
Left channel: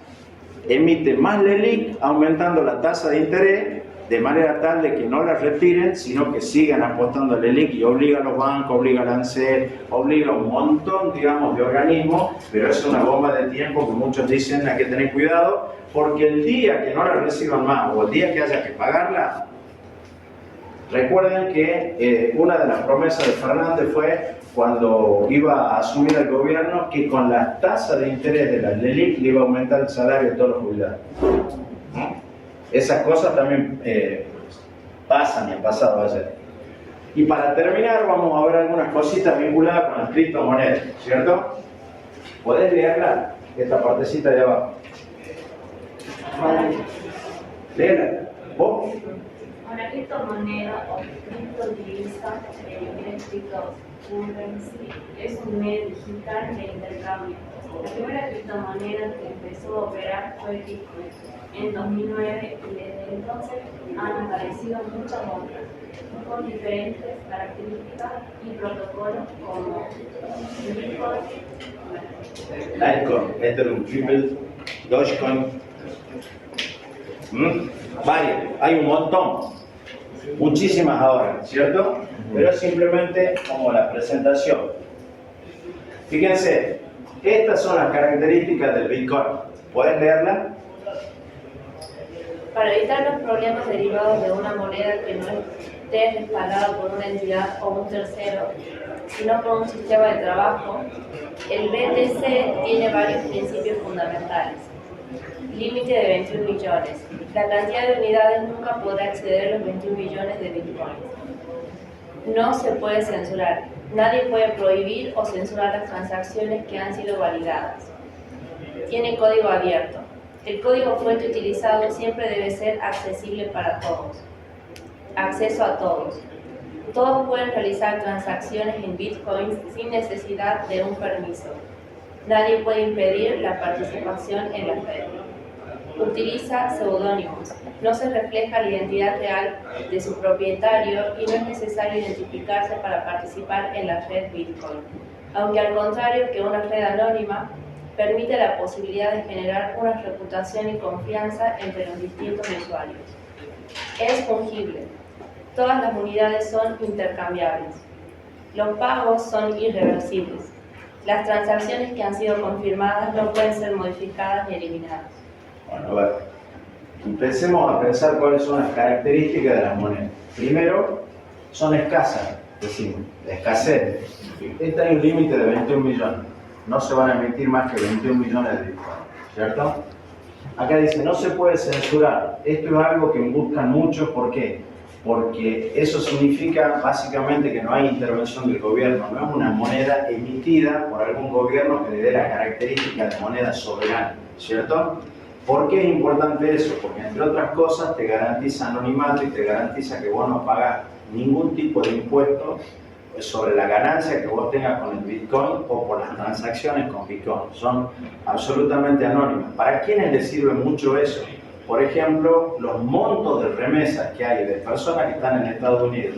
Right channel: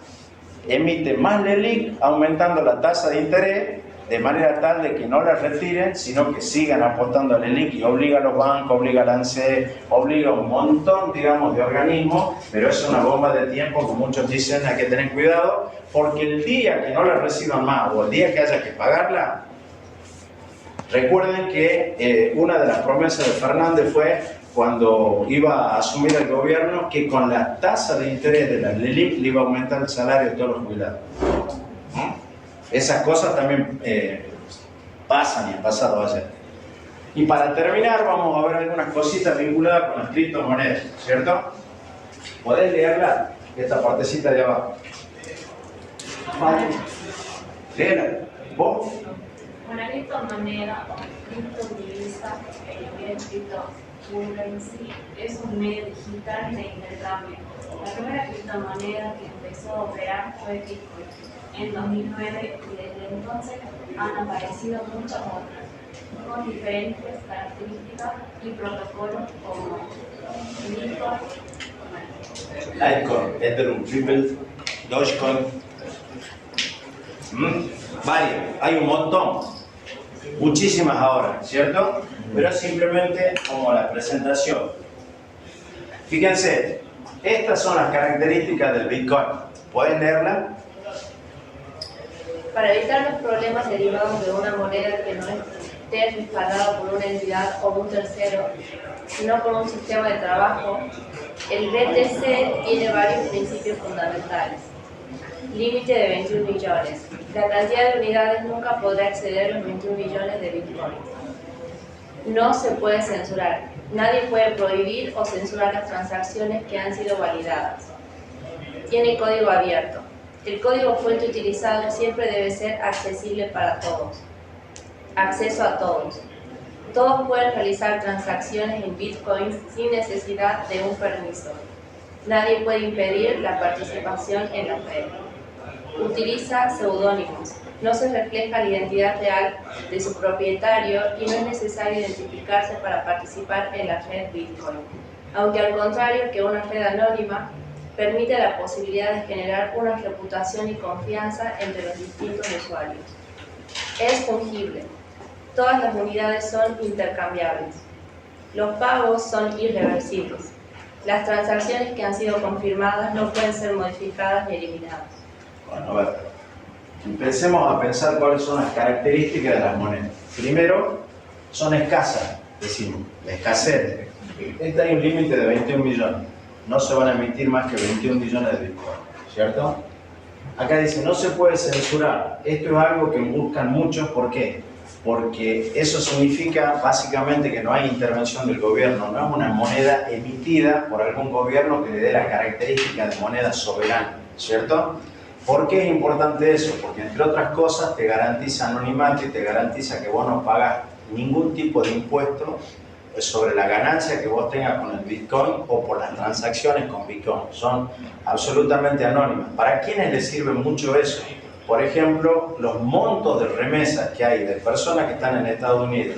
Emite más LELIQ aumentando la tasa de interés de manera tal de que no la retiren, sino que sigan apostando a LELIQ y obliga a los bancos, obliga al ANSES, obliga a un montón, digamos, de organismos, pero es una bomba de tiempo que muchos dicen hay que tener cuidado, porque el día que no la reciban más o el día que haya que pagarla, recuerden que una de las promesas de Fernández fue cuando iba a asumir el gobierno que con la tasa de interés de la LELIQ le iba a aumentar el salario de todos los jubilados. Esas cosas también pasan y han pasado ayer. Y para terminar vamos a ver algunas cositas vinculadas con las criptomonedas, ¿cierto? ¿Podés leerla? Esta partecita de abajo. Léela. ¿Vos? Una criptomoneda o criptodivisa, viene escrito currency es un medio digital de intercambio. La primera criptomoneda que empezó a operar fue Bitcoin en 2009 y desde entonces han aparecido muchas otras con diferentes características y protocolos como Bitcoin, Litecoin, Ethereum, Ripple, Dogecoin. Varios, hay un montón, muchísimas ahora, ¿cierto? Pero es simplemente como la presentación. Fíjense, estas son las características del Bitcoin. ¿Pueden leerla? Para evitar los problemas derivados de una moneda que no esté respaldada por una entidad o un tercero, sino por un sistema de trabajo, el BTC tiene varios principios fundamentales. Límite de 21 billones. La cantidad de unidades nunca podrá exceder los 21 billones de bitcoins. No se puede censurar. Nadie puede prohibir o censurar las transacciones que han sido validadas. Tiene código abierto. El código fuente utilizado siempre debe ser accesible para todos. Acceso a todos. Todos pueden realizar transacciones en bitcoins sin necesidad de un permiso. Nadie puede impedir la participación en la red. Utiliza seudónimos. No se refleja la identidad real de su propietario y no es necesario identificarse para participar en la red Bitcoin. Aunque al contrario que una red anónima, permite la posibilidad de generar una reputación y confianza entre los distintos usuarios. Es fungible. Todas las unidades son intercambiables. Los pagos son irreversibles. Las transacciones que han sido confirmadas no pueden ser modificadas ni eliminadas. Bueno, a ver, empecemos a pensar cuáles son las características de las monedas. Primero, son escasas, decimos, la escasez. Este hay un límite de 21 millones. No se van a emitir más que 21 millones de Bitcoin, ¿cierto? Acá dice, no se puede censurar. Esto es algo que buscan muchos, ¿por qué? Porque eso significa básicamente que no hay intervención del gobierno, no es una moneda emitida por algún gobierno que le dé la característica de moneda soberana, ¿cierto? ¿Por qué es importante eso? Porque entre otras cosas te garantiza anonimato y te garantiza que vos no pagas ningún tipo de impuesto sobre la ganancia que vos tengas con el Bitcoin o por las transacciones con Bitcoin. Son absolutamente anónimas. ¿Para quiénes les sirve mucho eso? Por ejemplo, los montos de remesas que hay de personas que están en Estados Unidos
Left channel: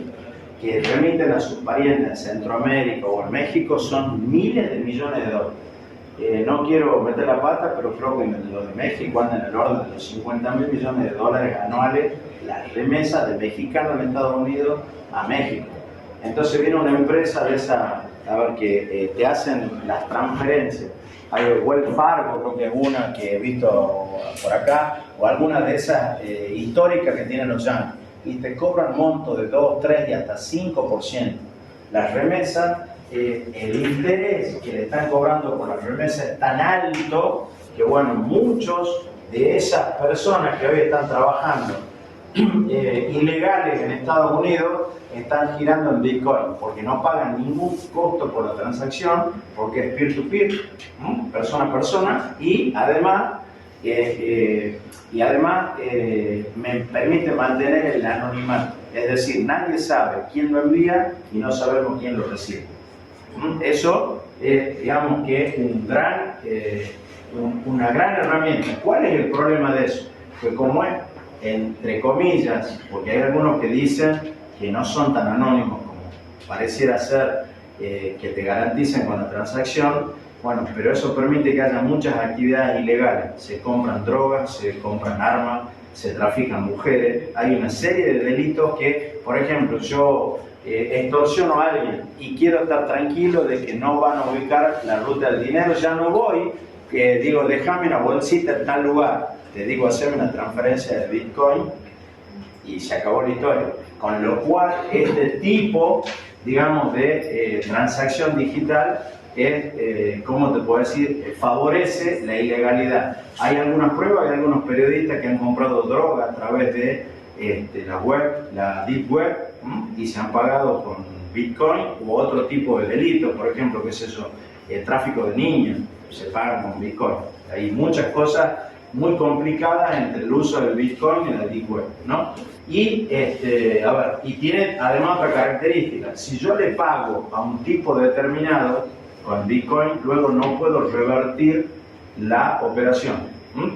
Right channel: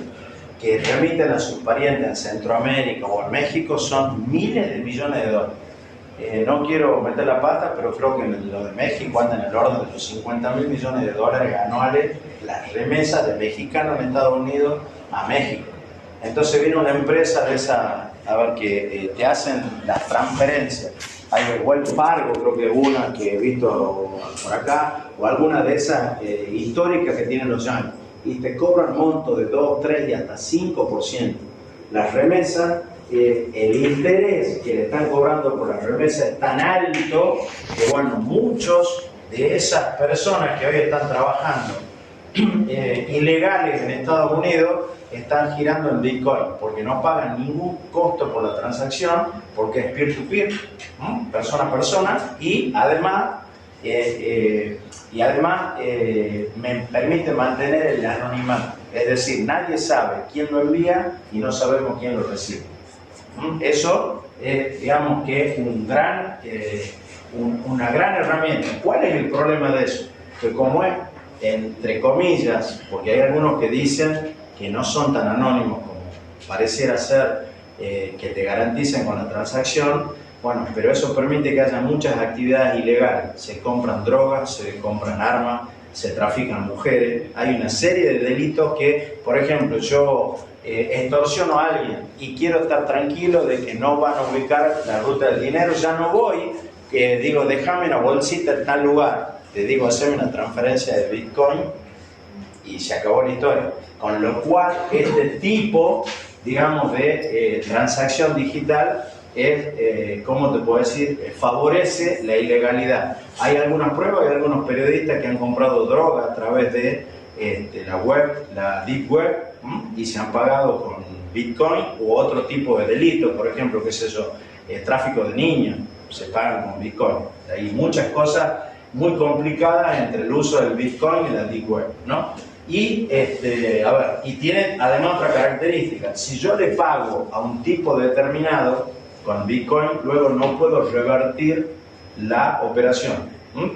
que remiten a sus parientes en Centroamérica o en México son miles de millones de dólares. No quiero meter la pata, pero creo que lo de México anda en el orden de los 50.000 millones de dólares anuales las remesas de mexicanos en Estados Unidos a México. Entonces viene una empresa de esa, a ver, que te hacen las transferencias. Hay Wells Fargo, creo que es una que he visto por acá, o alguna de esas históricas que tienen los yankees, y te cobran montos de 2, 3 y hasta 5%. Las remesas, el interés que le están cobrando por las remesas es tan alto que, bueno, muchos de esas personas que hoy están trabajando ilegales en Estados Unidos están girando en Bitcoin porque no pagan ningún costo por la transacción, porque es peer-to-peer, persona a persona, y además me permite mantener el anonimato. Es decir, nadie sabe quién lo envía y no sabemos quién lo recibe. Eso es, digamos que una gran herramienta. ¿Cuál es el problema de eso? Que como es, entre comillas, porque hay algunos que dicen que no son tan anónimos como pareciera ser, que te garanticen con la transacción, bueno, pero eso permite que haya muchas actividades ilegales. Se compran drogas, se compran armas, se trafican mujeres. Hay una serie de delitos que, por ejemplo, yo extorsiono a alguien y quiero estar tranquilo de que no van a ubicar la ruta del dinero, ya no voy, digo, déjame una bolsita en tal lugar, te digo, haceme una transferencia de Bitcoin y se acabó la historia. Con lo cual, este tipo, digamos, de transacción digital es, ¿cómo te puedo decir?, favorece la ilegalidad. Hay algunas pruebas, hay algunos periodistas que han comprado droga a través de la web, la deep web, y se han pagado con Bitcoin u otro tipo de delitos, por ejemplo, qué sé yo, tráfico de niños, se pagan con Bitcoin. Hay muchas cosas muy complicadas entre el uso del Bitcoin y la deep web, ¿no? Y, y tiene además otra característica. Si yo le pago a un tipo determinado con Bitcoin, luego no puedo revertir la operación,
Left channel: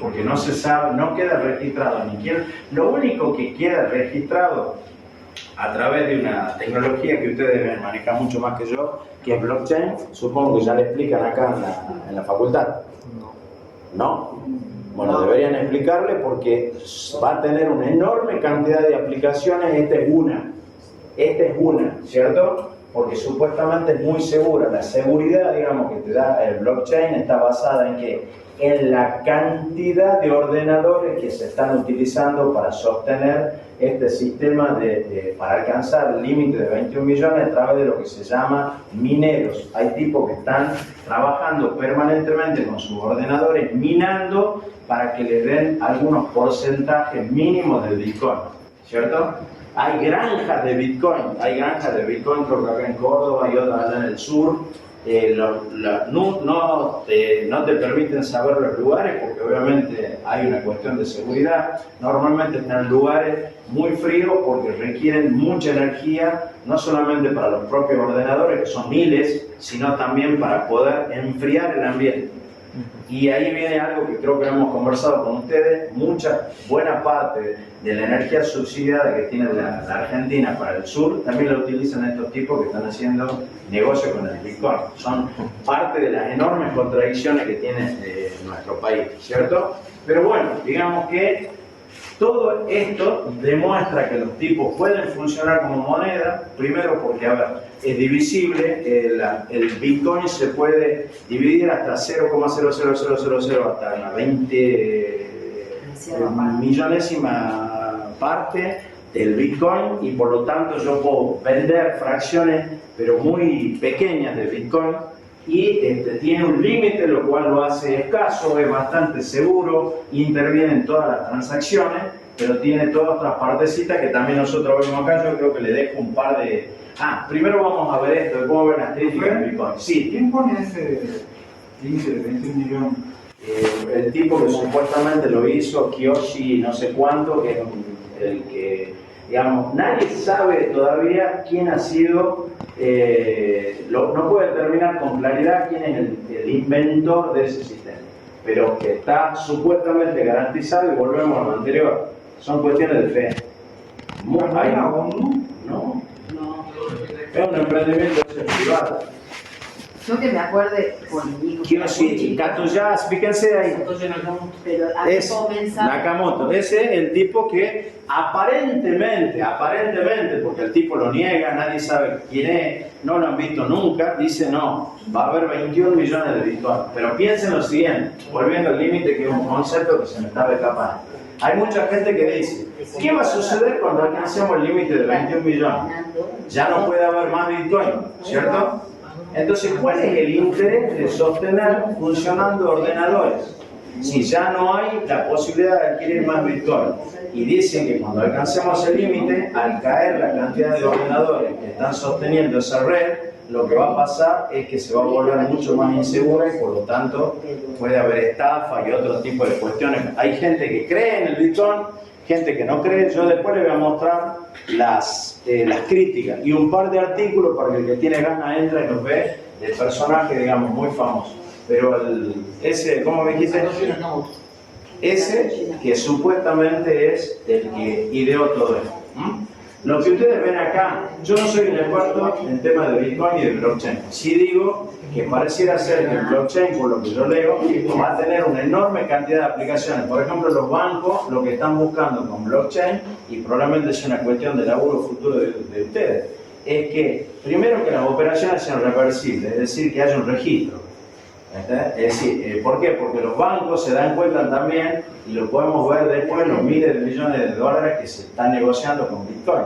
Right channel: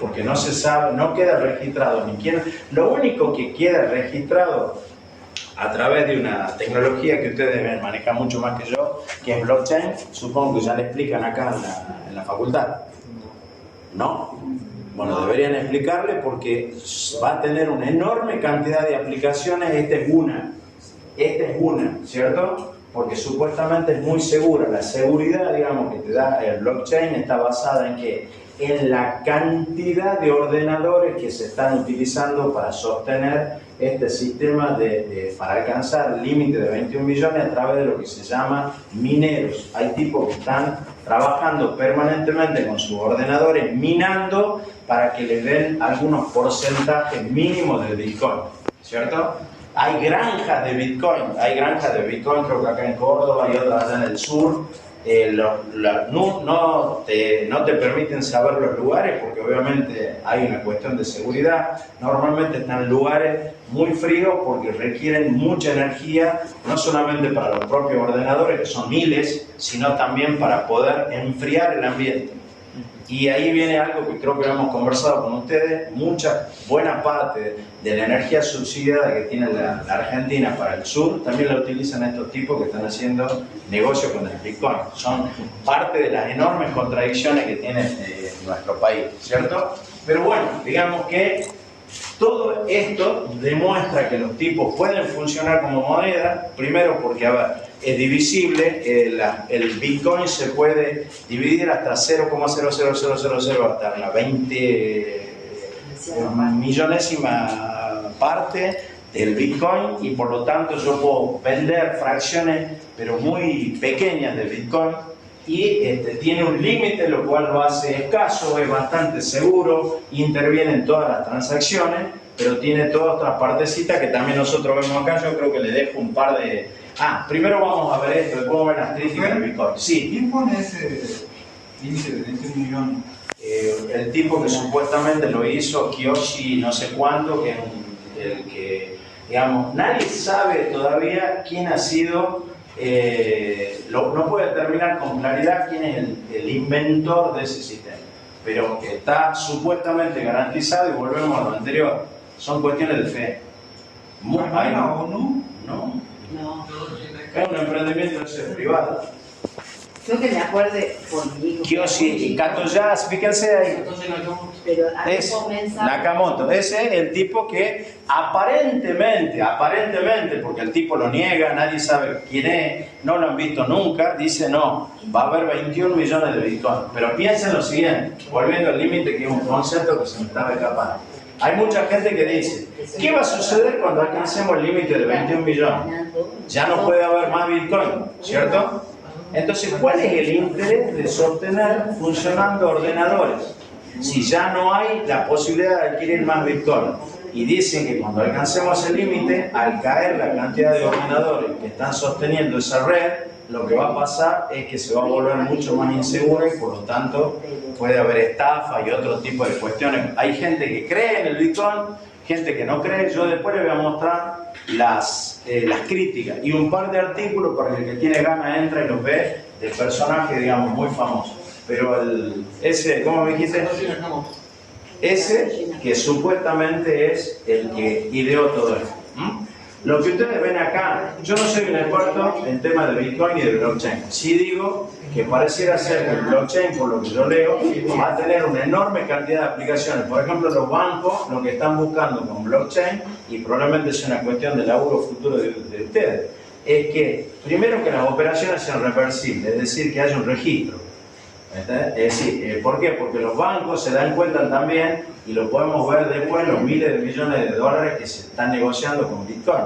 porque no se sabe, no queda registrado ni quién. Lo único que queda registrado a través de una tecnología que ustedes deben manejar mucho más que yo, que es blockchain, supongo que ya le explican acá en la facultad. ¿No? Bueno, deberían explicarle porque va a tener una enorme cantidad de aplicaciones. Esta es una, ¿cierto? Porque supuestamente es muy segura. La seguridad, digamos, que te da el blockchain está basada en que en la cantidad de ordenadores que se están utilizando para sostener este sistema para alcanzar el límite de 21 millones a través de lo que se llama mineros. Hay tipos que están trabajando permanentemente con sus ordenadores minando para que le den algunos porcentajes mínimos de Bitcoin, ¿cierto? Hay granjas de Bitcoin, creo que acá en Córdoba y otras allá en el sur. No te permiten saber los lugares porque obviamente hay una cuestión de seguridad. Normalmente están en lugares muy fríos porque requieren mucha energía, no solamente para los propios ordenadores, que son miles, sino también para poder enfriar el ambiente. Y ahí viene algo que creo que hemos conversado con ustedes. Buena parte de la energía subsidiada que tiene la Argentina para el sur también la utilizan estos tipos que están haciendo negocio con el Bitcoin. Son parte de las enormes contradicciones que tiene nuestro país, ¿cierto? Pero bueno, digamos que todo esto demuestra que los tipos pueden funcionar como moneda, primero porque, es divisible, el Bitcoin se puede dividir hasta 0,00000 hasta una 20 millonésima parte del Bitcoin, y por lo tanto yo puedo vender fracciones pero muy pequeñas de Bitcoin, y tiene un límite, lo cual lo hace escaso, es bastante seguro, interviene en todas las transacciones, pero tiene todas otras partecitas que también nosotros vemos acá. Yo creo que le dejo un par de... primero vamos a ver esto, después vamos a ver las críticas del Bitcoin. Sí. ¿Quién pone ese límite de 21 millones? El tipo que supuestamente lo hizo, Kiyoshi no sé cuánto, que es el que, digamos, nadie sabe todavía quién ha sido, no puede determinar con claridad quién es el inventor de ese sistema, pero está supuestamente garantizado, y volvemos a lo anterior, son cuestiones de fe. ¿Hay la ONU? No. Es un emprendimiento privado. Yo que me acuerde político. Kiyoshi Katsuya, fíjense ahí. Pero Es Nakamoto. Ese es el tipo que aparentemente, porque el tipo lo niega, nadie sabe quién es, no lo han visto nunca, dice no, va a haber 21 millones de Bitcoin. Pero piensen lo siguiente, volviendo al límite, que es un concepto que se me estaba escapando. Hay mucha gente que dice, ¿qué va a suceder cuando alcancemos el límite de 21 millones? Ya no puede haber más Bitcoin, ¿cierto? Entonces, ¿cuál es el interés de sostener funcionando ordenadores? Si ya no hay la posibilidad de adquirir más Bitcoin. Y dicen que cuando alcancemos el límite, al caer la cantidad de ordenadores que están sosteniendo esa red, lo que va a pasar es que se va a volver mucho más inseguro, y por lo tanto puede haber estafa y otro tipo de cuestiones. Hay gente que cree en el Bitcoin, gente que no cree. Yo después les voy a mostrar las críticas y un par de artículos para que el que tiene ganas entra y los ve, de personajes, digamos, muy famosos. Pero ese, ¿cómo me dijiste? Ese que supuestamente es el que ideó todo esto. Lo que ustedes ven acá, yo no soy un experto en temas de Bitcoin y de blockchain. Sí digo que pareciera ser que el blockchain, por lo que yo leo, va a tener una enorme cantidad de aplicaciones. Por ejemplo, los bancos lo que están buscando con blockchain, y probablemente es una cuestión de laburo futuro de ustedes, es que primero que las operaciones sean reversibles, es decir, que haya un registro. Es decir, ¿por qué? Porque los bancos se dan cuenta también, y lo podemos ver después, los miles de millones de dólares que se están negociando con Bitcoin.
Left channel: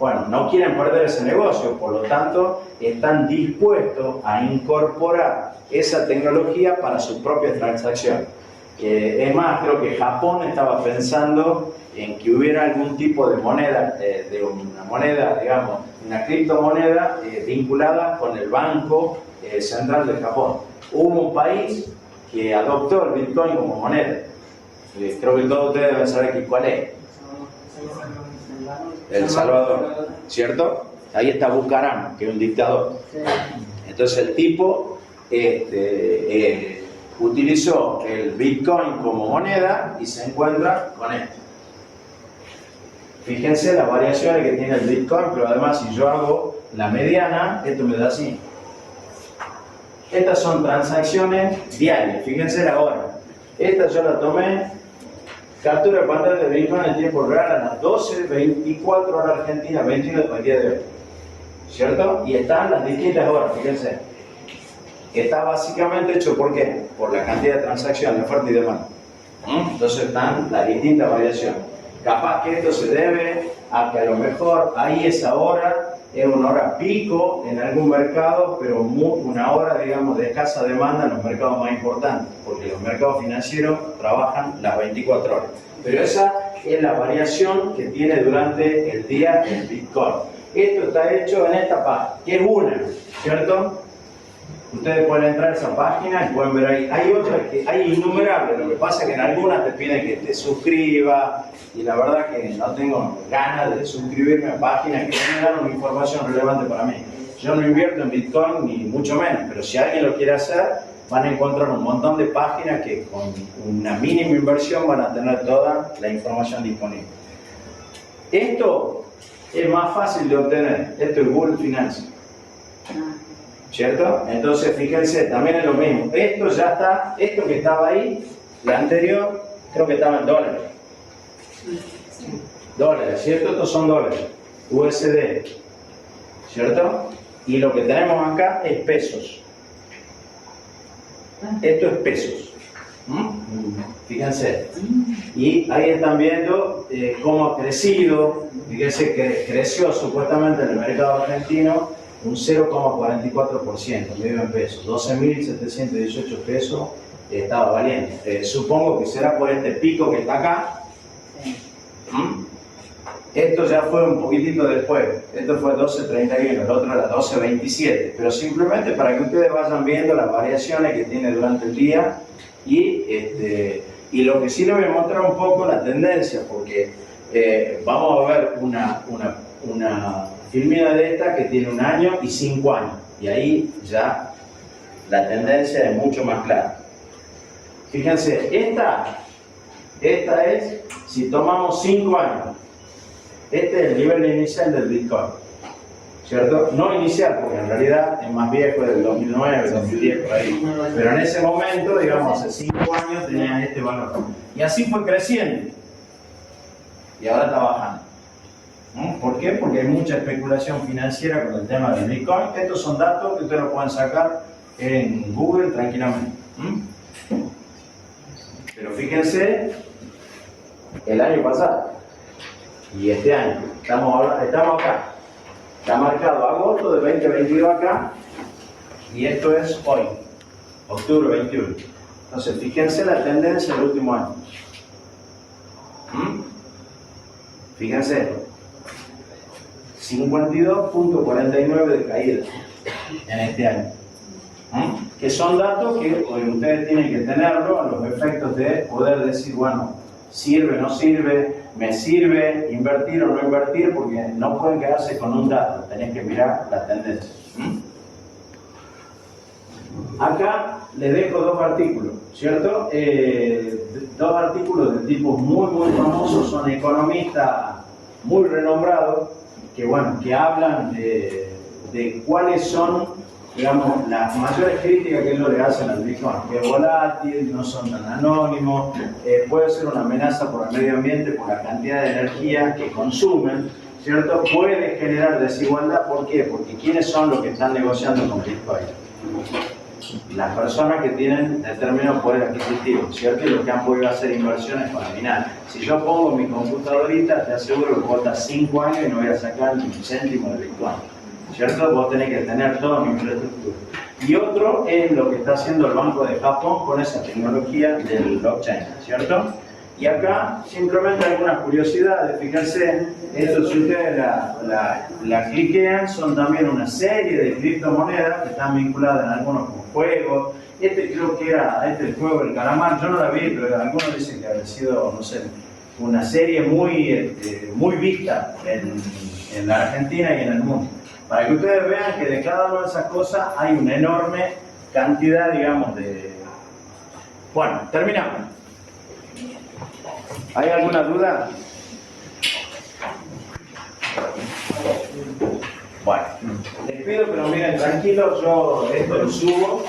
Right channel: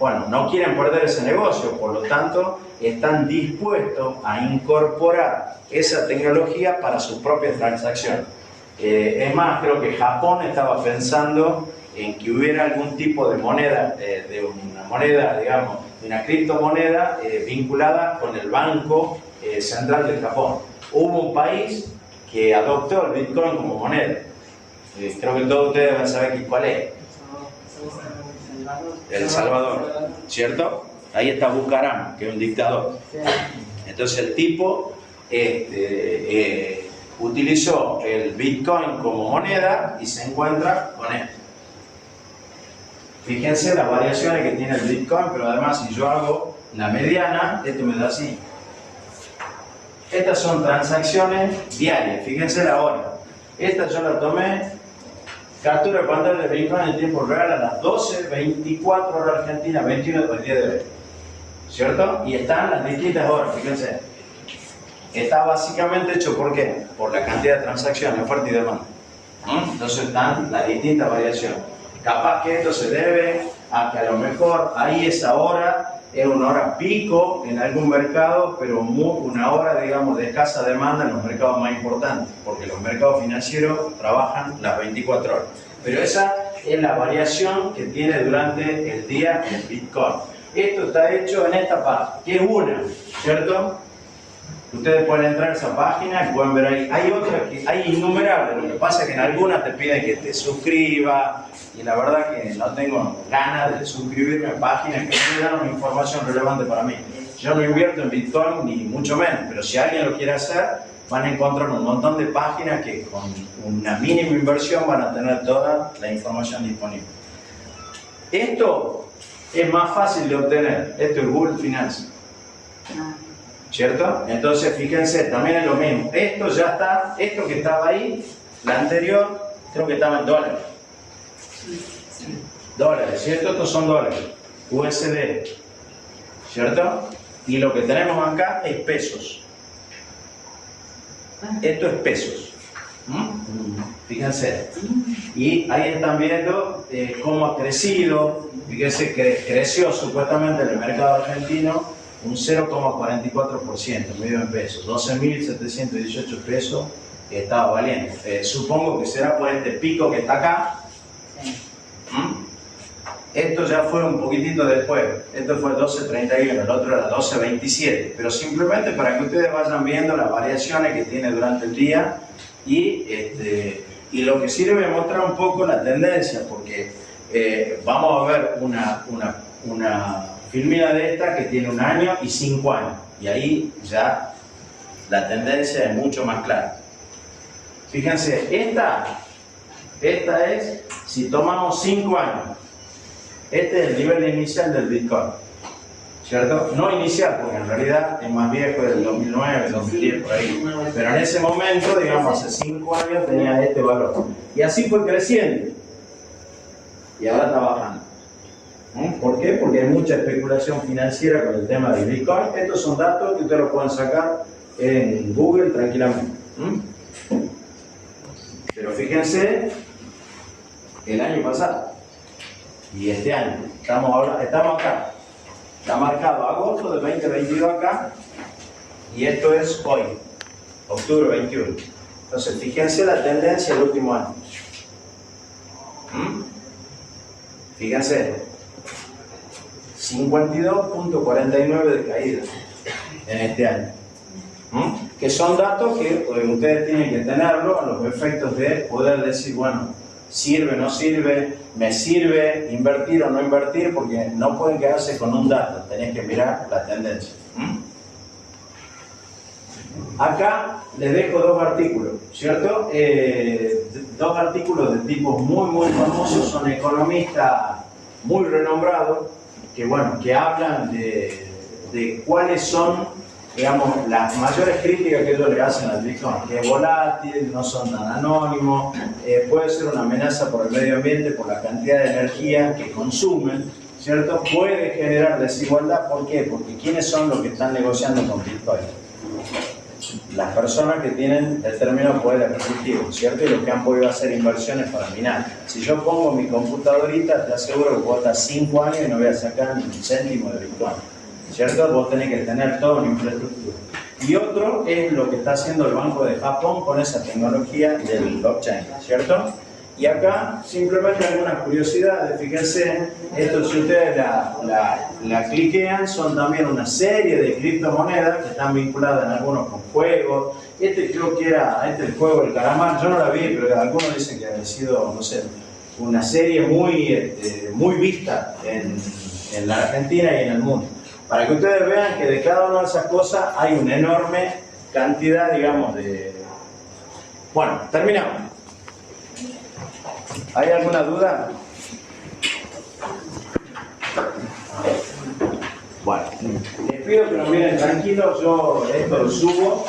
Bueno, no quieren perder ese negocio, por lo tanto, están dispuestos a incorporar esa tecnología para sus propias transacciones. Es más, creo que Japón estaba pensando en que hubiera algún tipo de moneda, de una moneda, digamos, una criptomoneda vinculada con el Banco Central de Japón. Hubo un país que adoptó el Bitcoin como moneda. Creo que todos ustedes van a saber cuál es. El Salvador, ¿cierto? Ahí está Bucaram, que es un dictador. Entonces el tipo utilizó el Bitcoin como moneda y se encuentra con esto. Fíjense las variaciones que tiene el Bitcoin, pero además si yo hago la mediana, esto me da así. Estas son transacciones diarias, fíjense la hora. Esta yo la tomé, captura de pantalla de Bitcoin en tiempo real a las 12:24 horas Argentina, 21 del día de hoy. ¿Cierto? Y están las distintas horas, fíjense. Está básicamente hecho, ¿por qué? Por la cantidad de transacciones, oferta y demanda. Entonces están las distintas variaciones. Capaz que esto se debe a que a lo mejor ahí esa hora es una hora pico en algún mercado, pero una hora, digamos, de escasa demanda en los mercados más importantes, porque los mercados financieros trabajan las 24 horas. Pero esa es la variación que tiene durante el día el Bitcoin. Esto está hecho en esta página, que es una, ¿cierto? Ustedes pueden entrar a esa página y pueden ver ahí. Hay otras que hay innumerables. Lo que pasa es que en algunas te piden que te suscribas. Y la verdad que no tengo ganas de suscribirme a páginas que no me dan una información relevante para mí. Yo no invierto en Bitcoin ni mucho menos. Pero si alguien lo quiere hacer, van a encontrar un montón de páginas que con una mínima inversión van a tener toda la información disponible. Esto es más fácil de obtener. Esto es Google Finance. ¿Cierto? Entonces, fíjense, también es lo mismo. Esto ya está, esto que estaba ahí, la anterior, creo que estaba en dólares. Dólares, ¿cierto? Estos son dólares. USD. ¿Cierto? Y lo que tenemos acá es pesos. Esto es pesos. Fíjense. Y ahí están viendo cómo ha crecido. Fíjense que creció supuestamente en el mercado argentino un 0,44%, medio en pesos, 12.718 pesos estaba valiendo. Supongo que será por este pico que está acá. Esto ya fue un poquitito después, esto fue 12.31, el otro era 12.27, pero simplemente para que ustedes vayan viendo las variaciones que tiene durante el día y lo que sirve es mostrar un poco la tendencia, porque vamos a ver una filmina de esta que tiene 1 año y 5 años, y ahí ya la tendencia es mucho más clara. Fíjense, esta es, si tomamos 5 años, este es el nivel inicial del Bitcoin, ¿cierto? No inicial, porque en realidad es más viejo, del 2009, 2010, por ahí, pero en ese momento, digamos, hace 5 años tenía este valor, y así fue creciendo, y ahora está bajando. ¿Por qué? Porque hay mucha especulación financiera con el tema del Bitcoin. Estos son datos que ustedes los pueden sacar en Google tranquilamente. Pero fíjense, el año pasado y este año, estamos acá. Está marcado agosto de 2022 acá, y esto es hoy, octubre 21. Entonces, fíjense la tendencia del último año. Fíjense. 52.49 de caída en este año. Que son datos que ustedes tienen que tenerlo a los efectos de poder decir, bueno, sirve, no sirve, me sirve invertir o no invertir, porque no pueden quedarse con un dato, tenés que mirar la tendencia. Acá les dejo 2 artículos, ¿cierto? 2 artículos de tipos muy famosos, son economistas muy renombrados, que hablan de cuáles son, digamos, las mayores críticas que ellos le hacen al Bitcoin, que es volátil, no son tan anónimos, puede ser una amenaza por el medio ambiente, por la cantidad de energía que consumen, ¿cierto? Puede generar desigualdad, ¿por qué? Porque ¿quiénes son los que están negociando con Bitcoin? Las personas que tienen determinado poder adquisitivo, ¿cierto? Y los que han podido hacer inversiones para minar. Si yo pongo mi computadorita, te aseguro que puedo estar 5 años y no voy a sacar ni un céntimo de Bitcoin, ¿cierto? Vos tenés que tener toda mi infraestructura. Y otro es lo que está haciendo el Banco de Japón con esa tecnología del blockchain, ¿cierto? Y acá simplemente algunas curiosidades. Fíjense, esto si ustedes la cliquean, son también una serie de criptomonedas que están vinculadas en algunos con juegos. Creo que era el juego del calamar, yo no la vi, pero algunos dicen que había sido, no sé, una serie muy vista en la Argentina y en el mundo. Para que ustedes vean que de cada una de esas cosas hay una enorme cantidad, digamos, de... Bueno, terminamos. ¿Hay alguna duda? Bueno, les pido que lo miren tranquilos, yo esto lo subo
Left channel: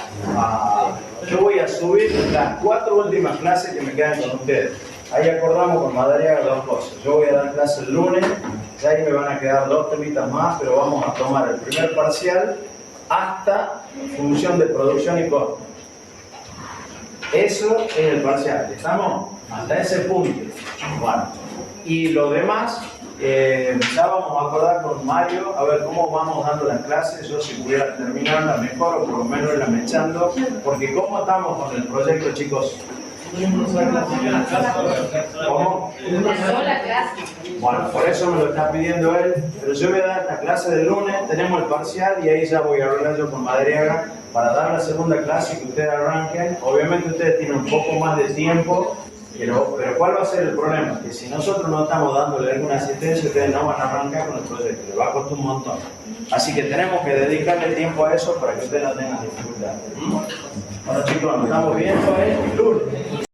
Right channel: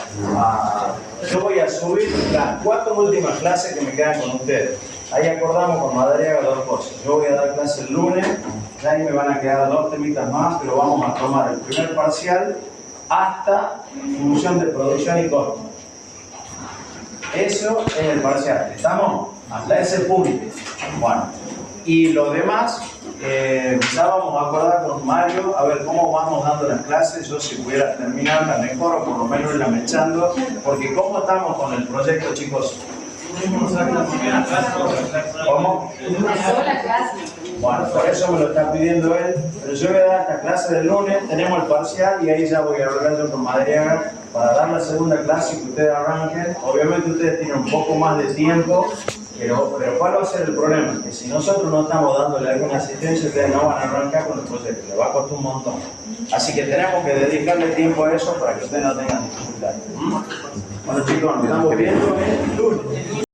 yo voy a subir las 4 últimas clases que me quedan con ustedes. Ahí acordamos con Madariaga 2 cosas. Yo voy a dar clase el lunes, ya ahí me van a quedar 2 temitas más, pero vamos a tomar el primer parcial hasta función de producción y costo. Eso es el parcial, ¿estamos? Hasta ese punto. Bueno, y lo demás, ya vamos a acordar con Mario a ver cómo vamos dando las clases. Yo si pudiera terminarla mejor o por lo menos irla mechando, porque cómo estamos con el proyecto, chicos. ¿Cómo? Una sola clase. Bueno, por eso me lo está pidiendo él, pero yo voy a dar esta clase del lunes, tenemos el parcial y ahí ya voy a hablar yo con Madariaga para dar la segunda clase y que ustedes arranquen. Obviamente ustedes tienen un poco más de tiempo, pero ¿cuál va a ser el problema? Que si nosotros no estamos dándole alguna asistencia, ustedes no van a arrancar con el proyecto, les va a costar un montón. Así que tenemos que dedicarle tiempo a eso para que ustedes no tengan dificultades. Bueno chicos, nos estamos viendo el lunes.